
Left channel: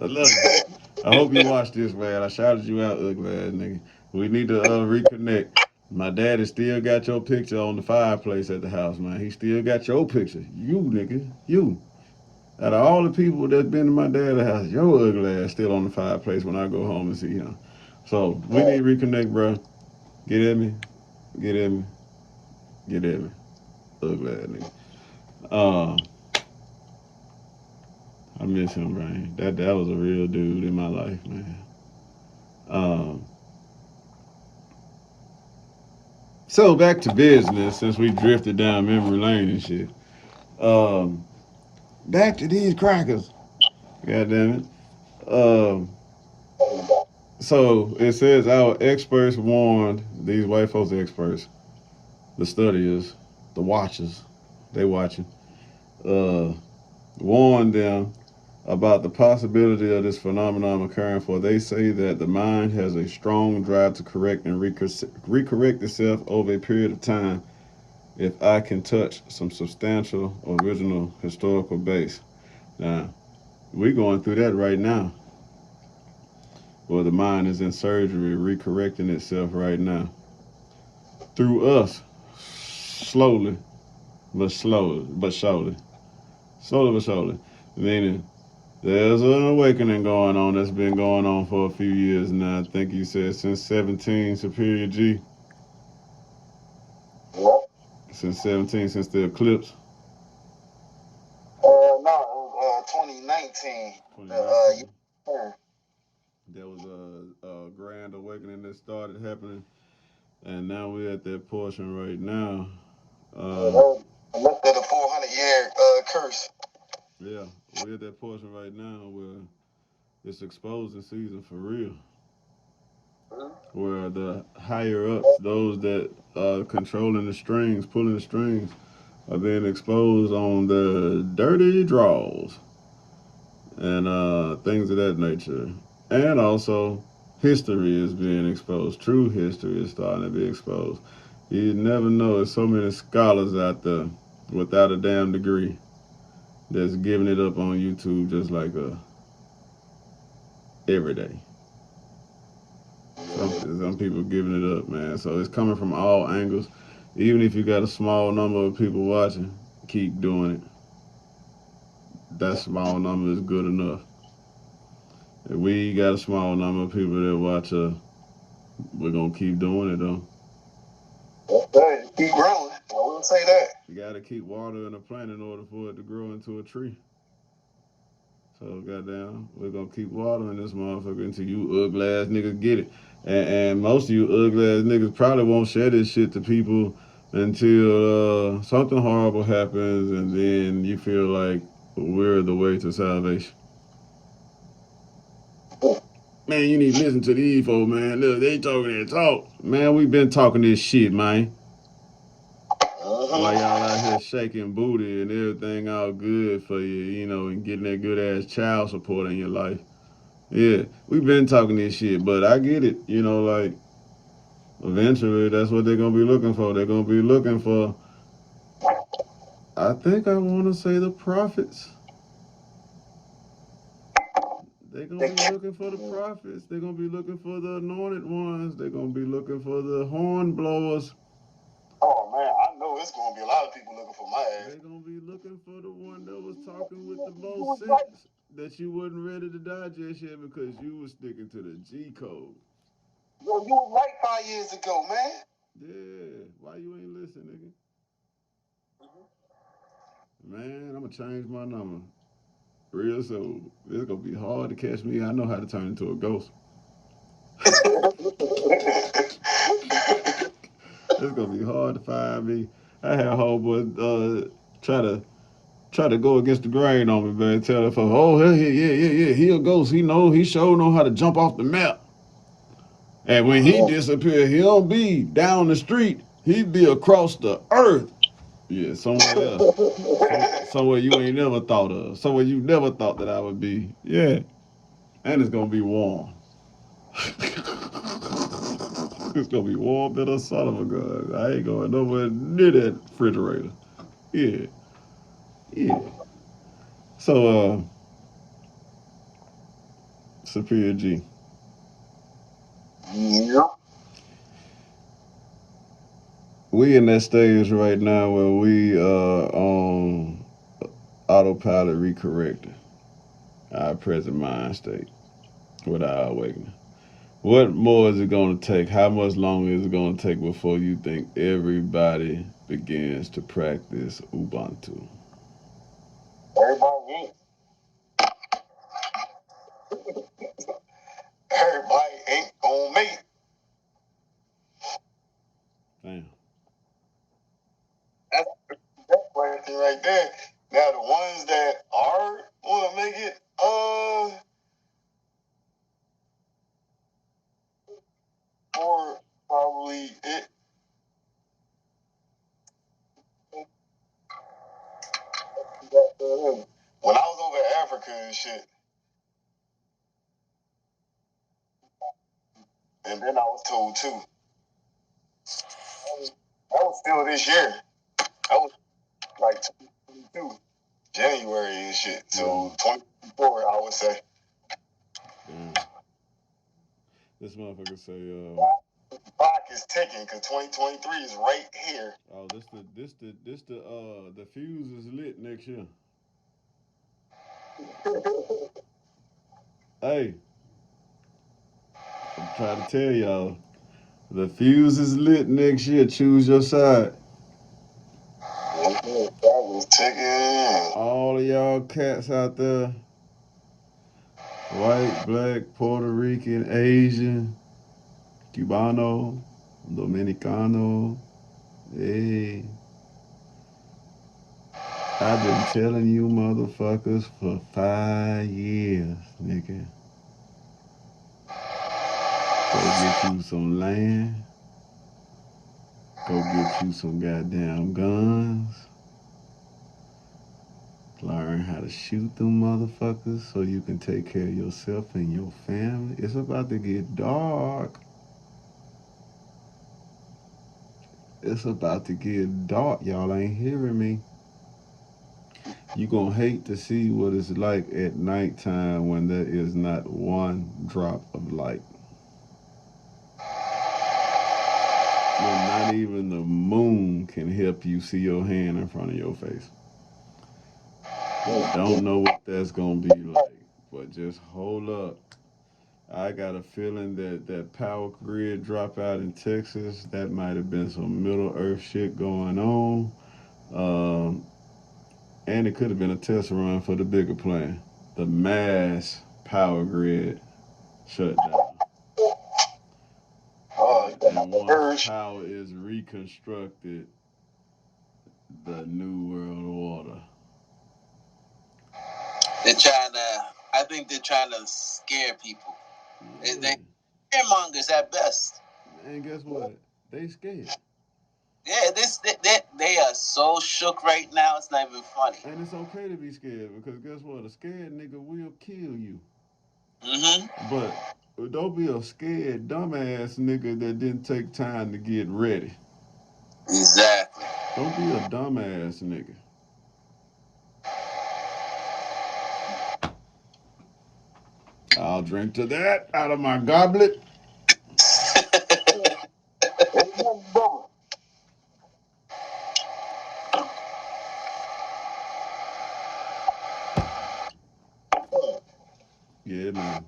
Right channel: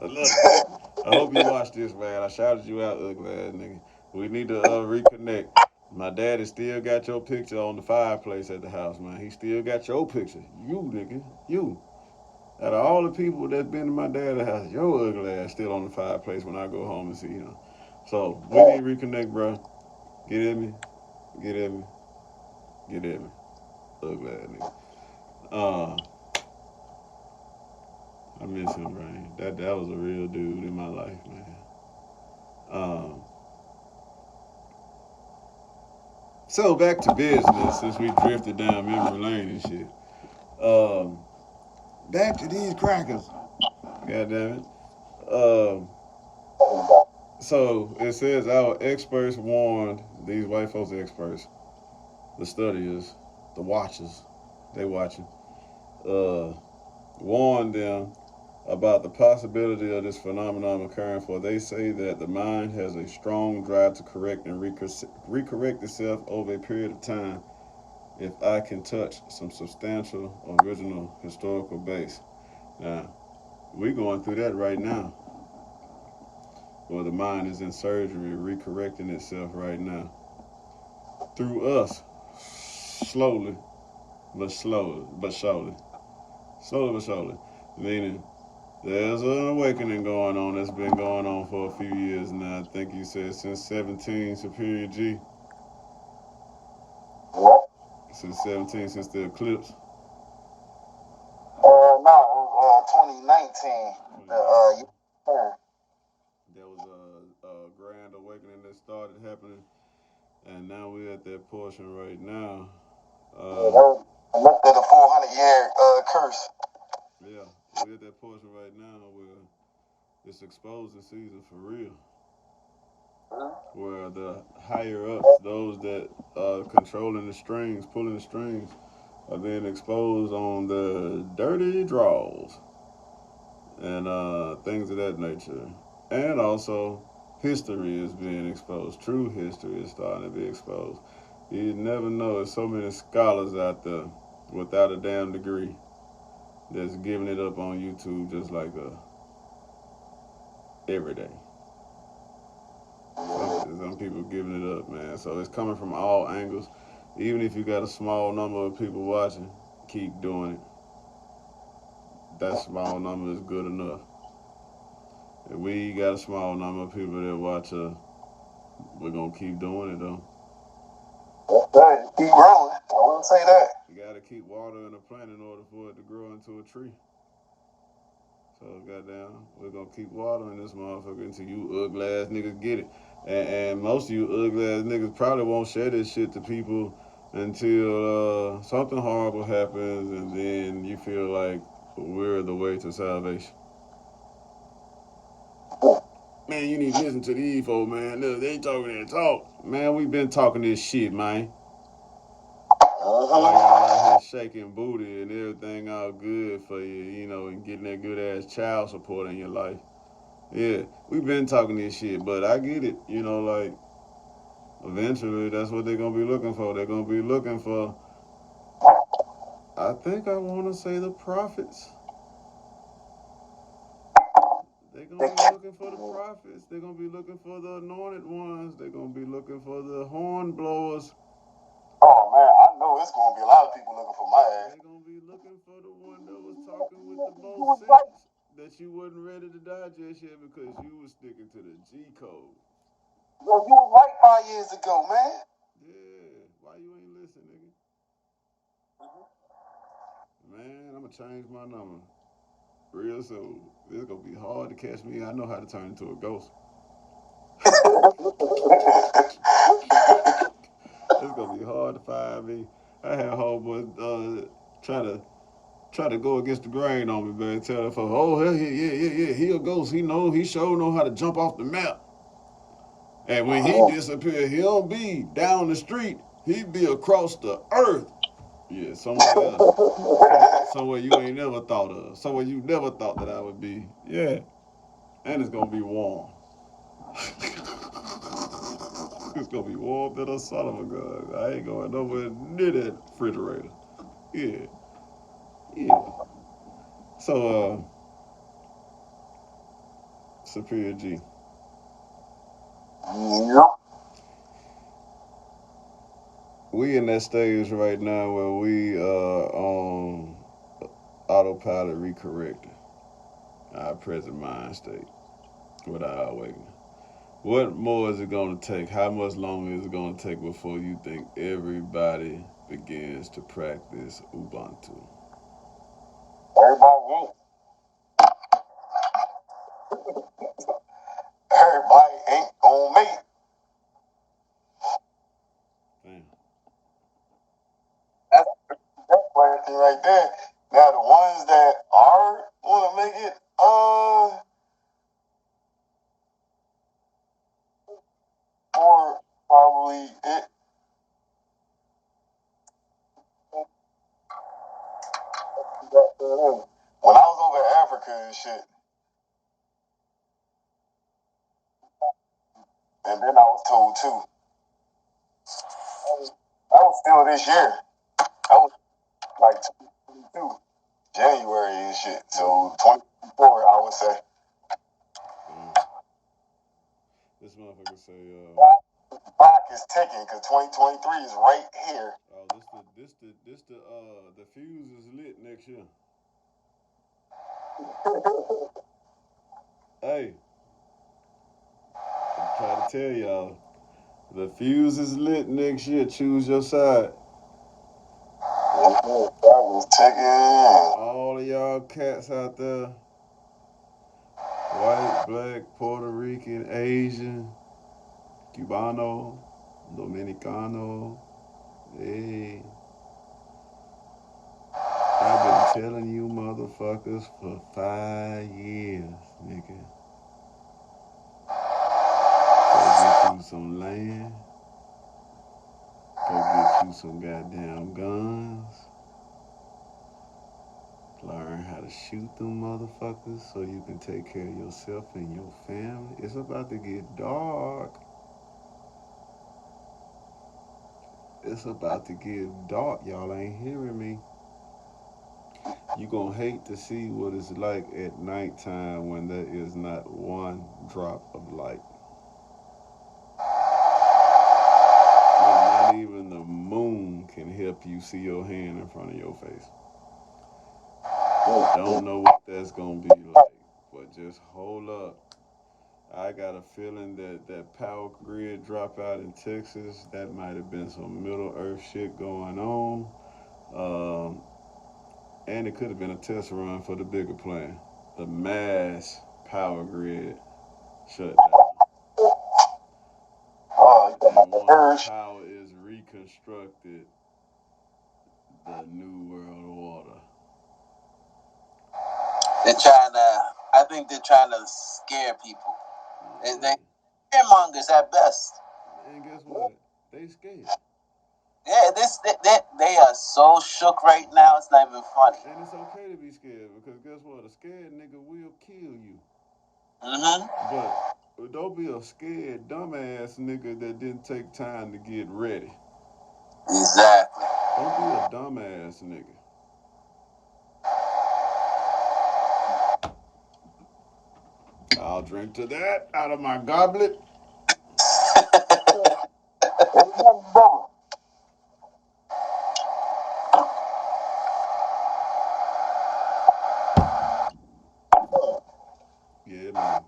I love you. I hope you watch this, man. I shouted you out, ugly ass nigga. We need to reconnect. My daddy still got your picture on the fireplace at the house, man. He still got your picture. You, nigga. You. Out of all the people that's been to my dad's house, your ugly ass still on the fireplace when I go home and see him. So, we need to reconnect, bro. Get at me. Get at me. Get at me. Ugly ass nigga. Uh, I miss him, man. That was a real dude in my life, man. Um, so back to business since we drifted down memory lane and shit. Um, Back to these crackers. God damn it. Um, so it says our experts warned these white folks experts, the studiers, the watchers, they watching, uh, warned them about the possibility of this phenomenon occurring, for they say that the mind has a strong drive to correct and recorrect itself over a period of time if I can touch some substantial original historical base. Now, we're going through that right now, where the mind is in surgery, recorrecting itself right now. Through us, slowly, but slowly, but surely. Slowly, but surely. Meaning, there's an awakening going on that's been going on for a few years now. I think you said since 17, Superior G. Since 17, since the eclipse. no, 2019. 2019. There was a grand awakening that started happening, and now we're at that portion right now. That's been a 400-year curse. Yeah, we're at that portion right now where it's exposing season for real. Where the higher ups, those that are controlling the strings, pulling the strings, are being exposed on the dirty draws and things of that nature. And also, history is being exposed. True history is starting to be exposed. You never know. There's so many scholars out there without a damn degree that's giving it up on YouTube just like every day. Some people giving it up, man. So it's coming from all angles. Even if you got a small number of people watching, keep doing it. That small number is good enough. If we got a small number of people that watch us, we're gonna keep doing it though. Right. Keep growing. I wouldn't say that. You gotta keep watering a plant in order for it to grow into a tree. So goddamn, we're gonna keep watering this motherfucker until you ugly ass niggas get it. And most of you ugly ass niggas probably won't share this shit to people until something horrible happens, and then you feel like we're the way to salvation. Man, you need to listen to these folks, man. Look, they talking that talk. Man, we been talking this shit, man. While y'all out here shaking booty and everything all good for you, you know, and getting that good ass child support in your life. Yeah, we've been talking this shit, but I get it. You know, like, eventually that's what they're going to be looking for. They're going to be looking for, I think I want to say the prophets. They're going to be looking for the prophets. They're going to be looking for the anointed ones. They're going to be looking for the horn blowers. Oh, man, I know it's going to be a lot of people looking for my ass. They're going to be looking for the one that was talking with the most sense that you wasn't ready to digest yet because you was sticking to the G code. Bro, you were right 5 years ago, man. Yeah, why you ain't listening, nigga? Man, I'm going to change my number real soon. It's going to be hard to catch me. I know how to turn into a ghost. It's gonna be hard to find me. I had homeboy try to go against the grain on me, man. Tell that folks, oh yeah, he a ghost. He sure know how to jump off the map. And when he disappear, he don't be down the street. He be across the earth. Yeah, somewhere else. Somewhere you ain't never thought of. Somewhere you never thought that I would be. Yeah. And it's gonna be warm. It's gonna be warm than a son of a gun. I ain't going nowhere near that refrigerator. Yeah. Yeah. So Superior G. Yep. We in that stage right now where we on autopilot recorrecting our present mind state with our awakening. What more is it going to take? How much longer is it going to take before you think everybody begins to practice Ubuntu? Everybody ain't gonna make it. Damn. That's question right there. Now the ones that are wanna make it, or probably it. When I was over in Africa and shit, and then I was told too. That was still this year. That was like 22, January and shit. So 24, I would say. This motherfucker say, Clock is ticking because 2023 is right here. oh, the fuse is lit next year. Hey, I'm trying to tell y'all, the fuse is lit next year. Choose your side. Clock is ticking. All of y'all cats out there, white, black, Puerto Rican, Asian, Cubano, Dominicano. Hey, I've been telling you motherfuckers for 5 years, nigga. Go get you some land. Go get you some goddamn guns. Learn how to shoot them motherfuckers so you can take care of yourself and your family. It's about to get dark. It's about to get dark. Y'all ain't hearing me. You gonna hate to see what it's like at nighttime when there is not one drop of light. When not even the moon can help you see your hand in front of your face. I don't know what that's gonna be like, but just hold up. I got a feeling that power grid dropout in Texas, that might have been some Middle Earth shit going on. Um, and it could have been a test run for the bigger plan. The mass power grid shut down. And once power is reconstructed, the new world order. I think they're trying to scare people. They scaremongers at best. And guess what? They scared. Yeah, they are so shook right now, it's not even funny. And it's okay to be scared because guess what? A scared nigga will kill you. Mm-hmm. But don't be a scared dumbass nigga that didn't take time to get ready. Exactly. Don't be a dumbass nigga. I'll drink to that out of my goblet. Yeah, man.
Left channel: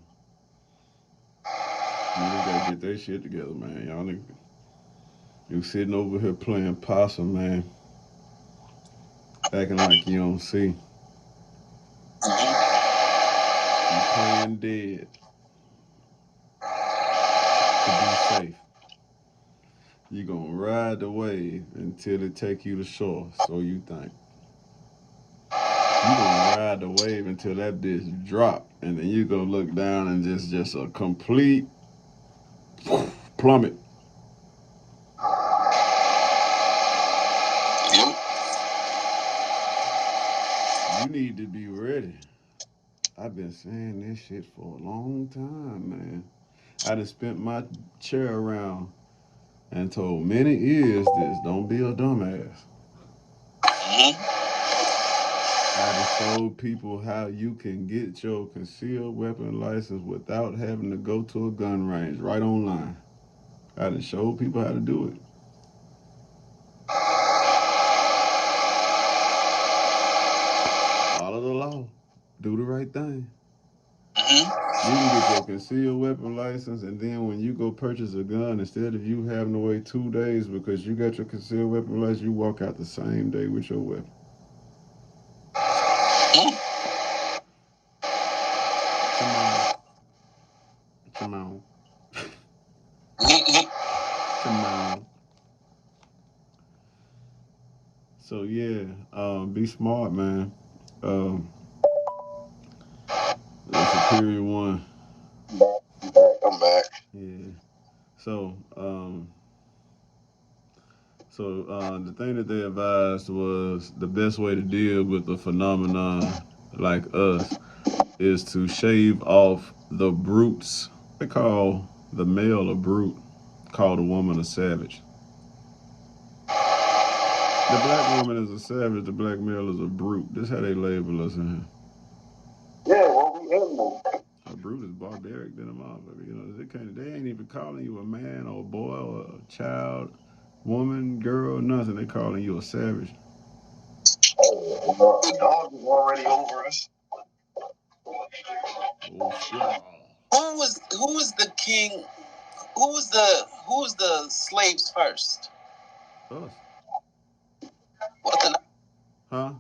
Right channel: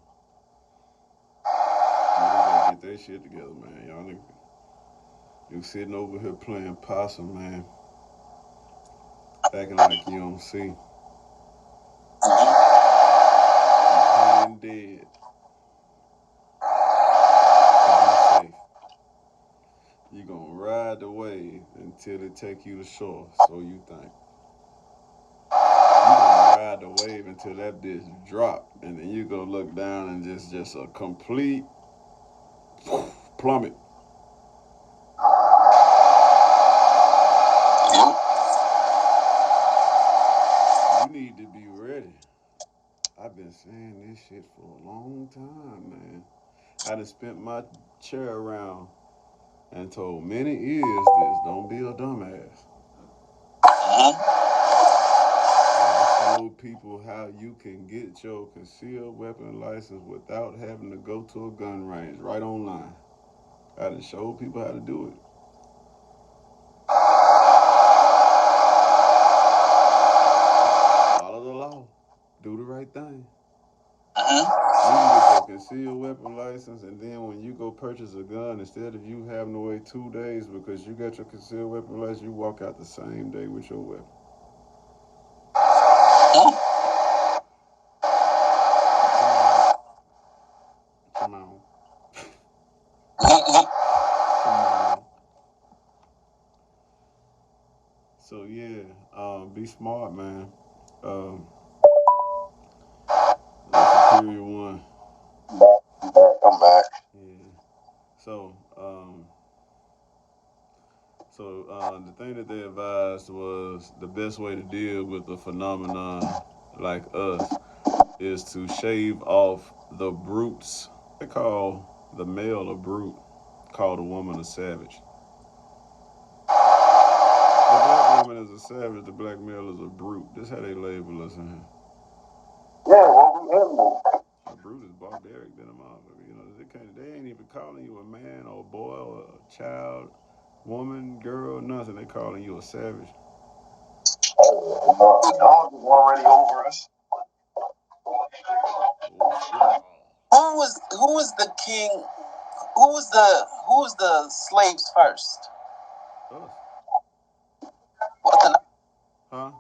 Niggas gotta get their shit together, man. Y'all niggas, you sitting over here playing possum, man. Acting like you don't see. You playing dead. You gonna ride the wave until it take you to shore, so you think. You gonna ride the wave until that bitch drop, and then you gonna look down and just a complete plummet. You need to be ready. I've been saying this shit for a long time, man. I done spent my chair around and told many ears this. Don't be a dumbass. I done showed people how you can get your concealed weapon license without having to go to a gun range right online. I done showed people how to do it. Follow the law. Do the right thing. You can get your concealed weapon license, and then when you go purchase a gun, instead of you having to wait 2 days because you got your concealed weapon license, you walk out the same day with your weapon. Come on. Come on. So yeah, be smart, man. That's a period one. I'm back. Yeah. So, the thing that they advised was the best way to deal with the phenomenon like us is to shave off the brutes. They call the male a brute, call the woman a savage. The black woman is a savage, the black male is a brute. That's how they label us in here. Yeah, what we in now? A brute is barbaric than a motherfucker. You know, they ain't even calling you a man or a boy or a child, woman, girl, nothing. They calling you a savage. The dog is already over us. Oh, football. Who was the king? Who was the slaves first? Us. What the? Huh?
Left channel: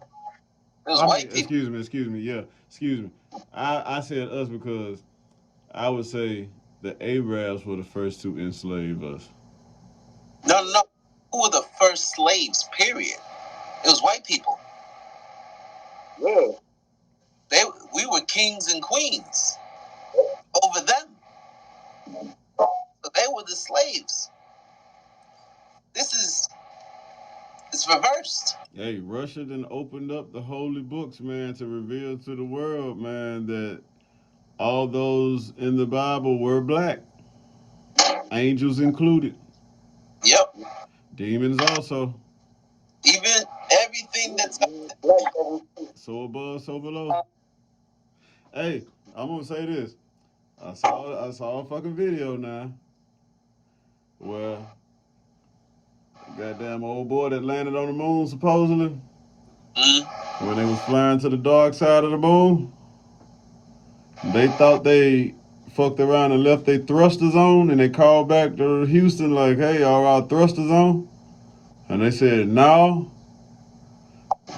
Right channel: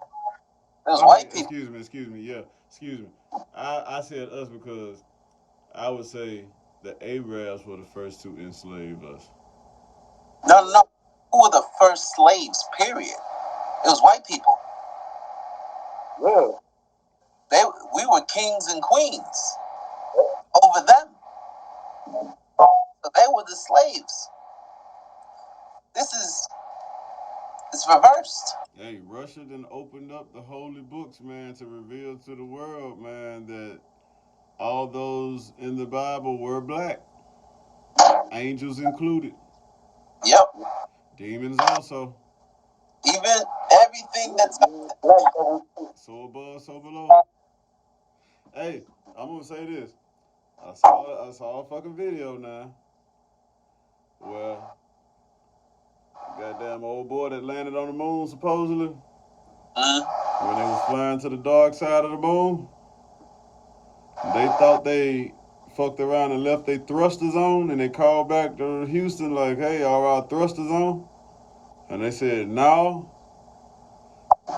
It was white people. Excuse me. Yeah, excuse me. I said us because I would say the Arabs were the first to enslave us. No. Who were the first slaves? Period. It was white people. Yeah. We were kings and queens over them. So they were the slaves. It's reversed. Hey, Russia then opened up the holy books, man, to reveal to the world, man, that all those in the Bible were black, angels included. Yep. Demons also. Even everything that's So above, so below. Hey, I'm gonna say this. I saw a fucking video now where goddamn old boy that landed on the moon supposedly when they was flying to the dark side of the moon. They thought they fucked around and left their thrusters on, and they called back to Houston like, "Hey, are our thrusters on?" And they said no,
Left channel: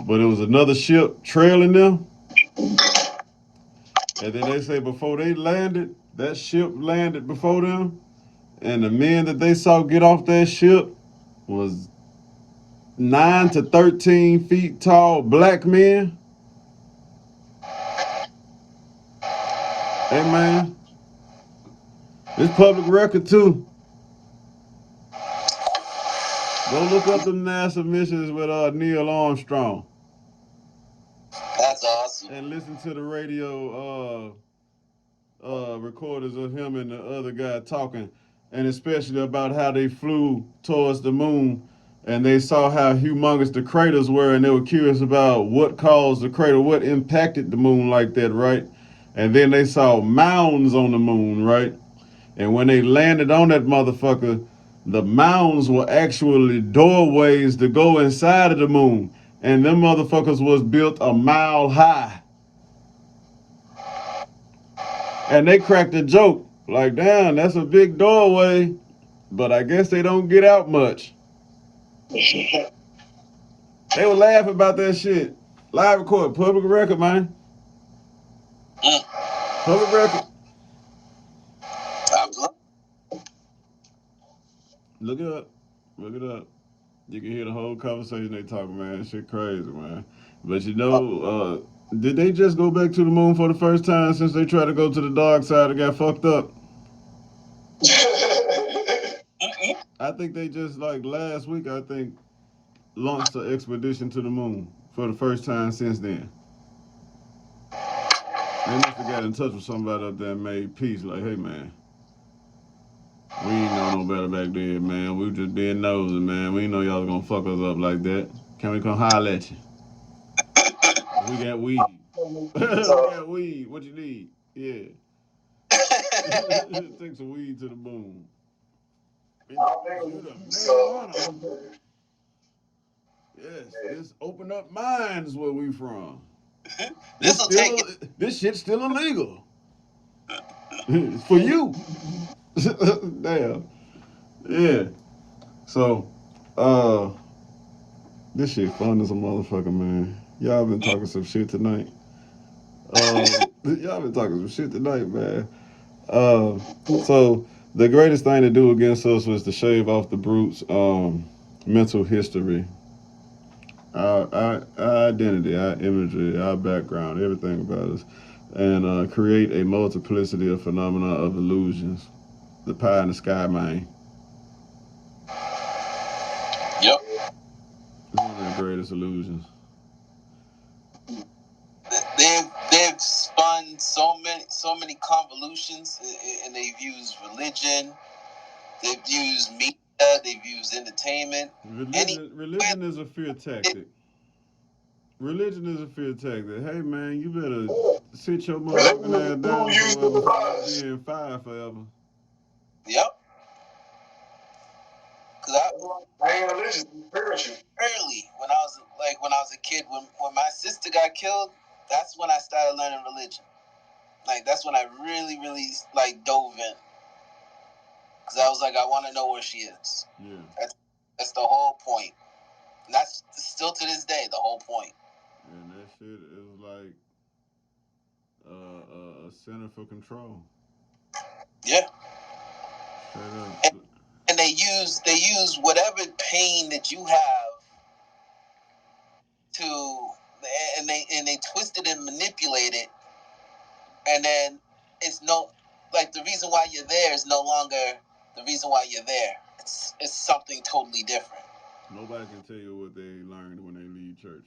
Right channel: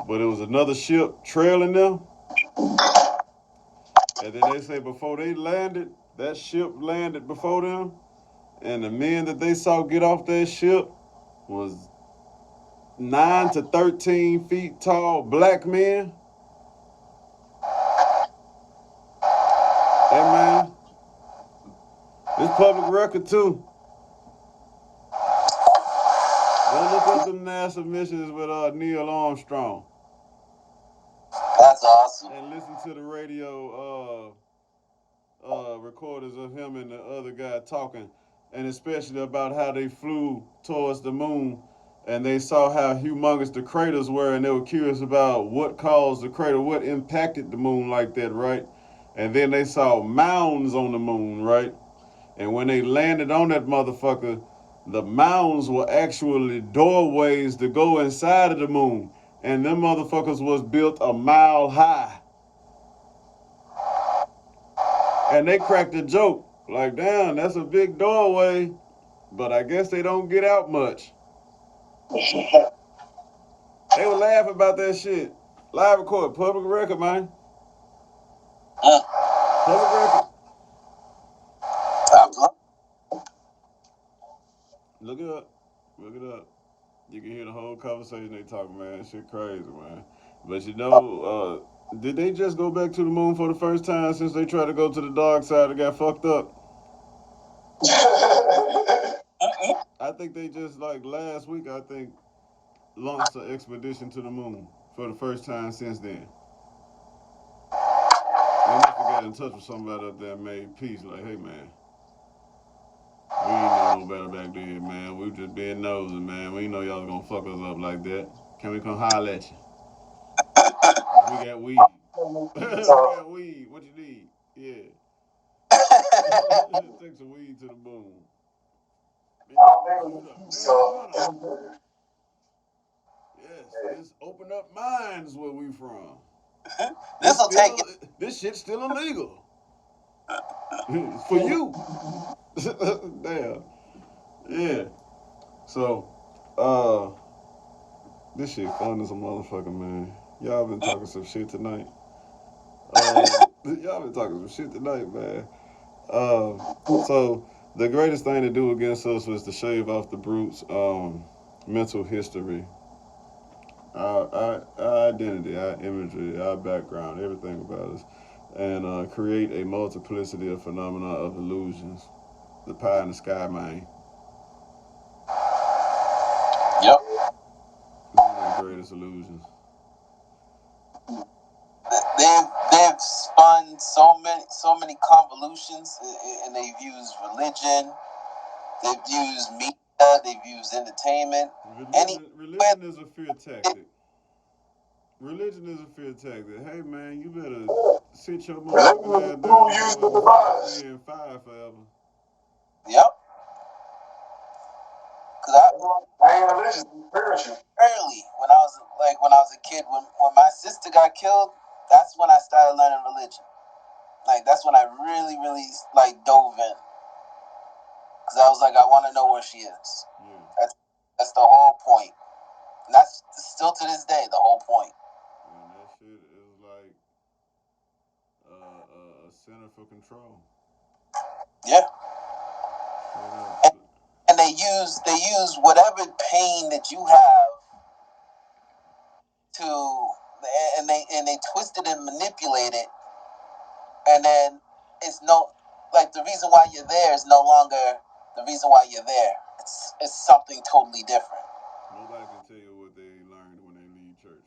but it was another ship trailing them. And then they say before they landed, that ship landed before them, and the men that they saw get off that ship was 9 to 13 feet tall black men. Hey man, it's public record too. Go look up the NASA missions with Neil Armstrong. That's awesome. And listen to the radio recorders of him and the other guy talking, and especially about how they flew towards the moon, and they saw how humongous the craters were, and they were curious about what caused the crater, what impacted the moon like that, right? And then they saw mounds on the moon, right? And when they landed on that motherfucker, the mounds were actually doorways to go inside of the moon. And them motherfuckers was built a mile high. And they cracked a joke. Like, damn, that's a big doorway. But I guess they don't get out much. They were laughing about that shit. Live record, public record, man. Public record. Look it up. Look it up. You can hear the whole conversation they talking, man. Shit crazy, man. But you know, did they just go back to the moon for the first time since they tried to go to the dark side and got fucked up? I think they just like last week. I think launched an expedition to the moon for the first time since then. They must have got in touch with somebody up there and made peace. Like, hey man, we ain't know no better back then, man. We was just being nosy, man. We ain't know y'all was gonna fuck us up like that. Can we come holler at you? We got weed. We got weed. What you need? Yeah. Take some weed to the moon. Yes, this open up minds where we from. This shit's still illegal. For you. Damn. Yeah. So, this shit fun as a motherfucker, man. Y'all been talking some shit tonight. Y'all been talking some shit tonight, man. So the greatest thing to do against us was to shave off the brute's mental history, our identity, our imagery, our background, everything about us, and create a multiplicity of phenomena of illusions. The pie in the sky, man. Yep. One of the greatest illusions. They've spun so many convolutions, and they've used religion, they've used media, they've used entertainment. Religion is a fear tactic. Religion is a fear tactic. Hey man, you better sit your motherfucking ass down before you be in fire forever. Yep. Cause I ain't religious. Early when I was a kid, when my sister got killed, that's when I started learning religion. Like that's when I really like dove in. Cause I was like, I want to know where she is. Yeah. That's the whole point. And that's still to this day the whole point. And that shit is like a center for control. Yeah. Straight up. And they use whatever pain that you have to, and they twist it and manipulate it, and then it's no, like the reason why you're there is no longer the reason why you're there. It's something totally different. Nobody can tell you what they learned when they leave church.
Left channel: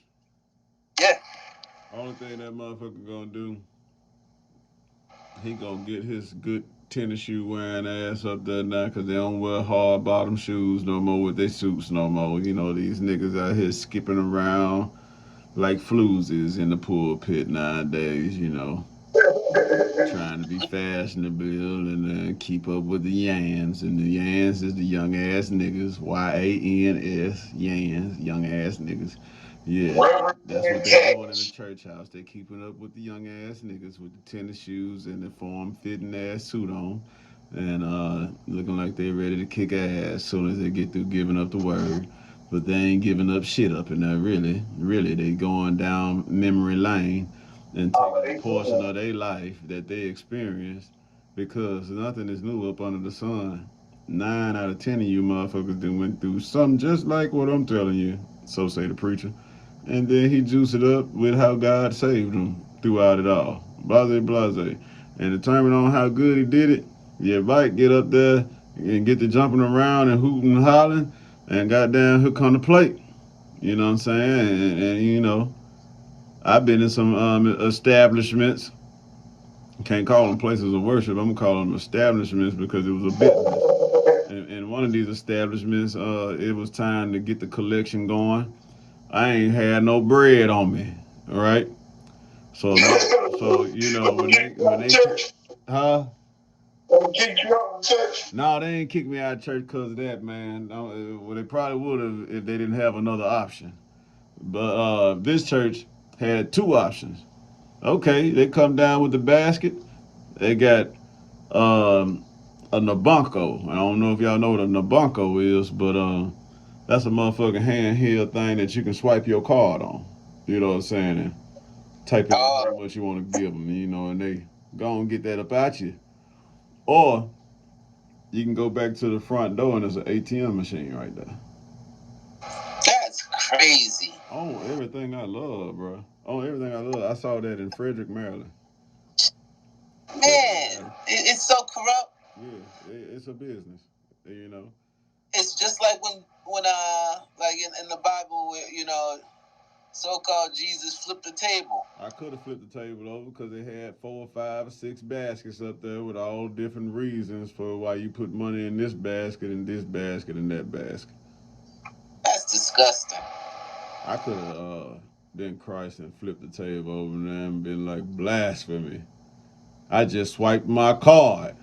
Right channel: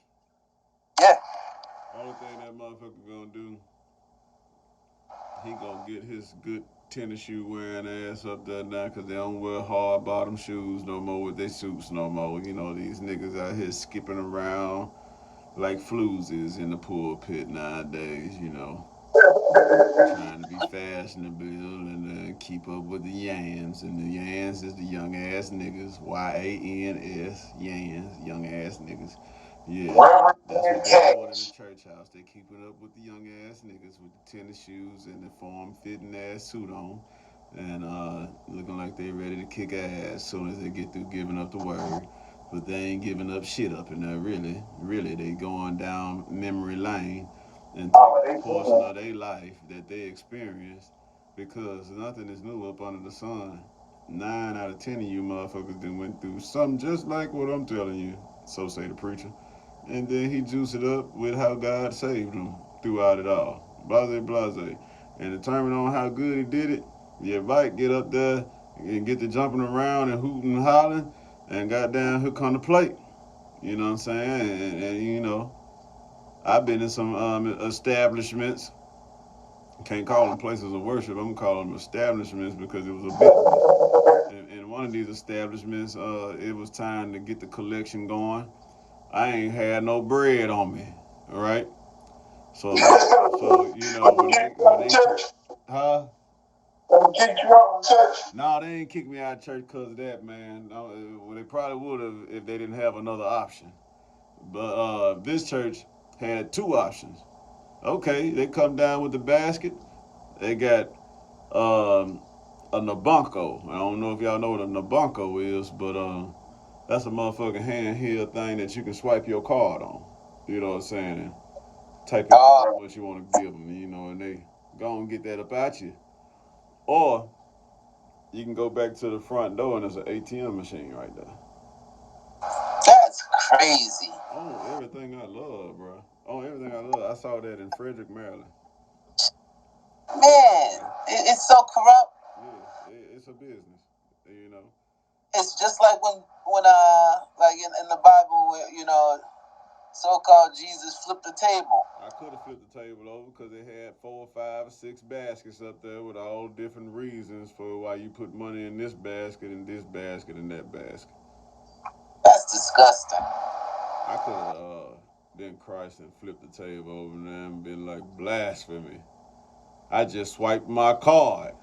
Yeah. Only thing that motherfucker gonna do, he gonna get his good tennis shoe wearing ass up there now because they don't wear hard bottom shoes no more with their suits no more. You know, these niggas out here skipping around like floozies in the pulpit nowadays, you know. Trying to be fashionable and keep up with the yans. And the yans is the young ass niggas. YANS, yans, young ass niggas. Yeah, that's what they're doing in the church house. They keeping up with the young ass niggas with the tennis shoes and the form fitting ass suit on, and looking like they ready to kick ass as soon as they get through giving up the word. But they ain't giving up shit up in there. Really, they going down memory lane and taking a portion of their life that they experienced because nothing is new up under the sun. 9 out of 10 of you motherfuckers done went through something just like what I'm telling you. So say the preacher. And then he juiced it up with how God saved him throughout it all. Blase, blase. And determine on how good he did it, you might get up there and get to jumping around and hooting and hollering, and goddamn hook on the plate. You know what I'm saying? And you know, I've been in some establishments. Can't call them places of worship. I'm gonna call them establishments because it was a business. In one of these establishments, it was time to get the collection going. I ain't had no bread on me. All right. So you know when they huh? No, they ain't kicked me out of church because of that, man. Well, they probably would have if they didn't have another option. But this church had two options. Okay, they come down with the basket. They got a Nabonko. I don't know if y'all know what a Nabonko is, but that's a motherfucking handheld thing that you can swipe your card on. You know what I'm saying? And type in how much you want to give them, you know, and they go and get that up at you. Or You can go back to the front door and there's an ATM machine right there. That's crazy. Oh, everything I love, bro. Oh, everything I love. I saw that in Frederick, Maryland. Man, it's so corrupt. Yeah, it's a business, you know. It's just like when like in the Bible, where, so-called Jesus flipped the table. I could have flipped the table over because it had 4, 5, or 6 baskets up there with all different reasons for why you put money in this basket and this basket and that basket. That's disgusting. I could have been Christ and flipped the table over there and been like, blasphemy. I just swiped my card.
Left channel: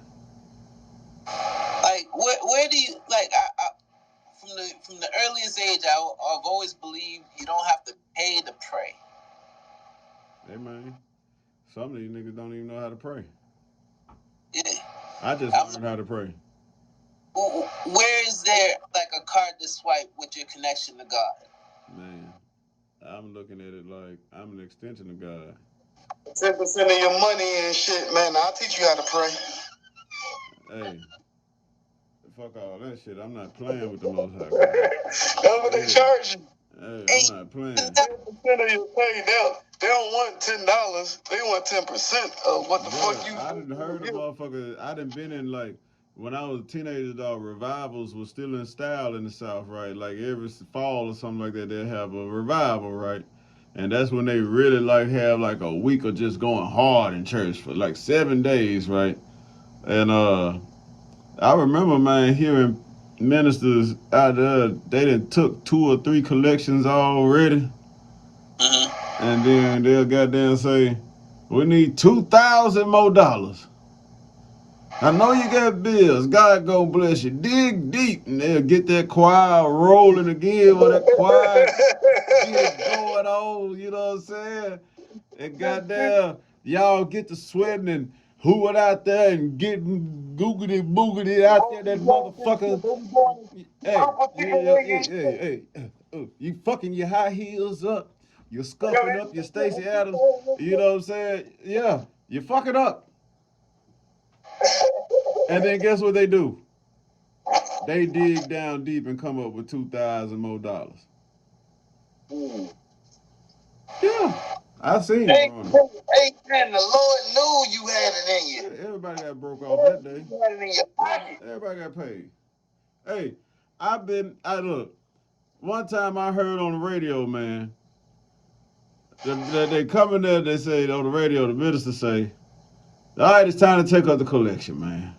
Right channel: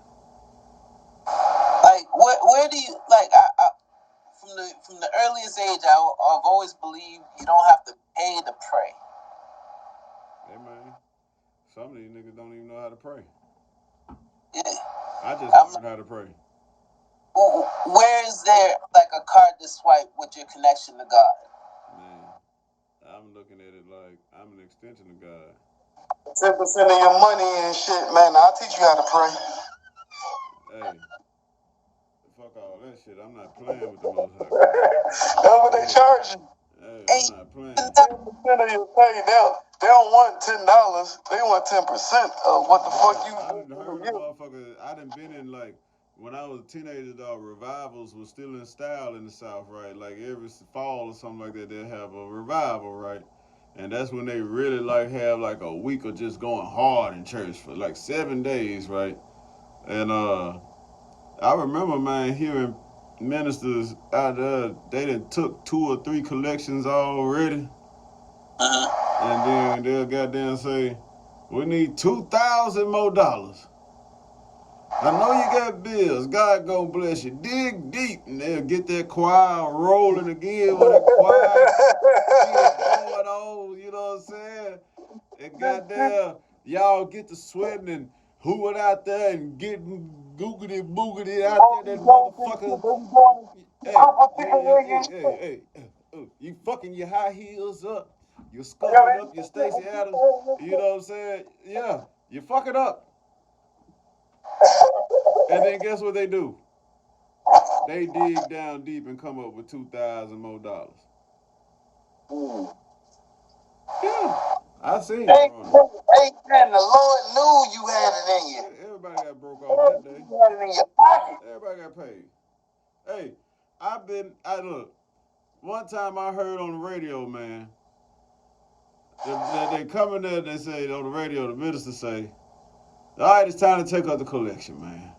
Like, where do you, like, from the earliest age, I've always believed you don't have to pay to pray. Hey, man, some of these niggas don't even know how to pray. Yeah. I just learned how to pray. Where is there, like, a card to swipe with your connection to God? Man, I'm looking at it like I'm an extension of God. 10% of your money and shit, man. I'll teach you how to pray. Hey, fuck all that shit. I'm not playing with the Most High. That's what they charge you. Hey, I'm not playing. 10% of your pay, they don't want $10. They want 10% of what the fuck you. I done heard of motherfuckers. I done been in, like, when I was a teenager, dog, revivals was still in style in the South, right? Like every fall or something like that, they'll have a revival, right? And that's when they really like have like a week of just going hard in church for like 7 days, right? And I remember, man, hearing ministers out there, they done took 2 or 3 collections already. And then they'll goddamn say, we need $2,000 more. I know you got bills. God gonna bless you. Dig deep, and they'll get that choir rolling again with that choir. Get it going on, you know what I'm saying? And goddamn, y'all get to sweating and hooing out there and getting googity boogity out there. That motherfucker. Hey, you fucking your high heels up. You're scuffing up your Stacey Adams. You know what I'm saying? Yeah, you're fucking up. And then guess what they do? They dig down deep and come up with $2,000 more. Yeah, I seen it. Hey, man, the Lord knew you had it in you. Everybody got broke off that day. Everybody got paid. Hey, look. One time I heard on the radio, man, that they come in there, they say on the radio, the minister say, all right, it's time to take up the collection, man.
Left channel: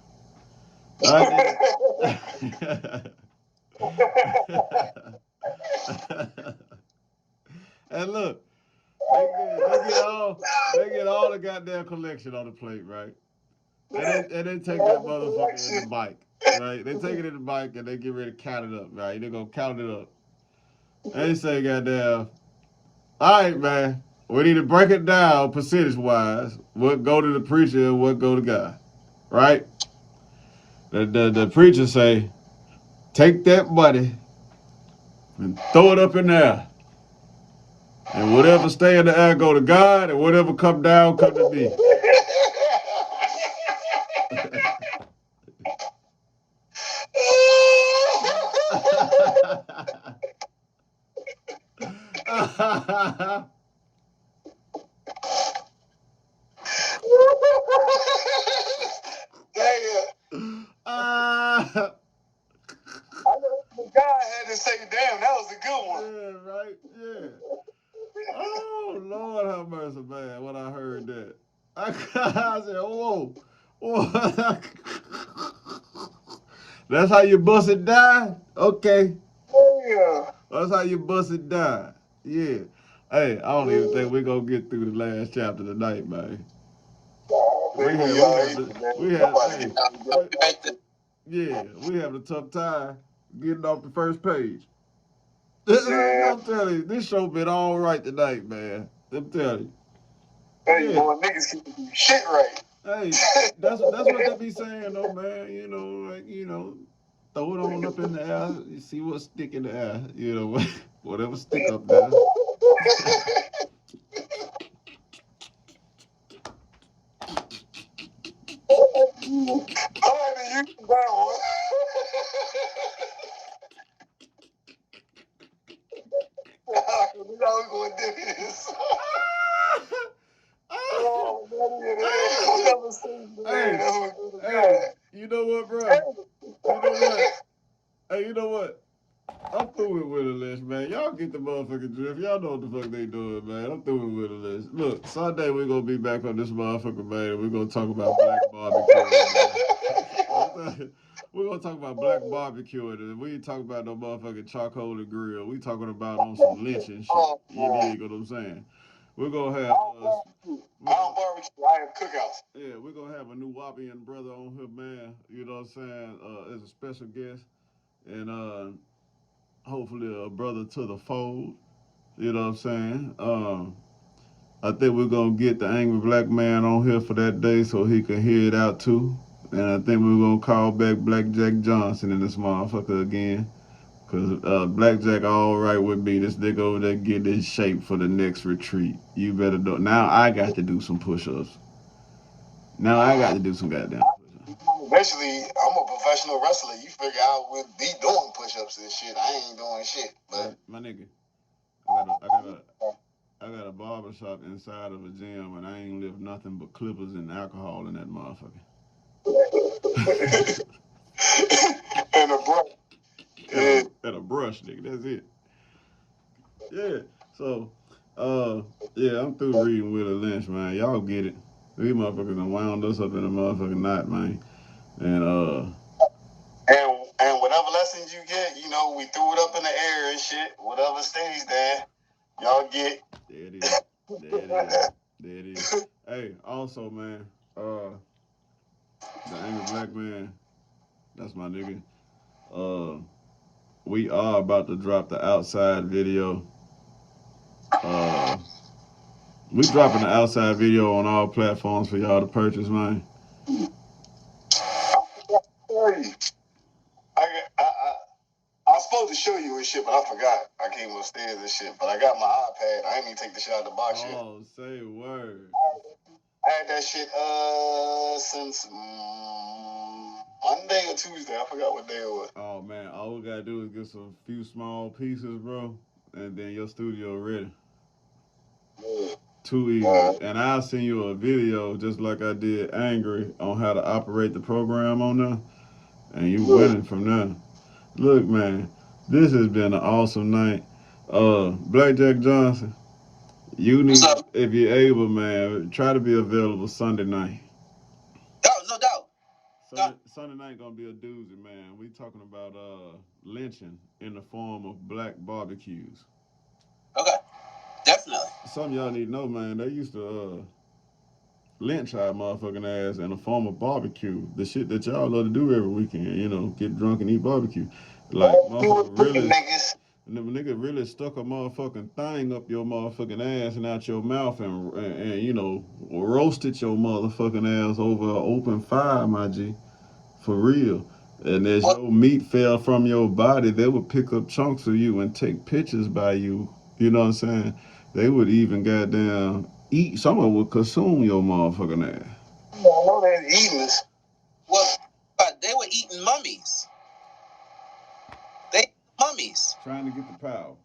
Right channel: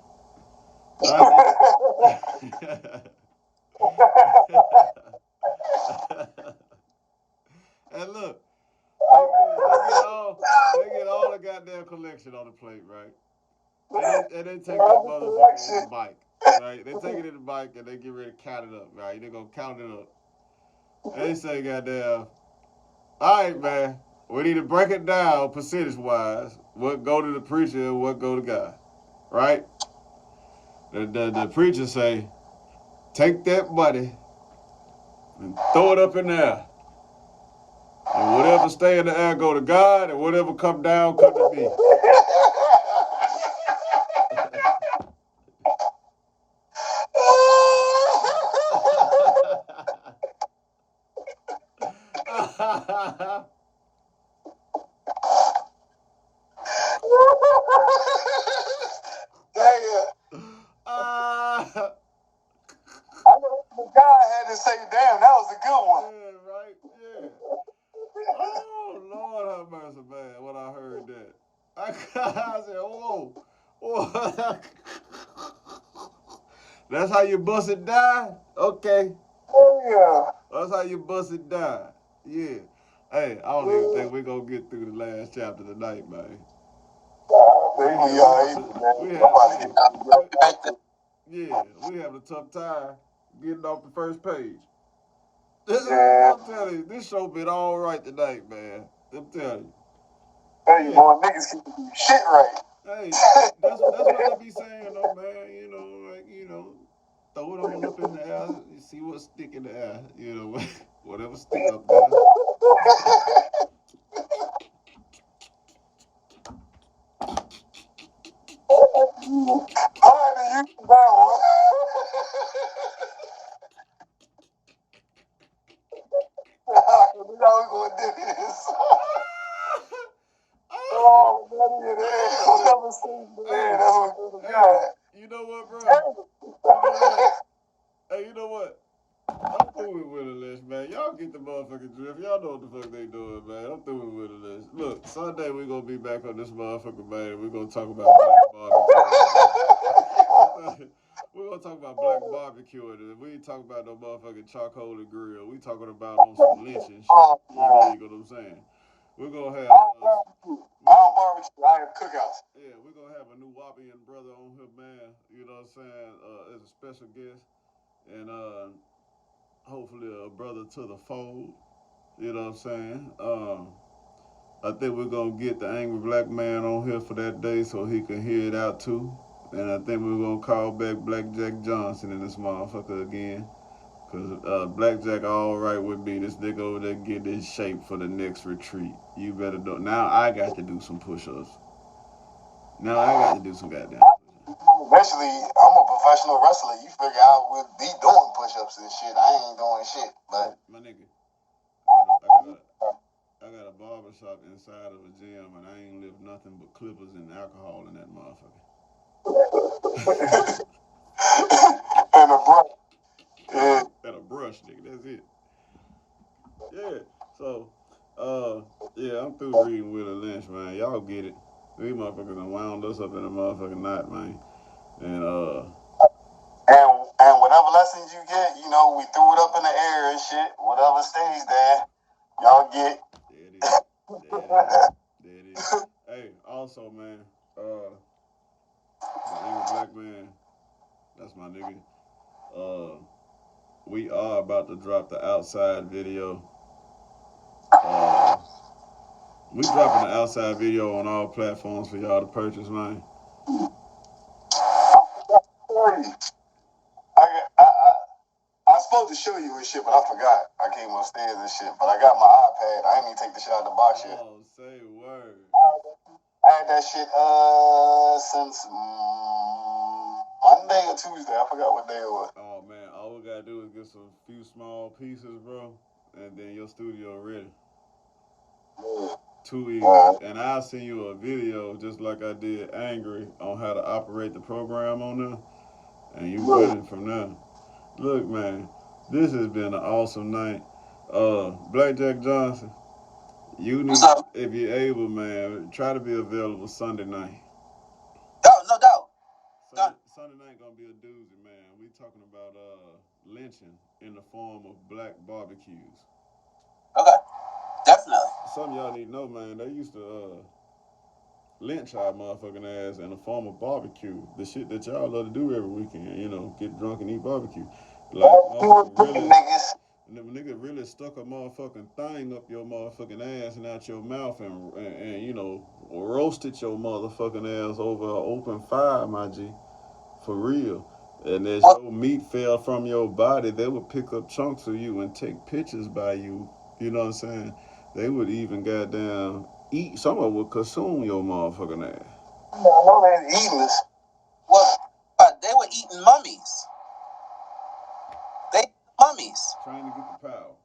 And look, they get all the goddamn collection on the plate, right? And they take that motherfucker in the bike, right? They take it in the bike and they get ready to count it up, right? They're gonna count it up. And they say, goddamn, all right, man, we need to break it down percentage-wise. What go to the preacher and what go to God, right? The preacher say, take that money and throw it up in there. And whatever stay in the air go to God, and whatever come down come to me. God had to say, damn, that was a good one. Yeah, right? Yeah. Oh, Lord have mercy, man, when I heard that. I said, whoa. That's how you bust it down? Okay. Yeah. That's how you bust it down. Yeah. Hey, I don't even think we're going to get through the last chapter tonight, man. We have a tough time getting off the first page. I'm telling you, this show been all right tonight, man. I'm telling you. Hey, boy, niggas can do shit right. Hey, that's what they be saying, though, man. You know, like, you know, throw it on up in the air, you see what stick in the air. You know, whatever stick up there. You know what, bro? You know what? Hey, you know what? I'm through with Willie Lynch, man. Y'all get the motherfucking drift. Y'all know what the fuck they doing, man. I'm through with Willie Lynch. Look, Sunday we're gonna be back on this motherfucker, man, and we're gonna talk about black barbecue, man. We're gonna talk about black barbecue, and we ain't talking about no motherfucking charcoal and grill. We talking about on some lynching shit. You dig what I'm saying? We're gonna have yeah, we're gonna have a new Wapian brother on here, man. You know what I'm saying? As a special guest. And hopefully a brother to the fold. You know what I'm saying? I think we're gonna get the angry black man on here for that day so he can hear it out too. And I think we're gonna call back BlackJack Johnson in this motherfucker again. Cause BlackJack all right with me. This nigga over there get in shape for the next retreat. You better do. Now I got to do some push-ups. Now I got to do some goddamn push-ups. Basically, I'm a professional wrestler. You figure out with me doing push-ups and shit. I ain't doing shit. But my nigga, I got a barber shop inside of a gym, and I ain't lift nothing but clippers and alcohol in that motherfucker. and a brush. And a brush, nigga. That's it. Yeah. So, yeah, I'm through reading Willie Lynch, man. Y'all get it. These motherfuckers done wound us up in a motherfucking knot, man. And and whatever lessons you get, you know, we threw it up in the air and shit. Whatever stays there, y'all get. There it is. There it is. There it is. Hey, also, man, the angry black man, that's my nigga. We are about to drop the outside video. We dropping the outside video on all platforms for y'all to purchase, man. I was supposed to show you and shit, but I forgot. I came upstairs and shit, but I got my iPad. I ain't even take the shit out of the box yet. Oh, say word. I had that shit since Monday or Tuesday. I forgot what day it was. Oh man, all we gotta do is get some few small pieces, bro, and then your studio ready. Too easy. And I'll send you a video just like I did Angry on how to operate the program on there, and you winning from there. Look, man, this has been an awesome night. BlackJack Johnson, you need, if you're able, man, try to be available Sunday night. No doubt. Sunday night gonna be a doozy, man. We talking about lynching in the form of black barbecues. Okay, definitely. Some of y'all need to know, man. They used to lynch our motherfucking ass in the form of barbecue. The shit that y'all love to do every weekend, you know, get drunk and eat barbecue. Like, motherfucker nigga really stuck a motherfucking thing up your motherfucking ass and out your mouth and you know, roasted your motherfucking ass over an open fire, my G. For real. And as your meat fell from your body, they would pick up chunks of you and take pictures by you. You know what I'm saying? They would even goddamn eat. Someone would consume your motherfucking ass. Well, they were eating mummies. Mummies. Trying to get the power.